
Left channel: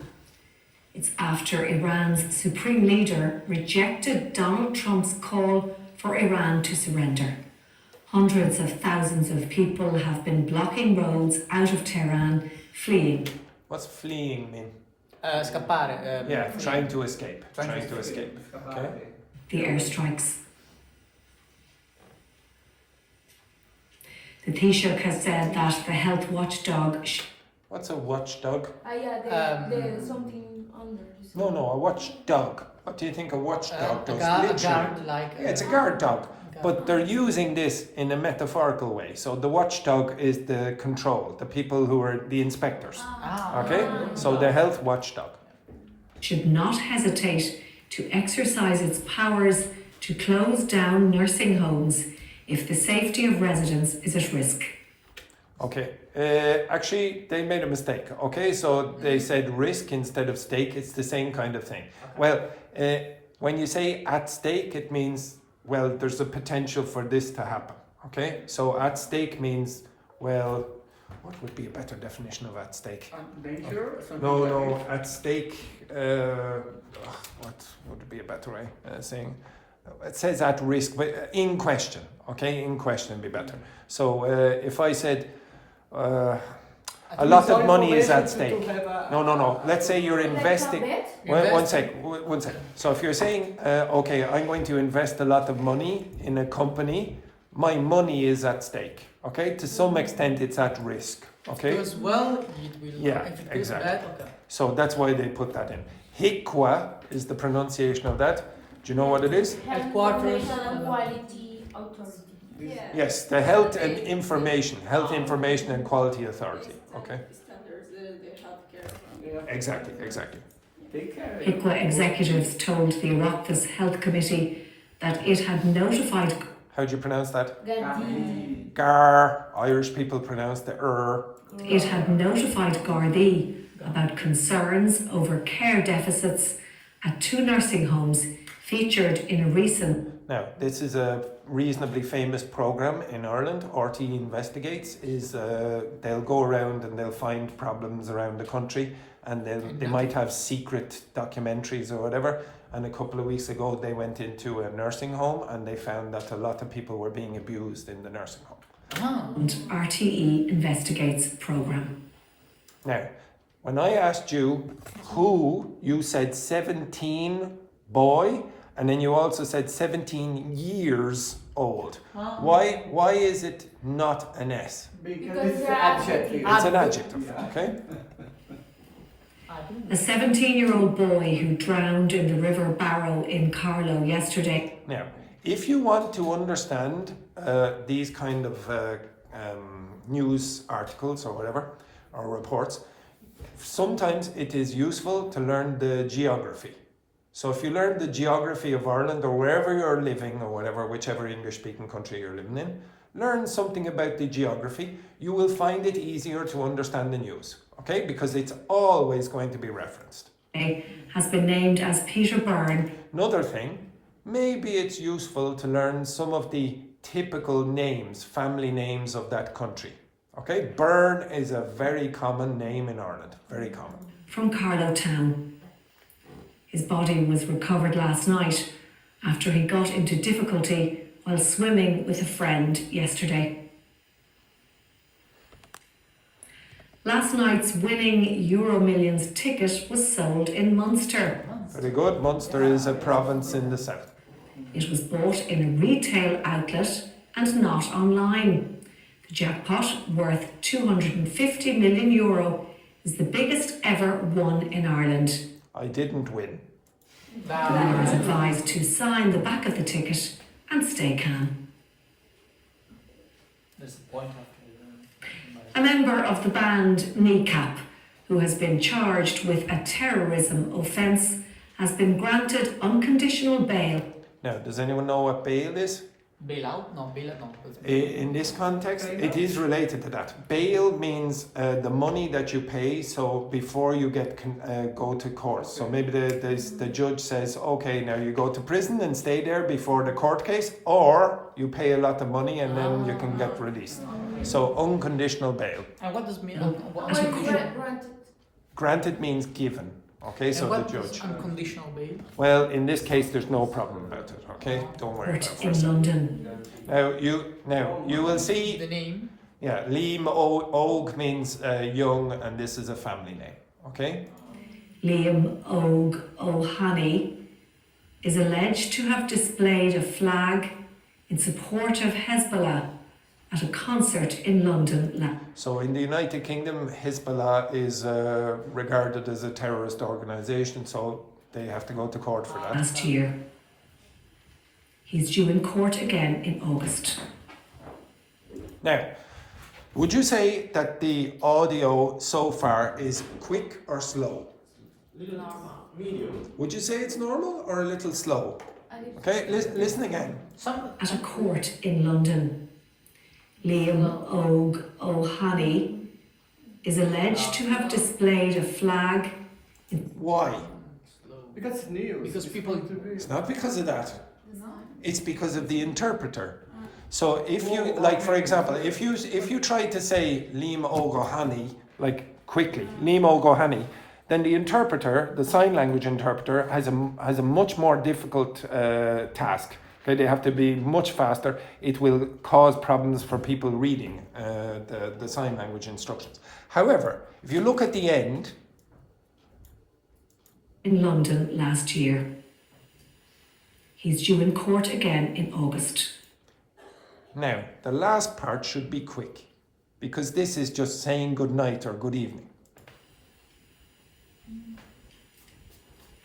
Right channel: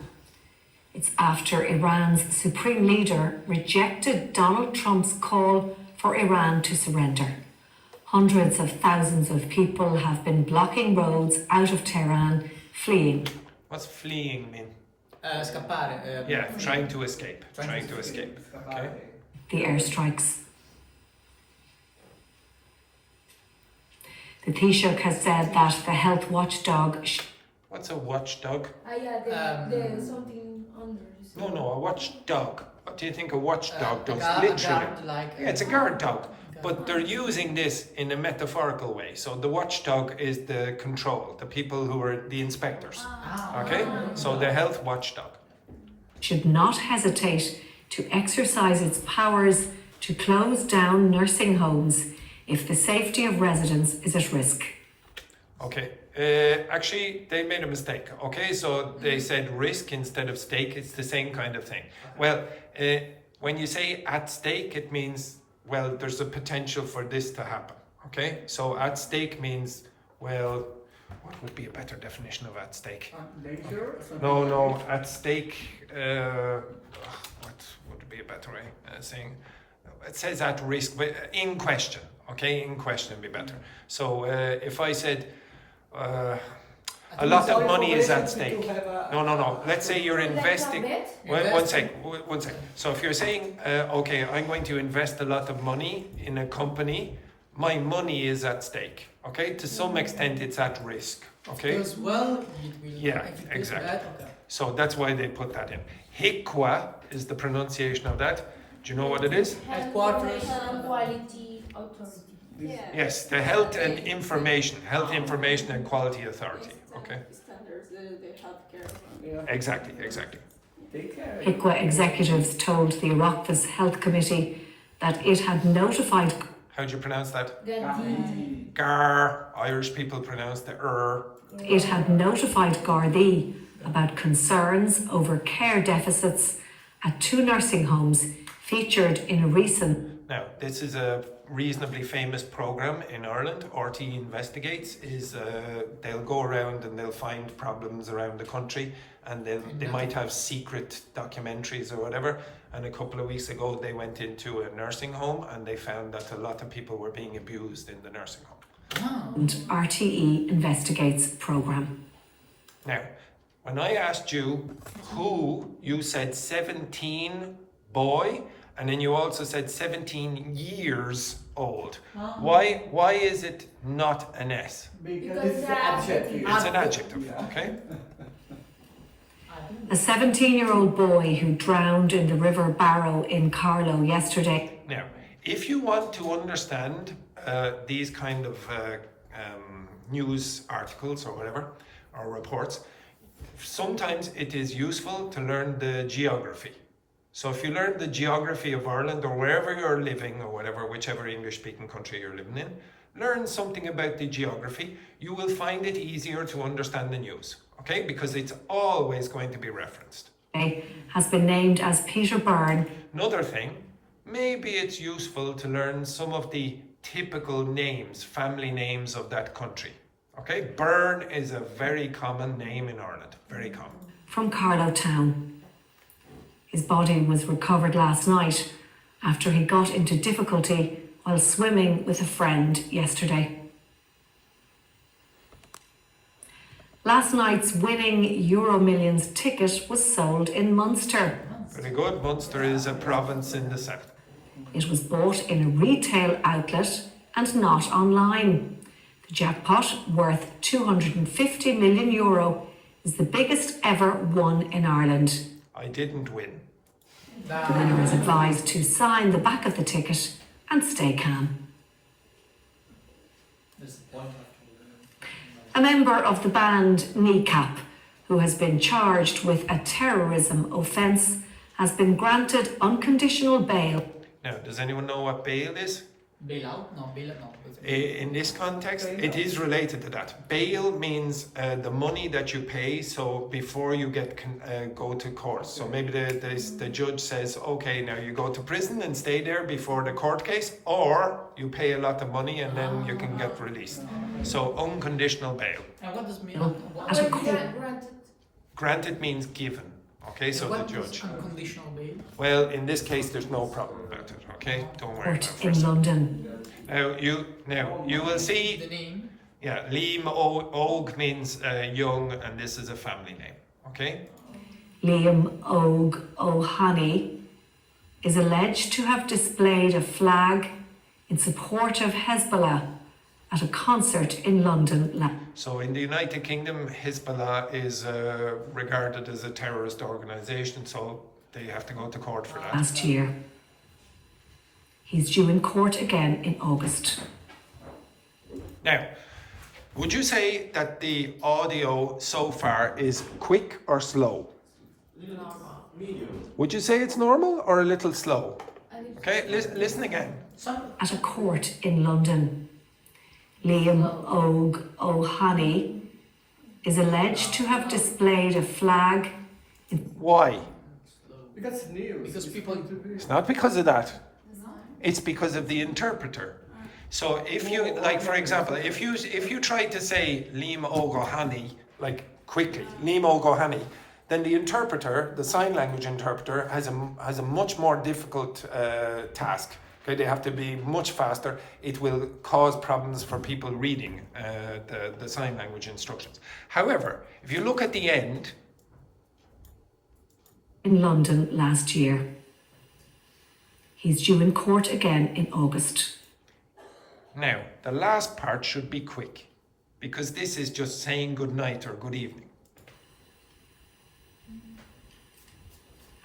It's after Iran's supreme leader rejected Donald Trump's call for Iran to surrender. Hundreds of thousands of people have been blocking roads out of Tehran, fleeing. What's fleeing mean? Scappare. Yeah, trying to escape. Trying to escape. Okay. The airstrikes. The Taoiseach has said that the health watchdog. What's a watchdog? Yeah, the something under. No, a watchdog. What do you think a watchdog does? Guard, Literally. like, Yeah, it's a guard dog. But they're using this in a metaphorical way. So the watchdog is the control, the people who are the inspectors. Okay? So the health watchdog. Should not hesitate to exercise its powers to close down nursing homes if the safety of residents is at risk. Okay. Actually, they made a mistake. Okay, so they said risk instead of stake. It's the same kind of thing. Well, when you say at stake, it means, well, there's a potential for this to happen. Okay, so at stake means, well, what would be a better definition of at stake? Danger? No, at stake. What would be a better way of saying? It says at risk, but in question. Okay, in question would be better. So if I said a lot of money is at stake. No. Let's say you're investing. One sec. So if you're saying, okay, I'm going to invest a lot of money in a company, my money is at stake. Okay, to some extent it's at risk. Okay. Because well, Yeah, exactly. So that's why they put that in. HICWA is the pronunciation of that. Do you know what it is? Headquarters. Quality Authority. Yeah. Yes, the Health Information and Quality Authority. Okay. Standards, the healthcare. Exactly. HICWA executives told the Oireachtas Health Committee that it had notified. How do you pronounce that? Gardaí. Gar. Irish people pronounce the It had notified Gardaí about concerns over care deficits at 2 nursing homes featured in a recent. Now, this is a reasonably famous program in Ireland. RTE Investigates is they'll go around and they'll find problems around the country, and then they might have secret documentaries or whatever, and a couple of weeks ago they went into a nursing home and they found that a lot of people were being abused in the nursing home. And RTE Investigates programme. Now, when I asked you who, you said 17 boy, and then you also said 17 years old. Why is it not an S? Because it's an adjective. It's an adjective, okay? A 17-year-old boy who drowned in the River Barrow in Carlow yesterday. Now, if you want to understand these kind of news articles or whatever, or reports, sometimes it is useful to learn the geography. So if you learn the geography of Ireland or wherever you're living or whatever, whichever English-speaking country you're living in, learn something about the geography, you will find it easier to understand the news, okay? Because it's always going to be referenced. Has been named as Peter Byrne. Another thing, maybe it's useful to learn some of the typical names, family names of that country. Okay, Byrne is a very common name in Ireland, very common. From Carlow Town. His body was recovered last night after he got into difficulty while swimming with a friend yesterday. Last night's winning Euro Millions ticket was sold in Munster. Very good. Munster is a province in the south. It was bought in a retail outlet and not online. The jackpot, worth €250 million, is the biggest ever won in Ireland. I didn't win. The winner is advised to sign the back of the ticket and stay calm. A member of the band Kneecap, who has been charged with a terrorism offence, has been granted unconditional bail. Now, does anyone know what bail is? Bail out? No, bail out, no. In this context, it is related to that. Bail means the money that you pay, so before you get go to court. So maybe the judge says, okay, now you go to prison and stay there before the court case, or you pay a lot of money and then you can get released. So unconditional bail. And what does mean? Granted means given. Okay, And so the what judge. is unconditional bail? Well, in this case, there's no problem about it. Okay, don't worry about Court it. in London. Now you will see. The name? Yeah, Liam Og means young, and this is a family name. Okay. Liam Og O'Hany is alleged to have displayed a flag in support of Hezbollah at a concert in London. So in the United Kingdom, Hezbollah is regarded as a terrorist organisation, so they have to go to court for that. Last year. He's due in court again in August. Now, would you say that the audio so far is quick or slow? Medium. Would you say it's normal or a little slow? Okay, listen again. At a court in London. Liam Og O'Hany is alleged to have displayed a flag. Why? Because it's news. Because people. It's not because of that. It's because of the interpreter. So if you, like for example, if you try to say Liam Og O'Hany, like quickly, Liam Og O'Hany, then the interpreter, the sign language interpreter, has a much more difficult task. Okay, they have to be much faster. It will cause problems for people reading the sign language instructions. However, if you look at the end. In London last year. He's due in court again in August. Now, the last part should be quick, because this is just saying good night or good evening.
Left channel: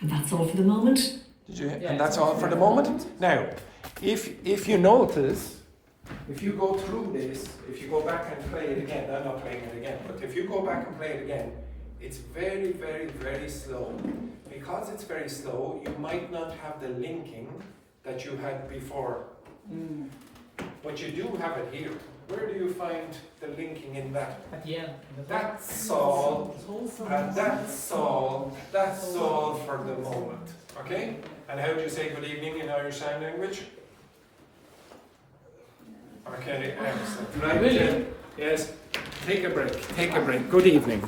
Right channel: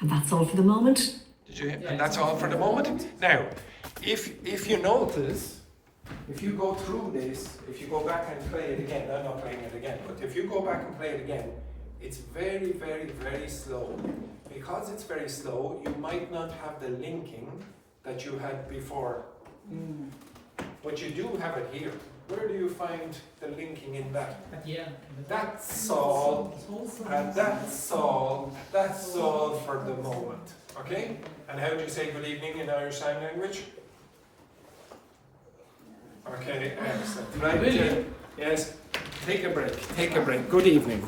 And that's all for the moment. And that's all for the moment. Now, if you notice, if you go through this, if you go back and play it again, I'm not playing it again, but if you go back and play it again, it's very, very, very slow. Because it's very slow, you might not have the linking that you had before. But you do have it here. Where do you find the linking in that? At the end. That's all, and that's all for the moment. Okay? And how do you say good evening in Irish Sign Language? Okay, excellent. Right, yes. Take a break. Good evening.